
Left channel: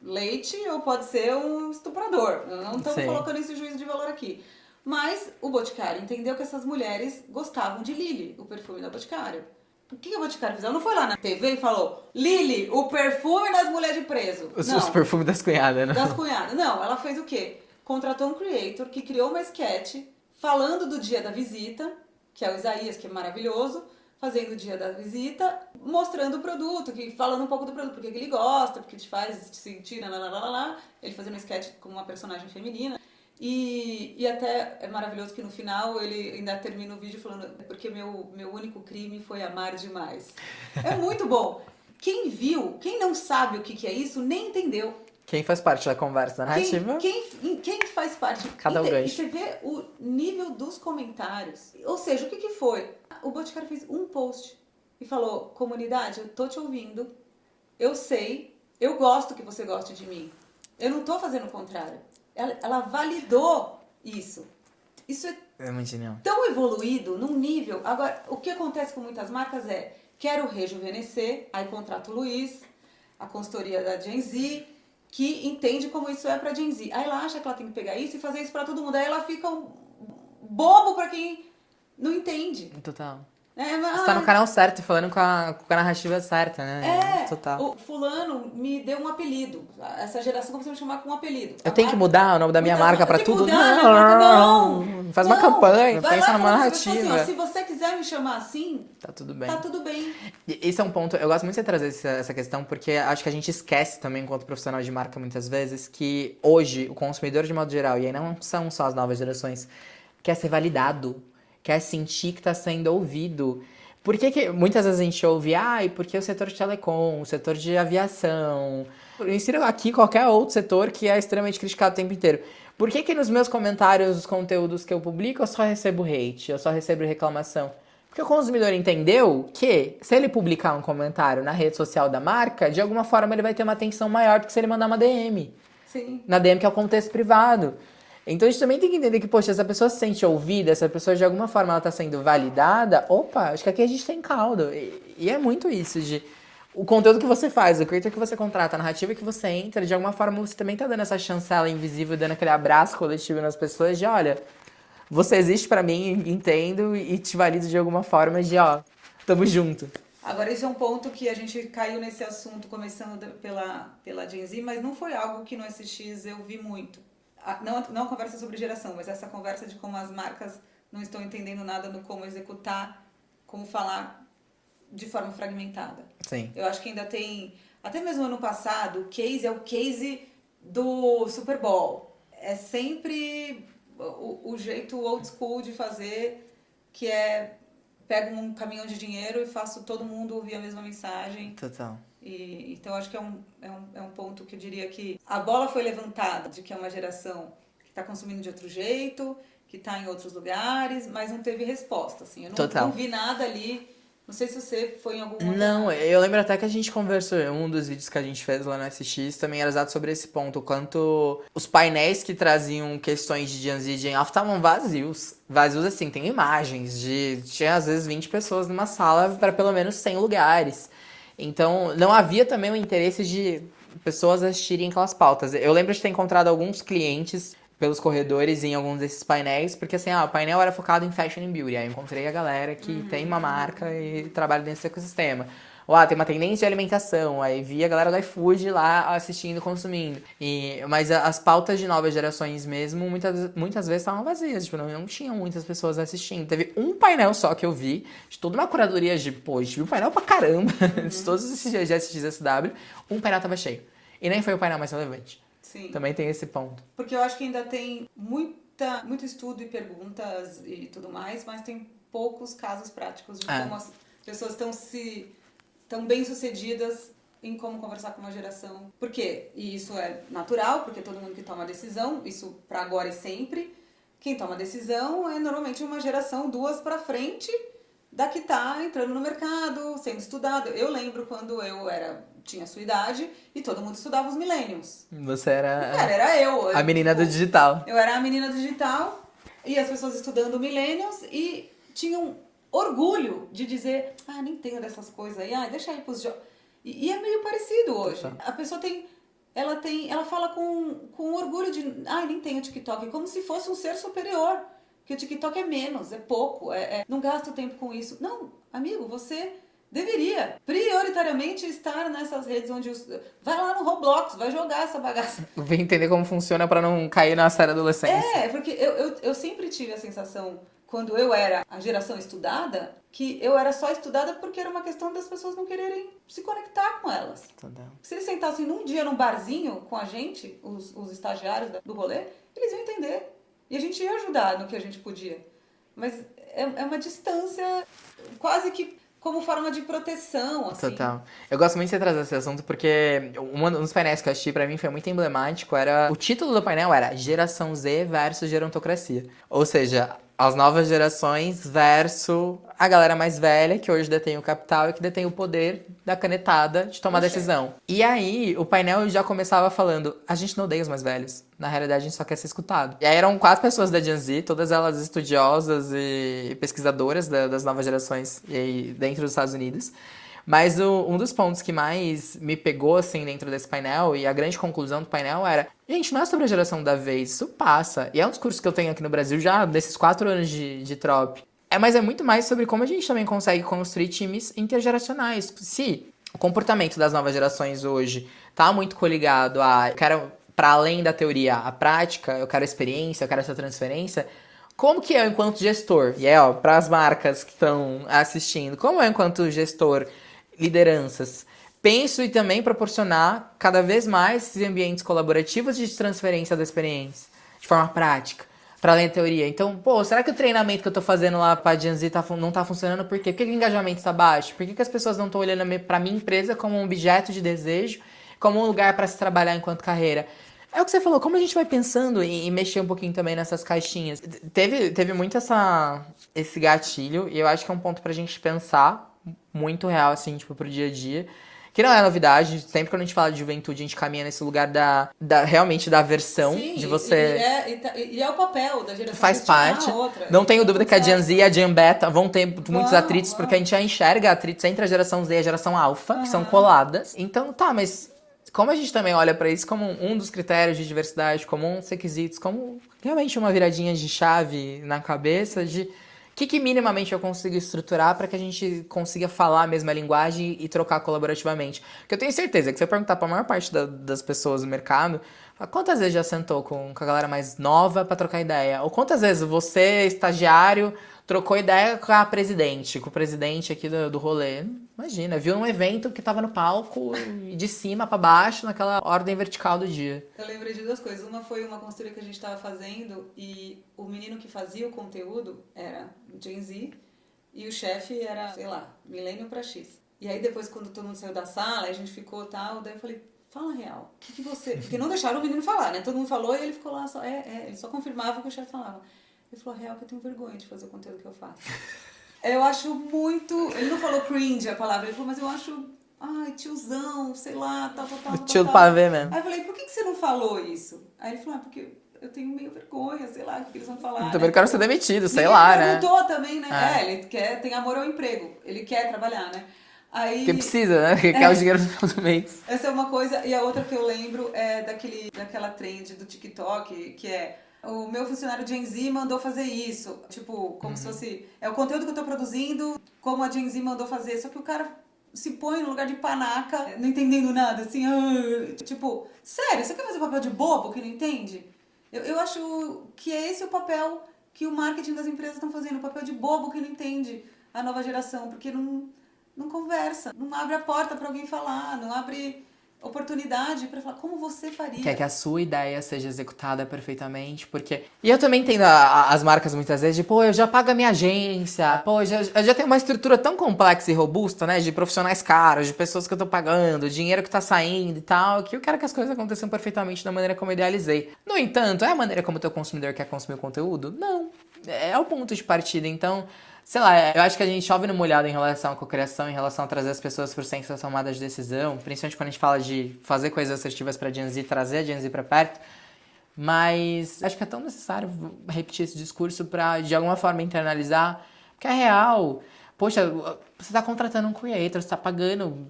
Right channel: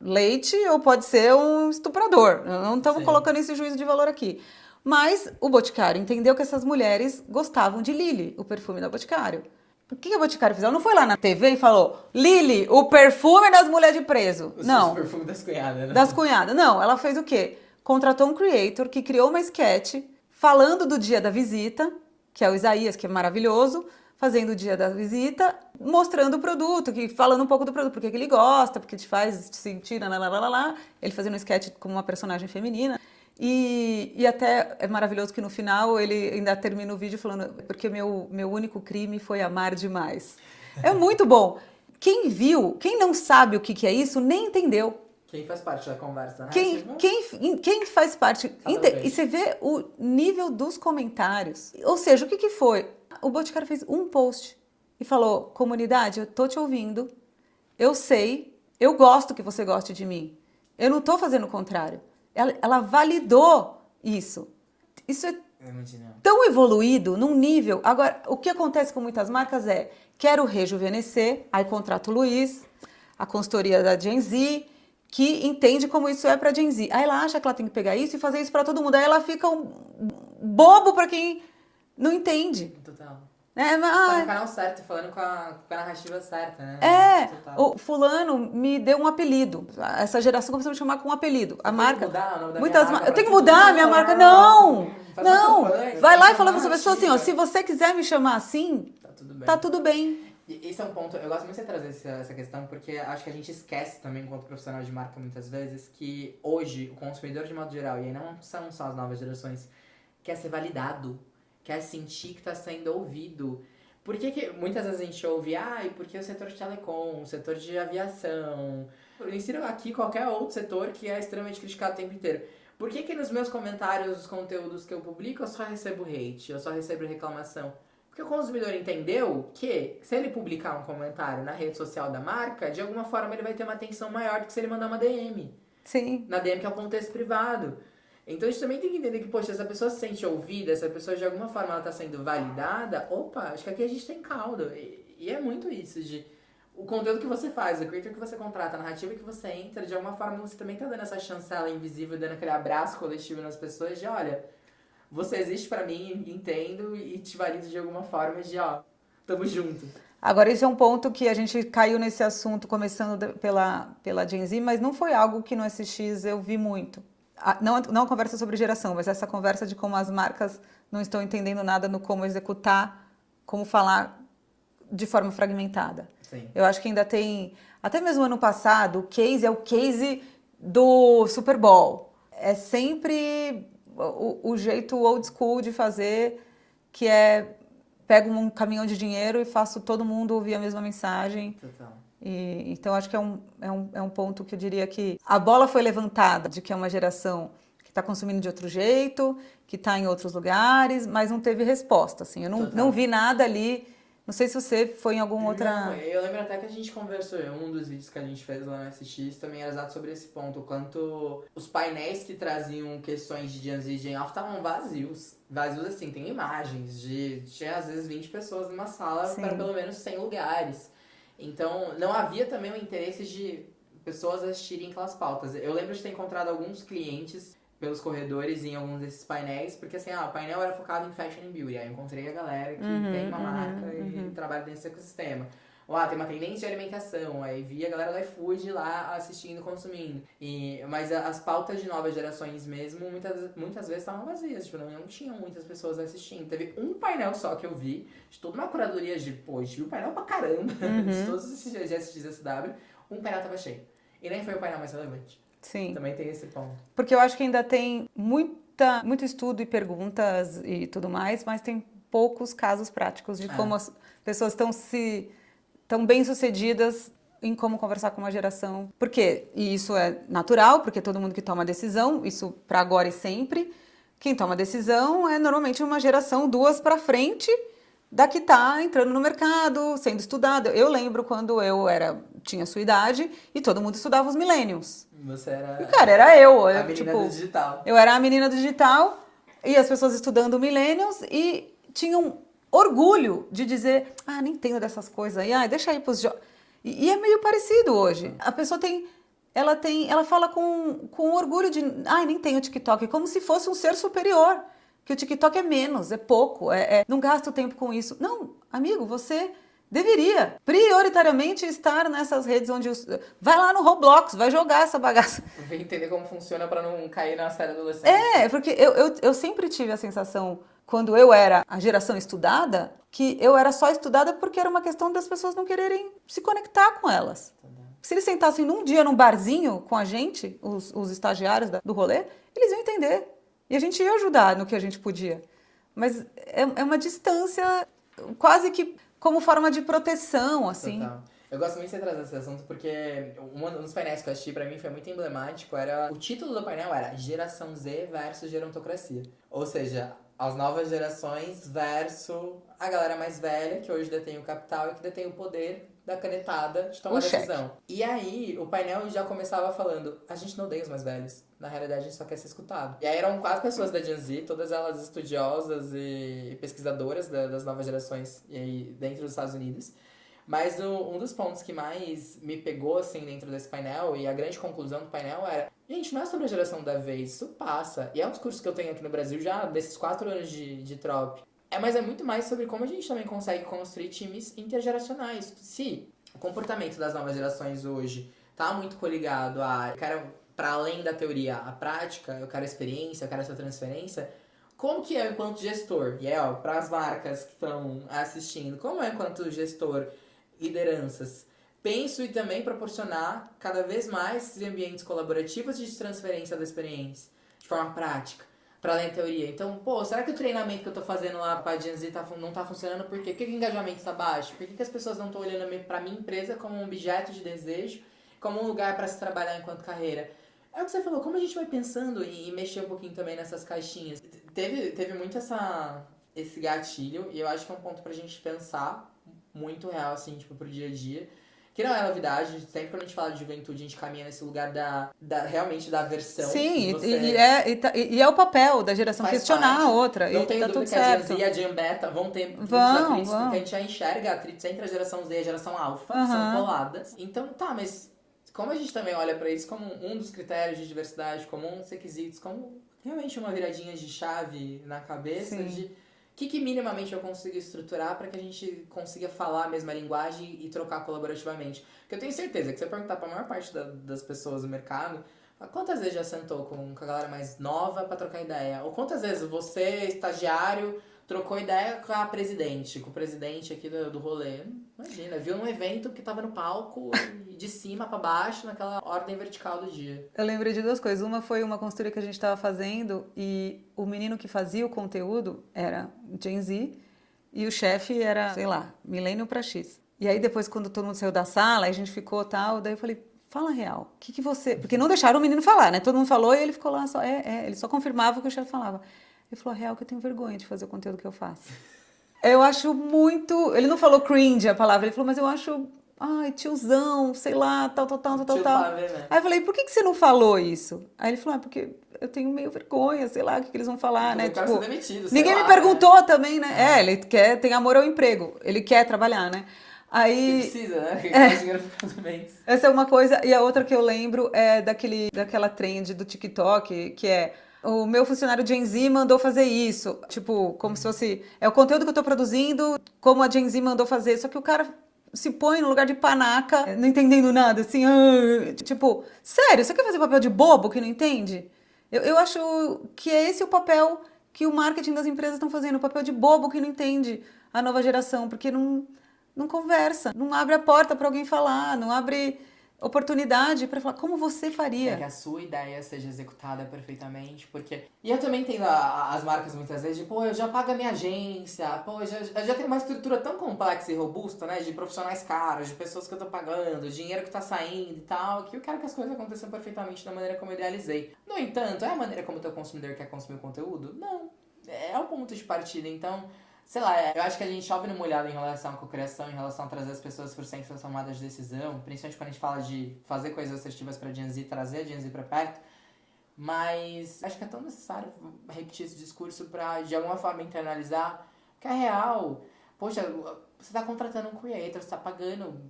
leite ou pode ser um estuprador. Não estamos colocando esse juízo de valor aqui. Mas o Boticário entendeu que essas mulheres gostavam de Lily, o perfume da Boticário. O que a Boticário fez? Ela não foi lá na TV e falou: Lily, o perfume das mulheres de preso. Não. O perfume das cunhadas, né? Das cunhadas. Não, ela fez o quê? Contratou um creator que criou uma sketch falando do dia da visita, que é o Isaías, que é maravilhoso, fazendo o dia da visita, mostrando o produto, falando um pouco do produto, porque que ele gosta, porque te faz sentir, lá. Ele fazendo um sketch como uma personagem feminina. E até é maravilhoso que no final ele ainda termina o vídeo falando porque meu único crime foi amar demais. É muito bom. Quem viu, quem não sabe o que é isso, nem entendeu. Quem faz parte da conversa narrativa? Quem faz parte... E você vê o nível dos comentários. Ou seja, o que foi? O Boticário fez um post e falou: comunidade, eu tô te ouvindo, eu sei, eu gosto que você goste de mim. Eu não tô fazendo o contrário. Ela validou isso. Isso é muito genial. Tão evoluído num nível... Agora, o que acontece com muitas marcas é: quero rejuvenescer, aí contrata o Luiz, a consultoria da Gen Z, que entende como isso é pra Gen Z. Aí ela acha que ela tem que pegar isso e fazer isso pra todo mundo. Aí ela fica um bobo pra quem não entende. Total. Você tá no canal certo, falando com a narrativa certa, né? Total. O fulano me deu um apelido. Essa geração começou a me chamar com um apelido. Eu tenho que mudar o nome da minha marca pra tudo? Eu tenho que mudar a minha marca? Não! Faz uma campanha. Vai lá e fala pra pessoa assim, ó, se você quiser me chamar assim, tá tudo bem. Tá tudo bem. E esse é um ponto, eu gosto muito de trazer essa questão, porque acho que a gente esquece também, enquanto profissional de marca, muitas vezes, que hoje o consumidor, de modo geral, e aí não são só as novas gerações, quer ser validado, quer sentir que tá sendo ouvido. Por que muitas vezes a gente ouve, porque o setor de telecom, o setor de aviação, eu insiro aqui qualquer outro setor que é extremamente criticado o tempo inteiro. Por que nos meus comentários, os conteúdos que eu publico, eu só recebo hate, eu só recebo reclamação? Porque o consumidor entendeu que, se ele publicar um comentário na rede social da marca, de alguma forma ele vai ter uma atenção maior do que se ele mandar uma DM. Sim. Na DM, que é o contexto privado. Então a gente também tem que entender que, poxa, essa pessoa se sente ouvida, essa pessoa de alguma forma ela tá sendo validada, opa, acho que aqui a gente tem caldo. E é muito isso de... O conteúdo que você faz, o creator que você contrata, a narrativa que você entra, de alguma forma você também tá dando essa chancela invisível, dando aquele abraço coletivo nas pessoas de, olha, você existe pra mim, entendo e te valido de alguma forma de, tamo junto. Agora, esse é um ponto que a gente caiu nesse assunto começando pela Gen Z, mas não foi algo que no SX eu vi muito. Não a conversa sobre geração, mas essa conversa de como as marcas não estão entendendo nada no como executar, como falar de forma fragmentada. Sim. Eu acho que ainda tem... Até mesmo ano passado, o case é o case do Super Bowl. É sempre o jeito old school de fazer, que é... Pego um caminhão de dinheiro e faço todo mundo ouvir a mesma mensagem. Total. Então, acho que é um ponto que eu diria que a bola foi levantada, de que é uma geração que está consumindo de outro jeito, que está em outros lugares, mas não teve resposta. Assim. Eu não vi nada ali. Não sei se você foi em algum outro... Não, eu lembro até que a gente conversou, um dos vídeos que a gente fez lá no SX também era exato sobre esse ponto, o quanto os painéis que traziam questões de Gen Z e Gen Alpha estavam vazios. Vazios assim, tem imagens tinha às vezes 20 pessoas numa sala para pelo menos 100 lugares. Então, não havia também o interesse de pessoas assistirem aquelas pautas. Eu lembro de ter encontrado alguns clientes pelos corredores em alguns desses painéis, porque assim, o painel era focado em fashion and beauty. Aí eu encontrei a galera que tem uma marca e trabalha dentro desse ecossistema. Tem uma tendência de alimentação, aí vi a galera do iFood lá assistindo, consumindo. Mas as pautas de novas gerações mesmo, muitas vezes estavam vazias, tipo, não tinham muitas pessoas assistindo. Teve um painel só que eu vi, de toda uma curadoria de, a gente viu painel pra caramba, de todos esses dias de SXSW, um painel tava cheio. E nem foi o painel mais relevante. Sim. Também tem esse ponto. Porque eu acho que ainda tem muito estudo e perguntas e tudo mais, mas tem poucos casos práticos de como as pessoas estão bem-sucedidas em como conversar com uma geração. Por quê? E isso é natural, porque todo mundo que toma decisão, isso para agora e sempre, quem toma decisão é normalmente uma geração 2 para frente da que está entrando no mercado, sendo estudado. Eu lembro quando eu tinha a sua idade e todo mundo estudava os millennials. Você era Cara, era eu. a menina tipo, do digital. Eu era a menina do digital e as pessoas estudando millennials e tinham orgulho de dizer, nem entendo dessas coisas aí, deixa aí pros jovens. E é meio parecido hoje. A pessoa ela fala com orgulho de, nem tem o TikTok, como se fosse um ser superior, que o TikTok é menos, é pouco, não gasta o tempo com isso. Não, amigo, você deveria prioritariamente estar nessas redes onde vai lá no Roblox, vai jogar essa bagaça. Vem entender como funciona pra não cair na série adolescência. Porque eu sempre tive a sensação, quando eu era a geração estudada, que eu era só estudada porque era uma questão das pessoas não quererem se conectar com elas. Entendeu? Se eles sentassem num dia num barzinho com a gente, os estagiários do rolê, eles iam entender. E a gente ia ajudar no que a gente podia. Mas é uma distância quase que como forma de proteção, assim. Total. Eu gosto muito de você trazer esse assunto porque um dos painéis que eu assisti pra mim foi muito emblemático. O título do painel era Geração Z versus Gerontocracia. Ou seja, as novas gerações versus a galera mais velha, que hoje detém o capital e que detém o poder da canetada de tomar decisão. E aí, o painel já começava falando, a gente não odeia os mais velhos. Na realidade, a gente só quer ser escutado. E aí eram 4 pessoas da Gen Z, todas elas estudiosas e pesquisadoras das novas gerações e aí, dentro dos Estados Unidos. Mas um dos pontos que mais me pegou, assim, dentro desse painel, e a grande conclusão do painel era, gente, não é sobre a geração da vez, isso passa. E é um discurso que eu tenho aqui no Brasil já desses 4 anos de Trop. Mas é muito mais sobre como a gente também consegue construir times intergeracionais. Se o comportamento das novas gerações hoje tá muito coligado a, eu quero, para além da teoria, a prática, eu quero a experiência, eu quero essa transferência, como que eu, enquanto gestor, e para as marcas que estão assistindo, como eu, enquanto gestor, lideranças, penso e também proporcionar cada vez mais esses ambientes colaborativos de transferência da experiência, de forma prática, para além da teoria. Então, será que o treinamento que eu tô fazendo lá pra Gen Z não tá funcionando? Por quê? Por que o engajamento tá baixo? Por que as pessoas não estão olhando pra minha empresa como um objeto de desejo, como um lugar para se trabalhar enquanto carreira? É o que você falou, como a gente vai pensando em mexer um pouquinho também nessas caixinhas? Teve muito esse gatilho, e eu acho que é um ponto pra gente pensar muito real, assim, tipo, pro dia a dia. Que não é novidade, sempre quando a gente fala de juventude, a gente caminha nesse lugar realmente da aversão. Sim, de você... e é o papel da geração faz parte. A outra. Não tenho tá dúvida que a Gen Z e a Gen Beta vão ter muitos atritos, vão. porque a gente já enxerga atritos entre a geração Z e a geração Alpha, que são coladas. Então, mas como a gente também olha pra isso como um dos critérios de diversidade, como um dos requisitos, como realmente uma viradinha de chave na cabeça de... O que minimamente eu consigo estruturar para que a gente consiga falar a mesma linguagem e trocar colaborativamente? Porque eu tenho certeza que se eu perguntar para a maior parte das pessoas do mercado, quantas vezes já sentou com a galera mais nova para trocar ideia? Ou quantas vezes você, estagiário, trocou ideia com o presidente aqui do rolê? Imagina, viu um evento que tava no palco de cima para baixo, naquela ordem vertical do dia. Eu lembrei de 2 coisas. Uma foi uma consultoria que a gente estava fazendo e o menino que fazia o conteúdo era Gen Z e o chefe era, sei lá, milênio para X. E aí depois, quando todo mundo saiu da sala, a gente ficou tal, daí eu falei, fala real, o que você... Porque não deixaram o menino falar, né? Todo mundo falou e ele ficou lá só, ele só confirmava o que o chefe falava. Ele falou, real, que eu tenho vergonha de fazer o conteúdo que eu faço. Eu acho muito... Ele não falou cringe a palavra, ele falou, mas eu acho... Ai, tiozão, sei lá, tal. Tio do pavê mesmo. Aí eu falei, por que você não falou isso? Aí ele falou, porque eu tenho meio vergonha, sei lá, o que eles vão falar, Também né? quero ser demitido, sei ninguém lá, me perguntou né? também, né? Ele tem amor ao emprego, ele quer trabalhar, né? Aí... Porque precisa, né? Porque quer o dinheiro no final do mês. Essa é uma coisa, e a outra que eu lembro é daquela trend do TikTok, que é... O meu funcionário Gen Z mandou fazer isso. Tipo, como se fosse... É o conteúdo que eu tô produzindo, como a Gen Z mandou fazer. Só que o cara se põe no lugar de panaca, não entendendo nada, assim... tipo, sério, você quer fazer papel de bobo que não entende? Eu acho que é esse o papel que o marketing das empresas estão fazendo. O papel de bobo que não entende a nova geração. Porque não conversa, não abre a porta para alguém falar, não abre... oportunidade para falar como você faria. Quer que a sua ideia seja executada perfeitamente, porque... E eu também entendo as marcas muitas vezes de, eu já pago a minha agência, eu já tenho uma estrutura tão complexa e robusta, né, de profissionais caros, de pessoas que eu tô pagando, dinheiro que tá saindo e tal, que eu quero que as coisas aconteçam perfeitamente da maneira como eu idealizei. No entanto, é a maneira como o teu consumidor quer consumir o conteúdo? Não. É o ponto de partida, então... Sei lá, eu acho que a gente chove no molhado em relação à cocriação, em relação a trazer as pessoas pro centro da tomada de decisão, principalmente quando a gente fala de fazer coisas assertivas pra Gen Z, trazer a Gen Z pra perto. Mas acho que é tão necessário repetir esse discurso pra, de alguma forma, internalizar. Porque é real. Poxa, você tá contratando um creator, você tá pagando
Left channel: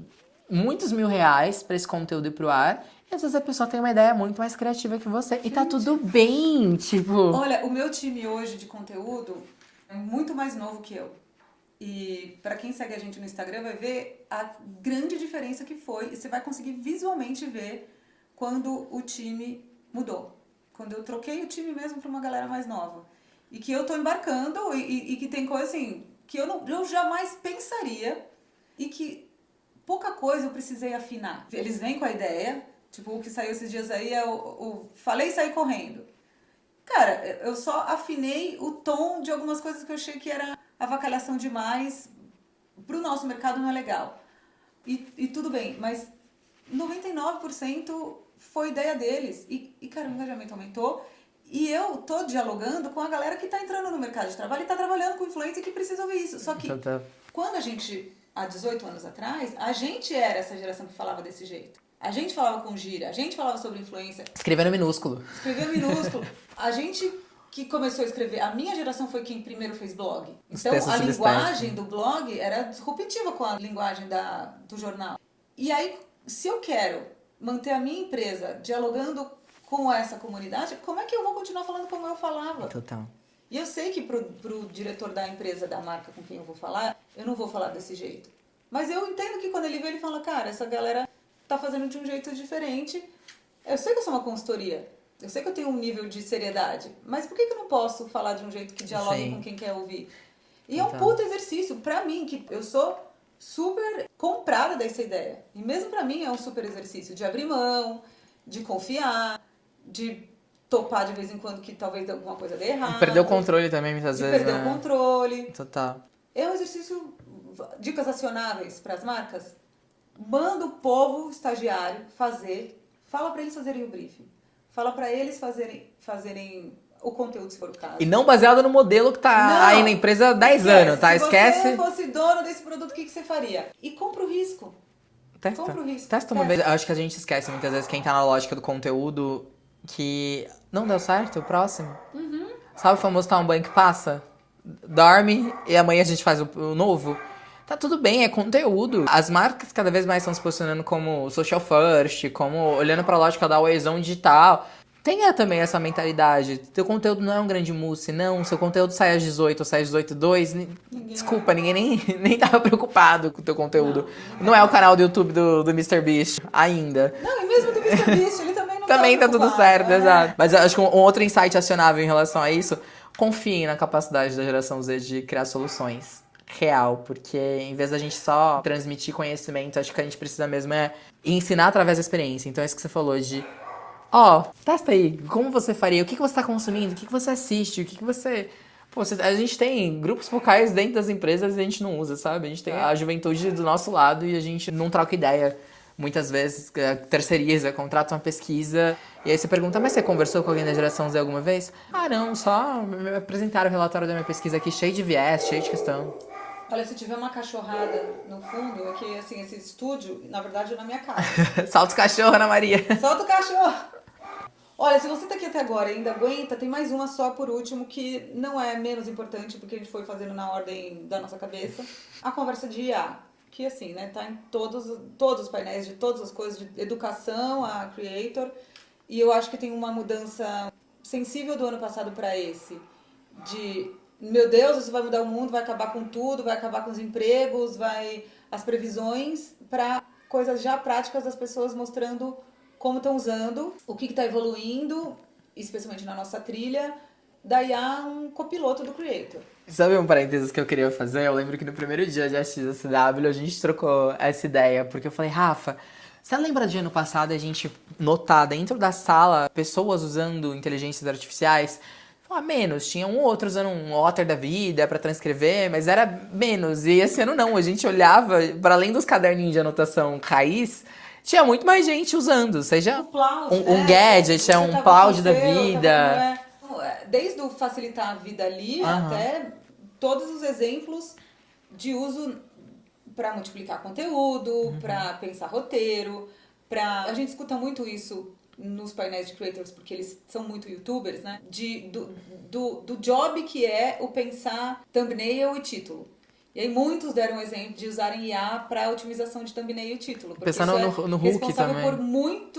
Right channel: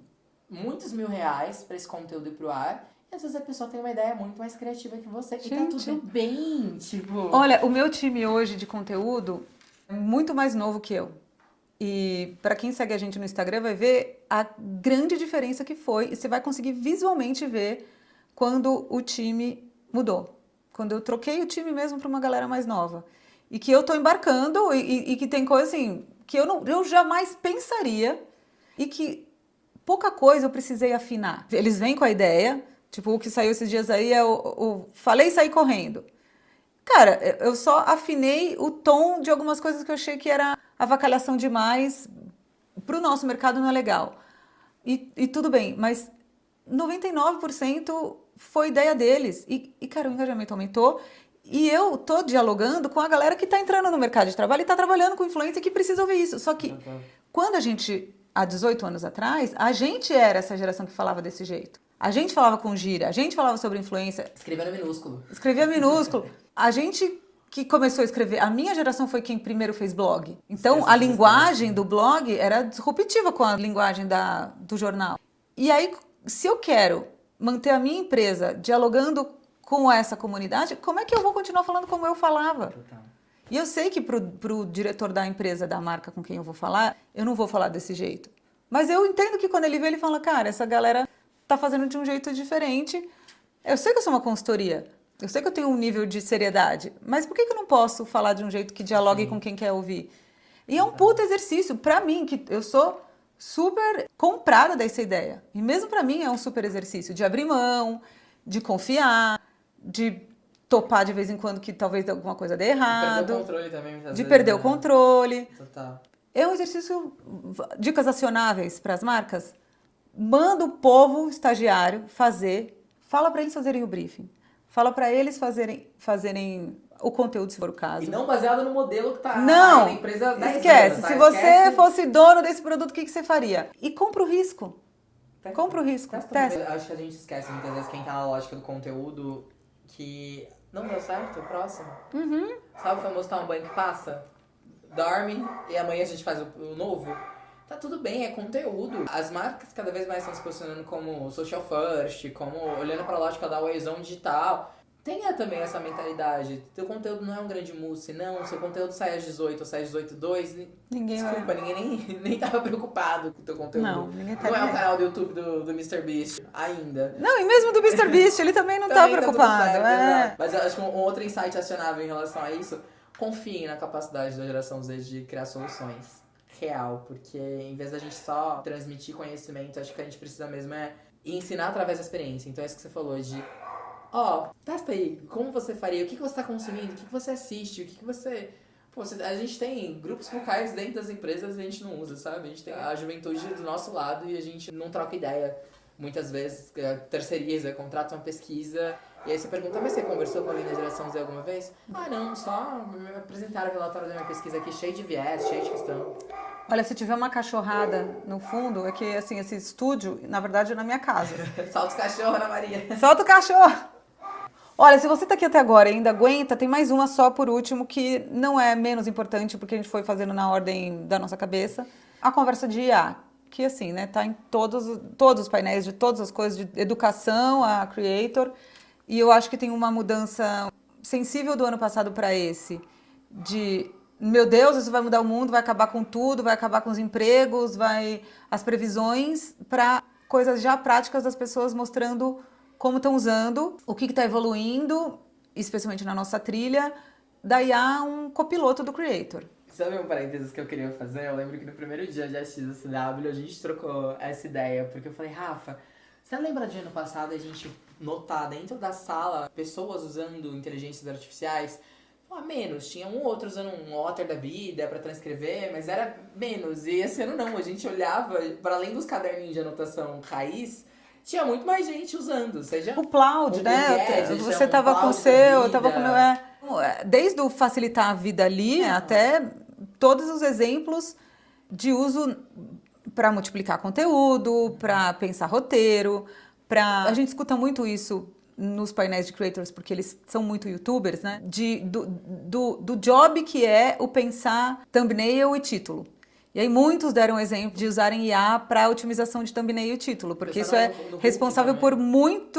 muitos R$1.000 pra esse conteúdo ir pro ar. E às vezes a pessoa tem uma ideia muito mais criativa que você. E tá tudo bem, tipo... Olha, o meu time hoje de conteúdo é muito mais novo que eu. E para quem segue a gente no Instagram vai ver a grande diferença que foi. E você vai conseguir visualmente ver quando o time mudou. Quando eu troquei o time mesmo para uma galera mais nova. E que eu tô embarcando e que tem coisa assim que eu jamais pensaria e que pouca coisa eu precisei afinar. Eles vêm com a ideia, tipo o que saiu esses dias aí é o falei e saí correndo. Cara, eu só afinei o tom de algumas coisas que eu achei que era avacalhação demais, pro nosso mercado não é legal. E tudo bem, mas 99% foi ideia deles. E, cara, o engajamento aumentou. E eu tô dialogando com a galera que tá entrando no mercado de trabalho e tá trabalhando com influência e que precisa ouvir isso. Só que quando a gente, há 18 anos atrás, a gente era essa geração que falava desse jeito. A gente falava com gíria, a gente falava sobre influência. Escrevendo minúsculo. Escrevia minúsculo. A gente que começou a escrever, a minha geração foi quem primeiro fez blog. Então, a linguagem do blog era disruptiva com a linguagem do jornal. E aí, se eu quero manter a minha empresa dialogando com essa comunidade, como é que eu vou continuar falando como eu falava? Total. E eu sei que pro diretor da empresa, da marca com quem eu vou falar, eu não vou falar desse jeito. Mas eu entendo que quando ele vê, ele fala, cara, essa galera tá fazendo de um jeito diferente. Eu sei que eu sou uma consultoria, eu sei que eu tenho um nível de seriedade, mas por que eu não posso falar de um jeito que dialogue com quem quer ouvir? E é um puta exercício, pra mim, que eu sou super comprada dessa ideia. E mesmo pra mim é um super exercício de abrir mão, de confiar, de topar de vez em quando que talvez alguma coisa dê errado. Perder o controle também, muitas vezes. De perder o controle. Total. É um exercício, dicas acionáveis para as marcas. Manda o povo estagiário fazer, fala para eles fazerem o briefing. Fala para eles fazerem o conteúdo, se for o caso. E não baseado no modelo que tá aí na empresa há 10 anos, tá? Se você fosse dono desse produto, o que você faria? E compra o risco. Testa. Compra o risco. Testa uma vez. Eu acho que a gente esquece muitas vezes quem tá na lógica do conteúdo que não deu certo, o próximo. Sabe o famoso tomar um banho que passa? Dorme e amanhã a gente faz o novo. Tá tudo bem, é conteúdo. As marcas cada vez mais estão se posicionando como social first, como olhando pra lógica da always-on digital. Tenha também essa mentalidade. Teu conteúdo não é um grande mousse, não. Seu conteúdo sai às 18 ou sai às 18h02. Desculpa, ninguém nem tava preocupado com o teu conteúdo. Não é o canal do YouTube do MrBeast ainda. Não, e mesmo do MrBeast, ele também não também tá tudo certo, exato. Mas eu acho que um outro insight acionável em relação a isso, confiem na capacidade da geração Z de criar soluções real, porque em vez da gente só transmitir conhecimento, acho que a gente precisa mesmo é ensinar através da experiência. Então é isso que você falou de testa aí, como você faria, o que você tá consumindo, o que você assiste, o que você... Pô, a gente tem grupos focais dentro das empresas e a gente não usa, sabe? A gente tem a juventude do nosso lado e a gente não troca ideia. Muitas vezes terceiriza, contrata uma pesquisa e aí você pergunta, mas você conversou com alguém da geração Z alguma vez? Ah, não, só me apresentaram o relatório da minha pesquisa aqui cheio de viés, cheio de questão. Olha, se tiver uma cachorrada no fundo, é que assim, esse estúdio, na verdade, é na minha casa. Solta os cachorros, Ana Maria. Solta o cachorro! Olha, se você tá aqui até agora e ainda aguenta, tem mais uma só por último que não é menos importante porque a gente foi fazendo na ordem da nossa cabeça. A conversa de IA, que assim, né, tá em todos os painéis de todas as coisas de educação, a Creator. E eu acho que tem uma mudança sensível do ano passado para esse, de, meu Deus, isso vai mudar o mundo, vai acabar com tudo, vai acabar com os empregos, as previsões, para coisas já práticas das pessoas mostrando como estão usando, o que está evoluindo, especialmente na nossa trilha. Daí há um copiloto do Creator. Sabe um parênteses que eu queria fazer? Eu lembro que no primeiro dia de XSW a gente trocou essa ideia, porque eu falei, Rafa, você lembra de ano passado a gente notar dentro da sala pessoas usando inteligências artificiais? Menos, tinha um ou outro usando um Otter da vida pra transcrever, mas era menos. E esse ano não, a gente olhava, para além dos caderninhos de anotação raiz, tinha muito mais gente usando, seja o Plaud, um gadget, um Plaud da vida. Desde o facilitar a vida ali até todos os exemplos de uso para multiplicar conteúdo, para pensar roteiro, a gente escuta muito isso nos painéis de creators, porque eles são muito youtubers, né? Do job que é o pensar thumbnail e título. E aí muitos deram exemplo de usarem IA para otimização de thumbnail e título, porque Pensando isso no responsável também.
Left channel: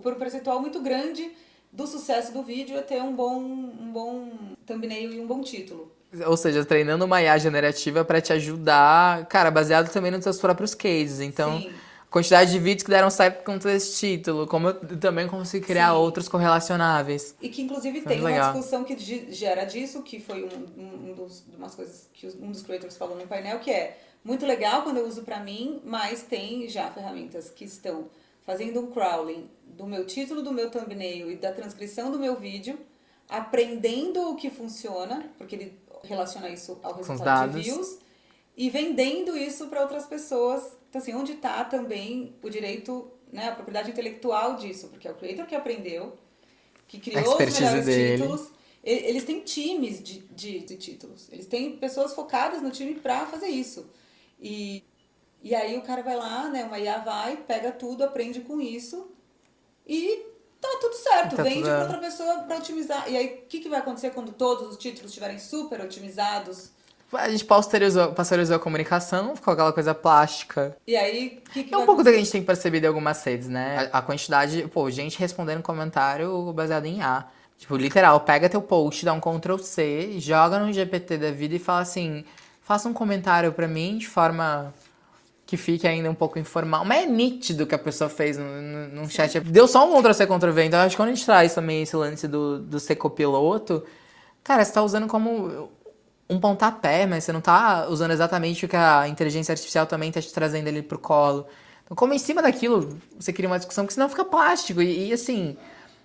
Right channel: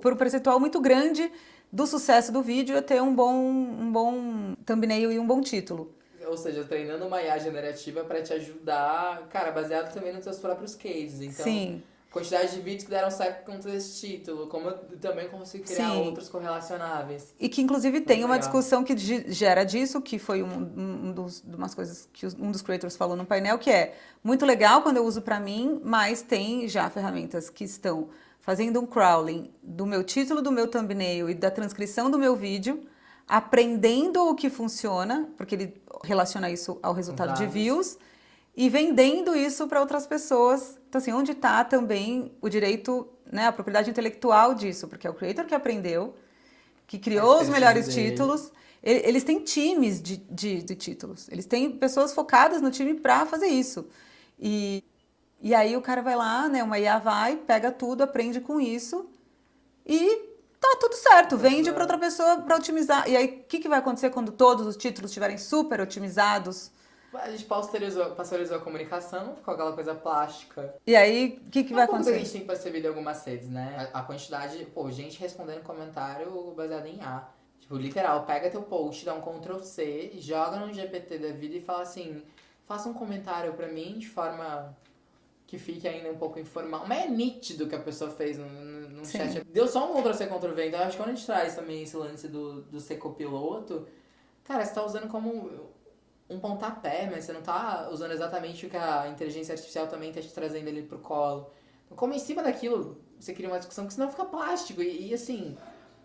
por um percentual muito grande do sucesso do vídeo é ter um bom thumbnail e um bom título. Ou seja, treinando uma IA generativa para te ajudar, cara, baseado também nos seus próprios cases. Então, Sim. a quantidade de vídeos que deram certo com esse título, como eu também consigo criar Sim. outros correlacionáveis. E que, inclusive, Muito tem uma legal. discussão que gera disso, que foi umas coisas que um dos creators falou no painel, que é muito legal quando eu uso para mim, mas tem já ferramentas que estão fazendo um crawling do meu título, do meu thumbnail e da transcrição do meu vídeo, aprendendo o que funciona, porque ele relaciona isso ao resultado de dados. views, e vendendo isso para outras pessoas. Então, assim, onde está também o direito, né, a propriedade intelectual disso? Porque é o creator que aprendeu, que criou os melhores títulos. Eles têm times de títulos. Eles têm pessoas focadas no time para fazer isso. E aí o cara vai lá, né, uma IA vai, pega tudo, aprende com isso e tá tudo certo. Tá Vende tudo- para outra pessoa para otimizar. E aí, o que vai acontecer quando todos os títulos estiverem super otimizados? A gente pasteurizou a comunicação, ficou aquela coisa plástica. E aí, o que É vai um pouco do que acontecer? a gente tem percebido em algumas redes, né? A quantidade, pô, gente respondendo comentário baseado em IA. Tipo, literal, pega teu post, dá um Ctrl+C, joga no GPT da vida e fala assim, faça um comentário pra mim de forma que fique ainda um pouco informal. Mas é nítido que a pessoa fez no chat. Deu só um Ctrl+C, Ctrl+V. Então, acho que quando a gente traz também esse lance do ser copiloto, cara, você tá usando como um pontapé, mas você não tá usando exatamente o que a inteligência artificial também tá te trazendo ali pro colo. Então, como em cima daquilo, você cria uma discussão, que senão fica plástico. E assim,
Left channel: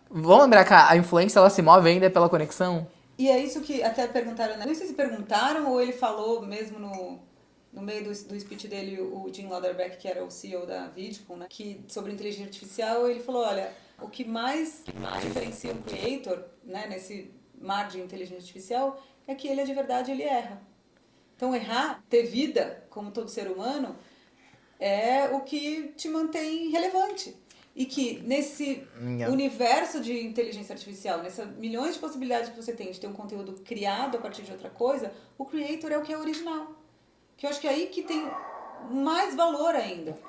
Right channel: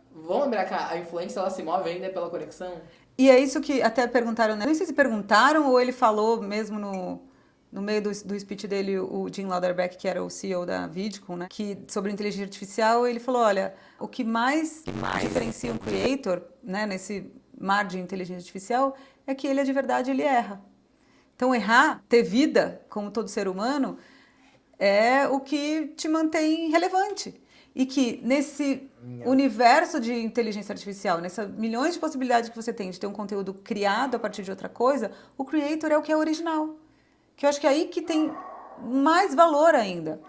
vamos lembrar que a influência, ela se move ainda pela conexão? E é isso que até perguntaram, né? Não sei se perguntaram ou ele falou mesmo no meio do speech dele, o Jim Lauderbeck, que era o CEO da Vidcon, né? Que sobre inteligência artificial, ele falou, olha, o que mais diferencia um creator, né, nesse mar de inteligência artificial, é que ele, de verdade, ele erra. Então, errar, ter vida, como todo ser humano, é o que te mantém relevante. E que nesse universo de inteligência artificial, nessas milhões de possibilidades que você tem de ter um conteúdo criado a partir de outra coisa, o creator é o que é original. Que eu acho que é aí que tem mais valor ainda.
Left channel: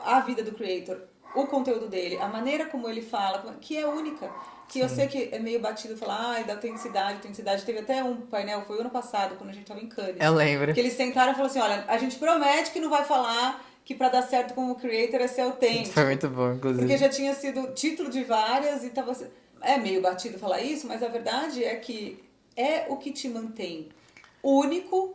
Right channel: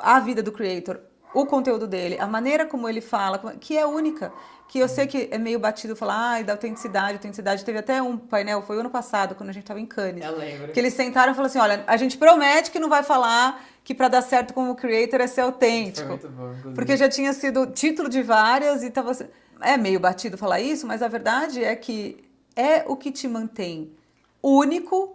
A vida do creator, o conteúdo dele, a maneira como ele fala, que é única. Que eu sei que é meio batido falar, da autenticidade. Teve até um painel, foi ano passado, quando a gente estava em Cannes. Eu lembro. Que eles sentaram e falaram assim, olha, a gente promete que não vai falar que para dar certo como creator é ser autêntico. Foi muito bom, inclusive. Porque já tinha sido título de várias e tava... É meio batido falar isso, mas a verdade é que é o que te mantém único,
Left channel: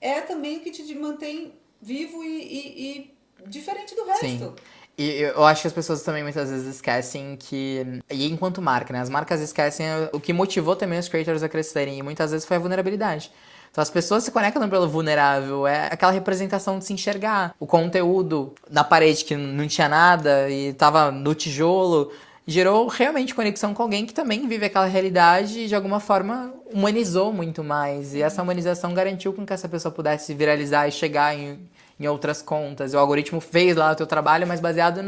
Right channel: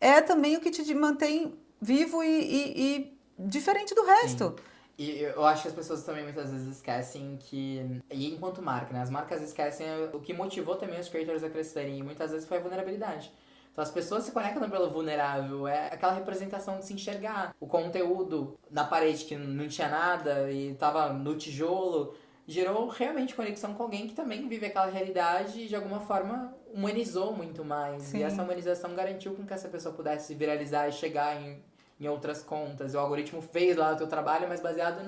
é também o que te mantém vivo e diferente do resto. Sim. E eu acho que as pessoas também muitas vezes esquecem que... E enquanto marca, né? As marcas esquecem o que motivou também os creators a crescerem. E muitas vezes foi a vulnerabilidade. Então as pessoas se conectam pelo vulnerável. É aquela representação de se enxergar. O conteúdo na parede que não tinha nada e tava no tijolo... Gerou realmente conexão com alguém que também vive aquela realidade e de alguma forma humanizou muito mais. Sim. E essa humanização garantiu com que essa pessoa pudesse viralizar e chegar em outras contas. O algoritmo fez lá o teu trabalho, mas baseado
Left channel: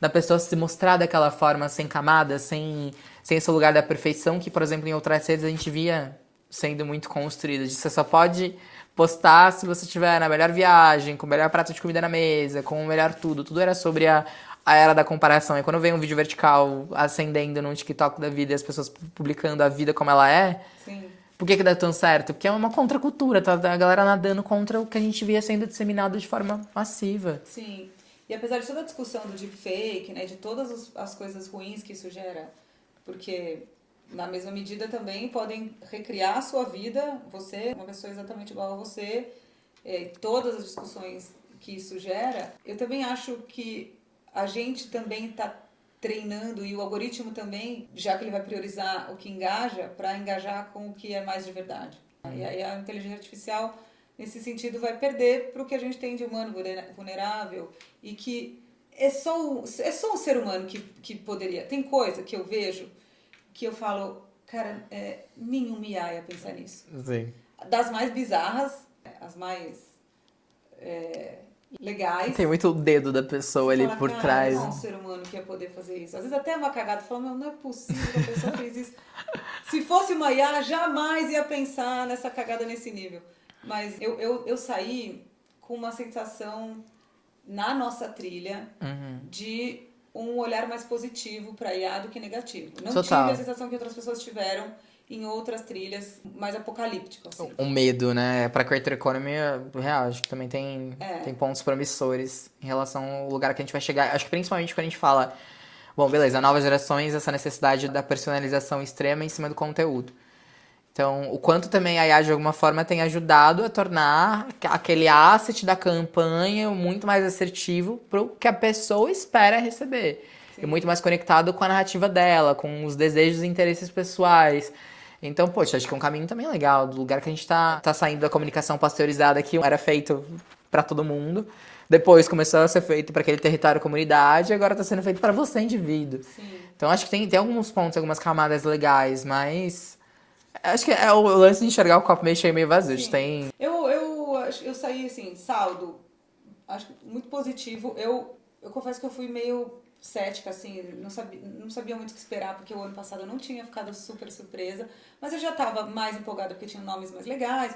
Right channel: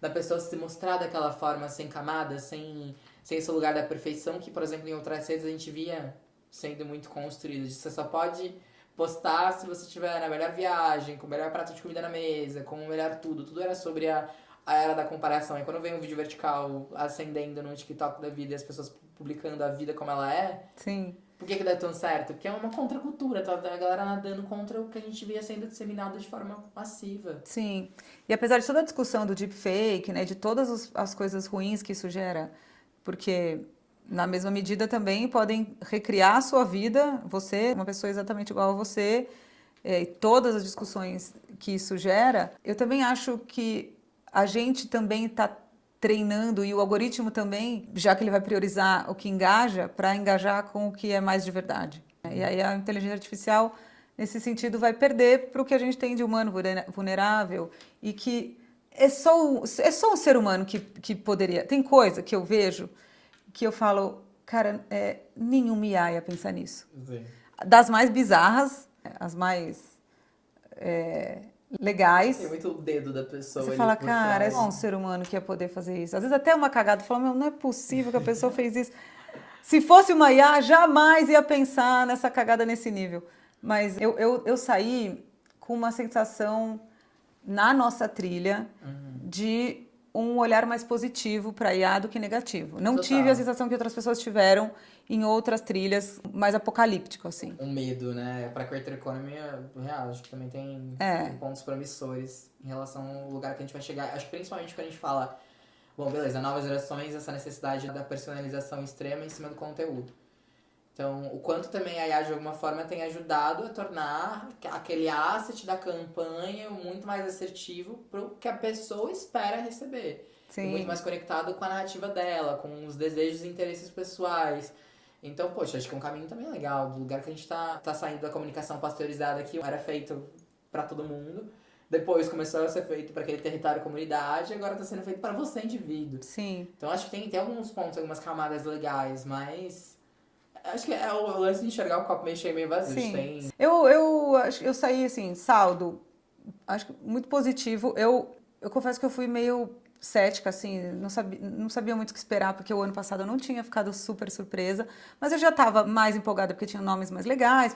na pessoa se mostrar daquela forma, sem camadas, sem esse lugar da perfeição, que, por exemplo, em outras redes a gente via sendo muito construído. Você só pode postar se você estiver na melhor viagem, com o melhor prato de comida na mesa, com o melhor tudo. Tudo era sobre a era da comparação. E quando vem um vídeo vertical ascendendo num TikTok da vida e as pessoas publicando a vida como ela é... Sim. Por que dá tão certo? Porque é uma contracultura, tá? A galera nadando contra o que a gente via sendo disseminado de forma massiva. Sim. E apesar de toda a discussão do deepfake, né, de todas as coisas ruins que isso gera, porque na mesma medida também podem recriar a sua vida, você, uma pessoa exatamente igual a você, e todas as discussões que isso gera, eu também acho que a gente também está treinando e o algoritmo também, já que ele vai priorizar o que engaja, para engajar com o que é mais de verdade. E aí a inteligência artificial, nesse sentido, vai perder para o que a gente tem de humano vulnerável e que é só um ser humano que poderia... Tem coisa que eu vejo que eu falo, cara, nenhum IA ia pensar nisso. Sim. das mais bizarras, as mais legais. Tem muito o dedo da pessoa Você ali fala, por cara, trás. não é um ser humano que ia poder fazer isso. Às vezes até uma cagada, fala, meu, não é possível que a pessoa fez isso. Se fosse uma IA, jamais ia pensar nessa cagada nesse nível. Mas eu saí com uma sensação na nossa trilha de um olhar mais positivo para IA do que negativo. Não Total. tive a sensação que outras pessoas tiveram em outras trilhas mais apocalípticas, assim. Um medo, né? Pra Creator Economy, real, acho que também tem pontos promissores em relação ao lugar que a gente vai chegar. Acho que principalmente quando a gente fala, bom, beleza, novas gerações, essa necessidade da personalização extrema em cima do conteúdo. Então, o quanto também a IA, de alguma forma, tem ajudado a tornar aquele asset da campanha muito mais assertivo pro que a pessoa espera receber. Sim. E muito mais conectado com a narrativa dela, com os desejos e interesses pessoais. Então, poxa, acho que é um caminho também legal, do lugar que a gente tá saindo da comunicação pasteurizada, que era feito para todo mundo. Depois começou a ser feito para aquele território comunidade, agora tá sendo feito para você, indivíduo. Sim. Então, acho que tem alguns pontos, algumas camadas legais, mas... Acho que é o lance de enxergar o copo meio cheio, meio vazio. Sim. Tem... Eu saí, assim, saldo, acho que muito positivo. Eu confesso que eu fui meio cética, assim, não sabia muito o que esperar, porque o ano passado eu não tinha ficado super surpresa, mas eu já estava mais empolgada porque tinha nomes mais legais,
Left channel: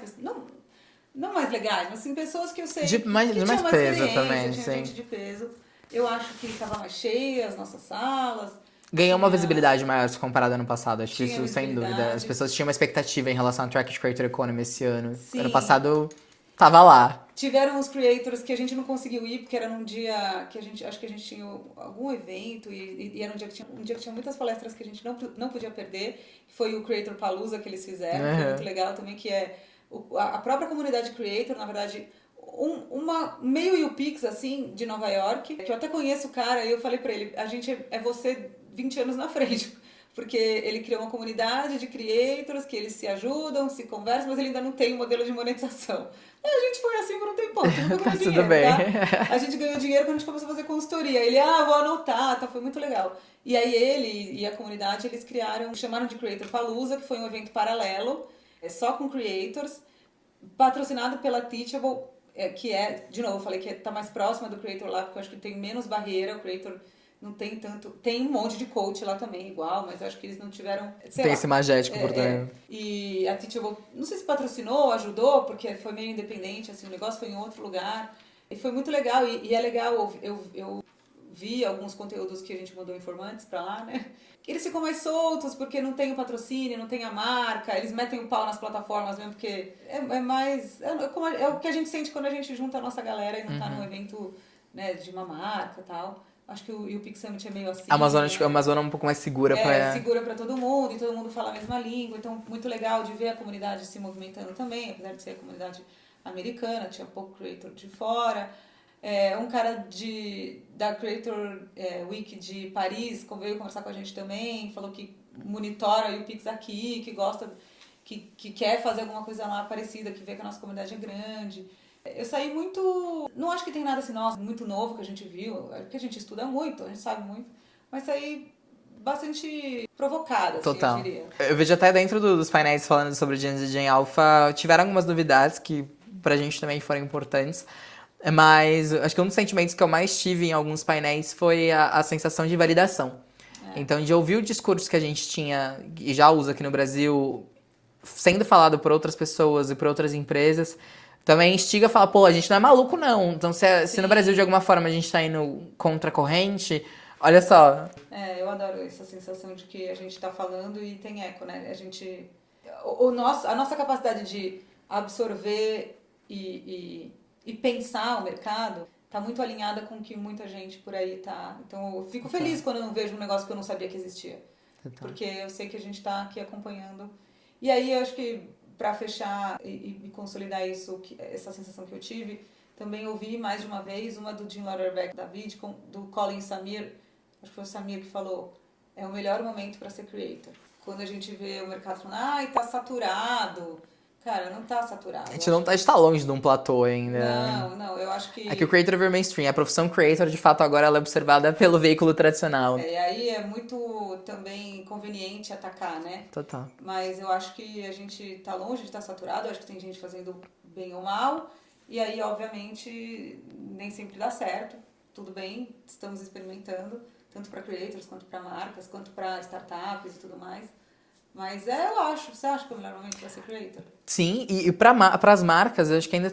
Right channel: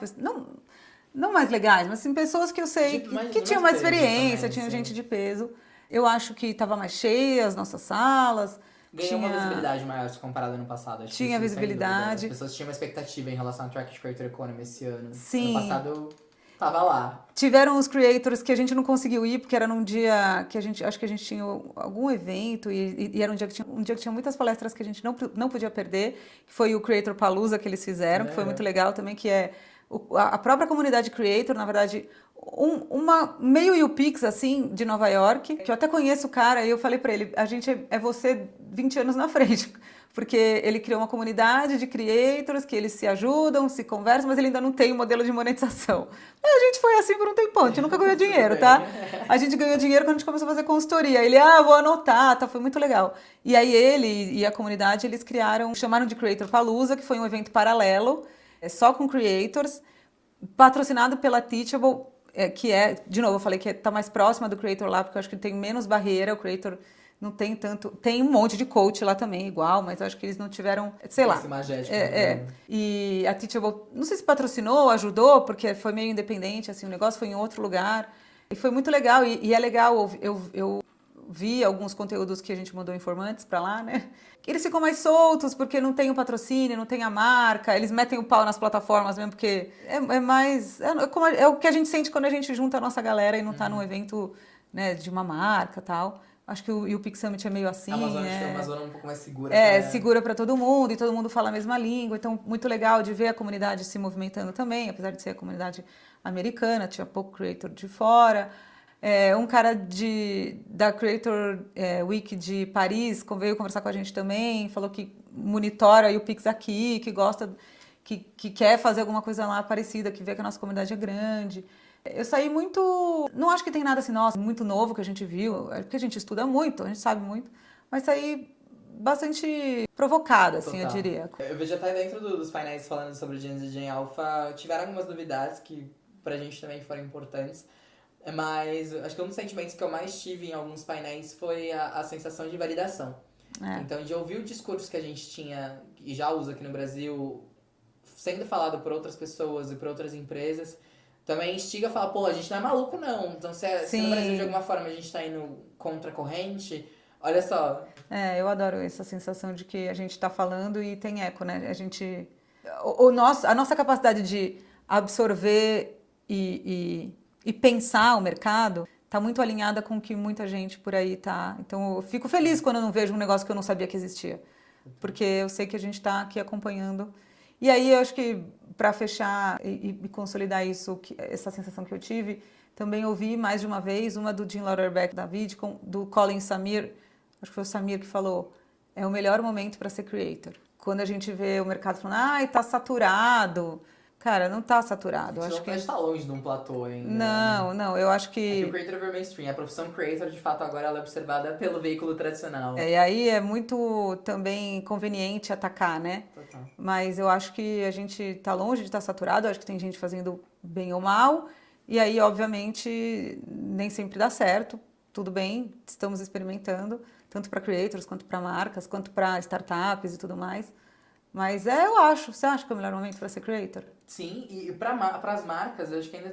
não mais legais, mas assim, pessoas que eu sei que tinham mais experiência, também, tinha sim. gente de peso. Eu acho que estava mais cheia as nossas salas. Ganhou uma tinha- visibilidade maior se comparado ao ano passado, acho que Tinha isso sem dúvida. visibilidade. As pessoas tinham uma expectativa em relação ao Track de Creator Economy esse ano. Sim. Ano passado tava lá. Tiveram os creators que a gente não conseguiu ir, porque era num dia que acho que a gente tinha algum evento e era um dia que tinha muitas palestras que a gente não podia perder, que foi o Creator Palooza que eles fizeram, que foi muito legal também, que é a própria comunidade creator, na verdade, meio UPix, assim, de Nova York, que eu até conheço o cara, e eu falei pra ele, a gente é você 20 anos na frente. Porque ele criou uma comunidade de creators que eles se ajudam, se conversam, mas ele ainda não tem o modelo de monetização. A gente foi assim por um tempão, a gente nunca ganhou Tudo dinheiro, bem. tá? A gente ganhou dinheiro quando a gente começou a fazer consultoria. Ele, vou anotar, tá? Foi muito legal. E aí ele e a comunidade, eles chamaram de Creator Palooza, que foi um evento paralelo, só com creators, patrocinado pela Teachable, que de novo, eu falei que tá mais próxima do Creator lá, porque eu acho que tem menos barreira, o Creator não tem tanto... Tem um monte de coach lá também, igual, mas eu acho que eles não tiveram... Sei Tem lá. esse magético por dentro. E a Teachable, não sei se patrocinou, ajudou, porque foi meio independente, assim, o negócio foi em outro lugar. E foi muito legal, e é legal, eu vi alguns conteúdos que a gente mandou informantes pra lá, né? Eles ficam mais soltos, porque não tem o patrocínio, não tem a marca, eles metem o pau nas plataformas mesmo, porque é o que a gente sente quando a gente junta a nossa galera e não tá num evento, né, de uma marca e tal. Acho que o UPix Summit é meio assim. A Amazônia é um pouco mais segura. Segura para todo mundo e todo mundo fala a mesma língua. Então, muito legal de ver a comunidade se movimentando também, apesar de ser a comunidade americana, tinha pouco creator de fora. Um cara da Creator Week de Paris veio conversar com a gente também, falou que monitora o UPix aqui, que gosta, que quer fazer alguma coisa lá parecida, que vê que a nossa comunidade é grande. Eu saí muito... Não acho que tem nada assim, nossa, muito novo que a gente viu, porque a gente estuda muito, a gente sabe muito, mas saí bastante provocada, assim, Total. eu diria. Eu vejo até dentro dos painéis falando sobre Gen Z e Gen Alpha, tiveram algumas novidades que pra gente também foram importantes, mas acho que um dos sentimentos que eu mais tive em alguns painéis foi a sensação de validação. Então, de ouvir o discurso que a gente tinha e já usa aqui no Brasil, sendo falado por outras pessoas e por outras empresas, também instiga a falar, pô, a gente não é maluco, não. Então, se no Brasil, de alguma forma, a gente tá indo contra a corrente, olha só. Eu adoro essa sensação de que a gente tá falando e tem eco, né? A gente... A nossa capacidade de absorver e pensar o mercado tá muito alinhada com o que muita gente por aí tá. Então, eu fico feliz quando eu não vejo um negócio que eu não sabia que existia. Porque eu sei que a gente tá aqui acompanhando. E aí, eu acho que para fechar e consolidar isso, essa sensação que eu tive, também ouvi mais de uma vez uma do Jim Lauderbeck da VidCon, do Colin Samir, acho que foi o Samir que falou, é o melhor momento para ser creator. Quando a gente vê o mercado falando, tá saturado. Cara, não tá saturado. A gente tá longe de um platô ainda. Não, eu acho que... É que o creator virou mainstream. A profissão creator, de fato, agora ela é observada pelo veículo tradicional. E aí é muito também conveniente atacar, né? Total. Mas eu acho que a gente tá longe de estar saturado, eu acho que tem gente fazendo bem ou mal, e aí, obviamente, nem sempre dá certo. Tudo bem, estamos experimentando, tanto para creators, quanto para marcas, quanto para startups e tudo mais. Mas eu acho. Você acha que é o melhor momento para ser creator? Sim, e para as marcas, eu acho que ainda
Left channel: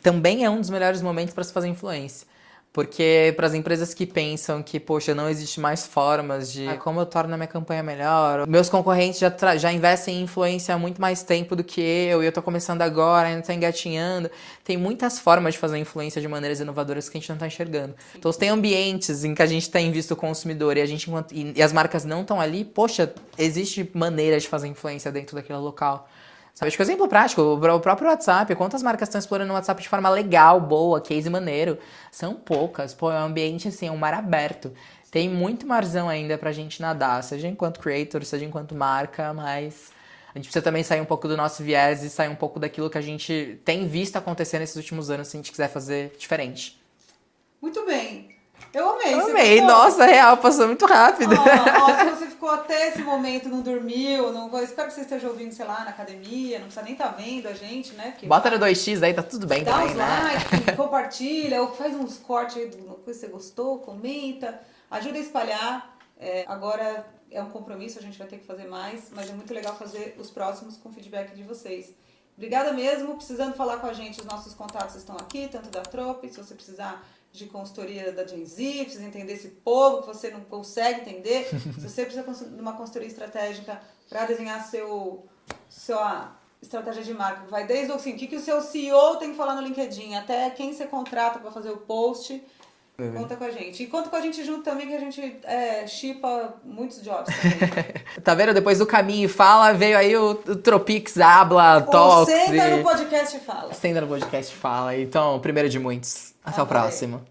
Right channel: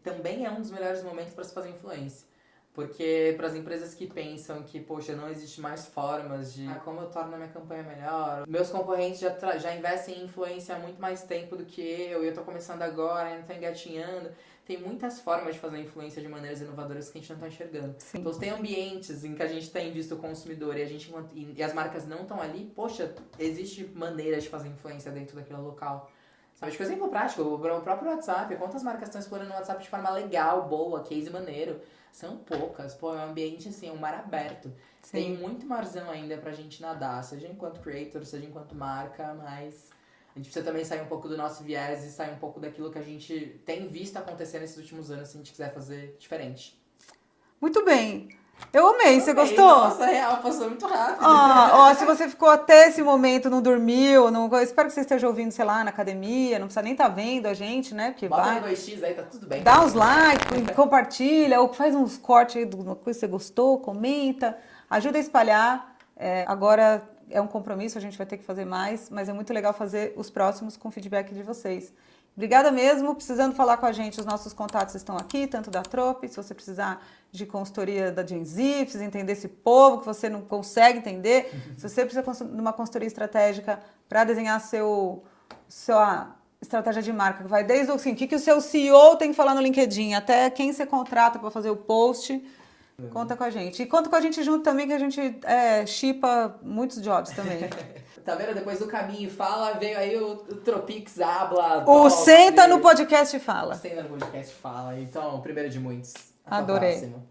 também é um dos melhores momentos para se fazer influência. Porque para as empresas que pensam que, poxa, não existe mais formas de como eu torno a minha campanha melhor. Meus concorrentes já investem em influência há muito mais tempo do que eu, e eu tô começando agora, ainda tô engatinhando. Tem muitas formas de fazer influência de maneiras inovadoras que a gente não tá enxergando. Sim. Então, tem ambientes em que a gente tem visto o consumidor e as marcas não estão ali, poxa, existe maneira de fazer influência dentro daquele local. Sabe, acho que exemplo prático, o próprio WhatsApp, quantas marcas estão explorando o WhatsApp de forma legal, boa, case maneiro? São poucas, pô, é um ambiente assim, é um mar aberto. Sim. Tem muito marzão ainda pra gente nadar, seja enquanto creator, seja enquanto marca, mas a gente precisa também sair um pouco do nosso viés e sair um pouco daquilo que a gente tem visto acontecer nesses últimos anos, se a gente quiser fazer diferente. Muito bem. Eu amei, você amei. Gostou? Nossa, real, passou muito rápido. Se você ficou até esse momento, não dormiu, eu espero que você esteja ouvindo, sei lá, na academia, não precisa nem estar vendo a gente, né? Porque bota no 2x aí, tá tudo bem. Dá também, os likes, compartilha, ou faz uns cortes aí de uma coisa que você gostou, comenta, ajuda a espalhar. Agora é um compromisso, a gente vai ter que fazer mais, mas é muito legal fazer os próximos com feedback de vocês. Obrigada mesmo. Precisando falar com a gente, os nossos contatos estão aqui, tanto da Trope, se você precisar de consultoria da Gen Z, precisa entender esse povo que você não consegue entender, se você precisa de uma consultoria estratégica para desenhar sua estratégia de marca, que vai desde assim, o que o seu CEO tem que falar no LinkedIn, até quem você contrata para fazer o post, conta com a gente. E conta com a gente junto também, que a gente shippa muitos jobs também. Tá vendo? Depois do Caminho Fala, veio aí o Tropix, Habla, Talks. Senta no podcast e fala. Senta no podcast e fala. Então, primeiro de muitos. Até Adorei. o próximo.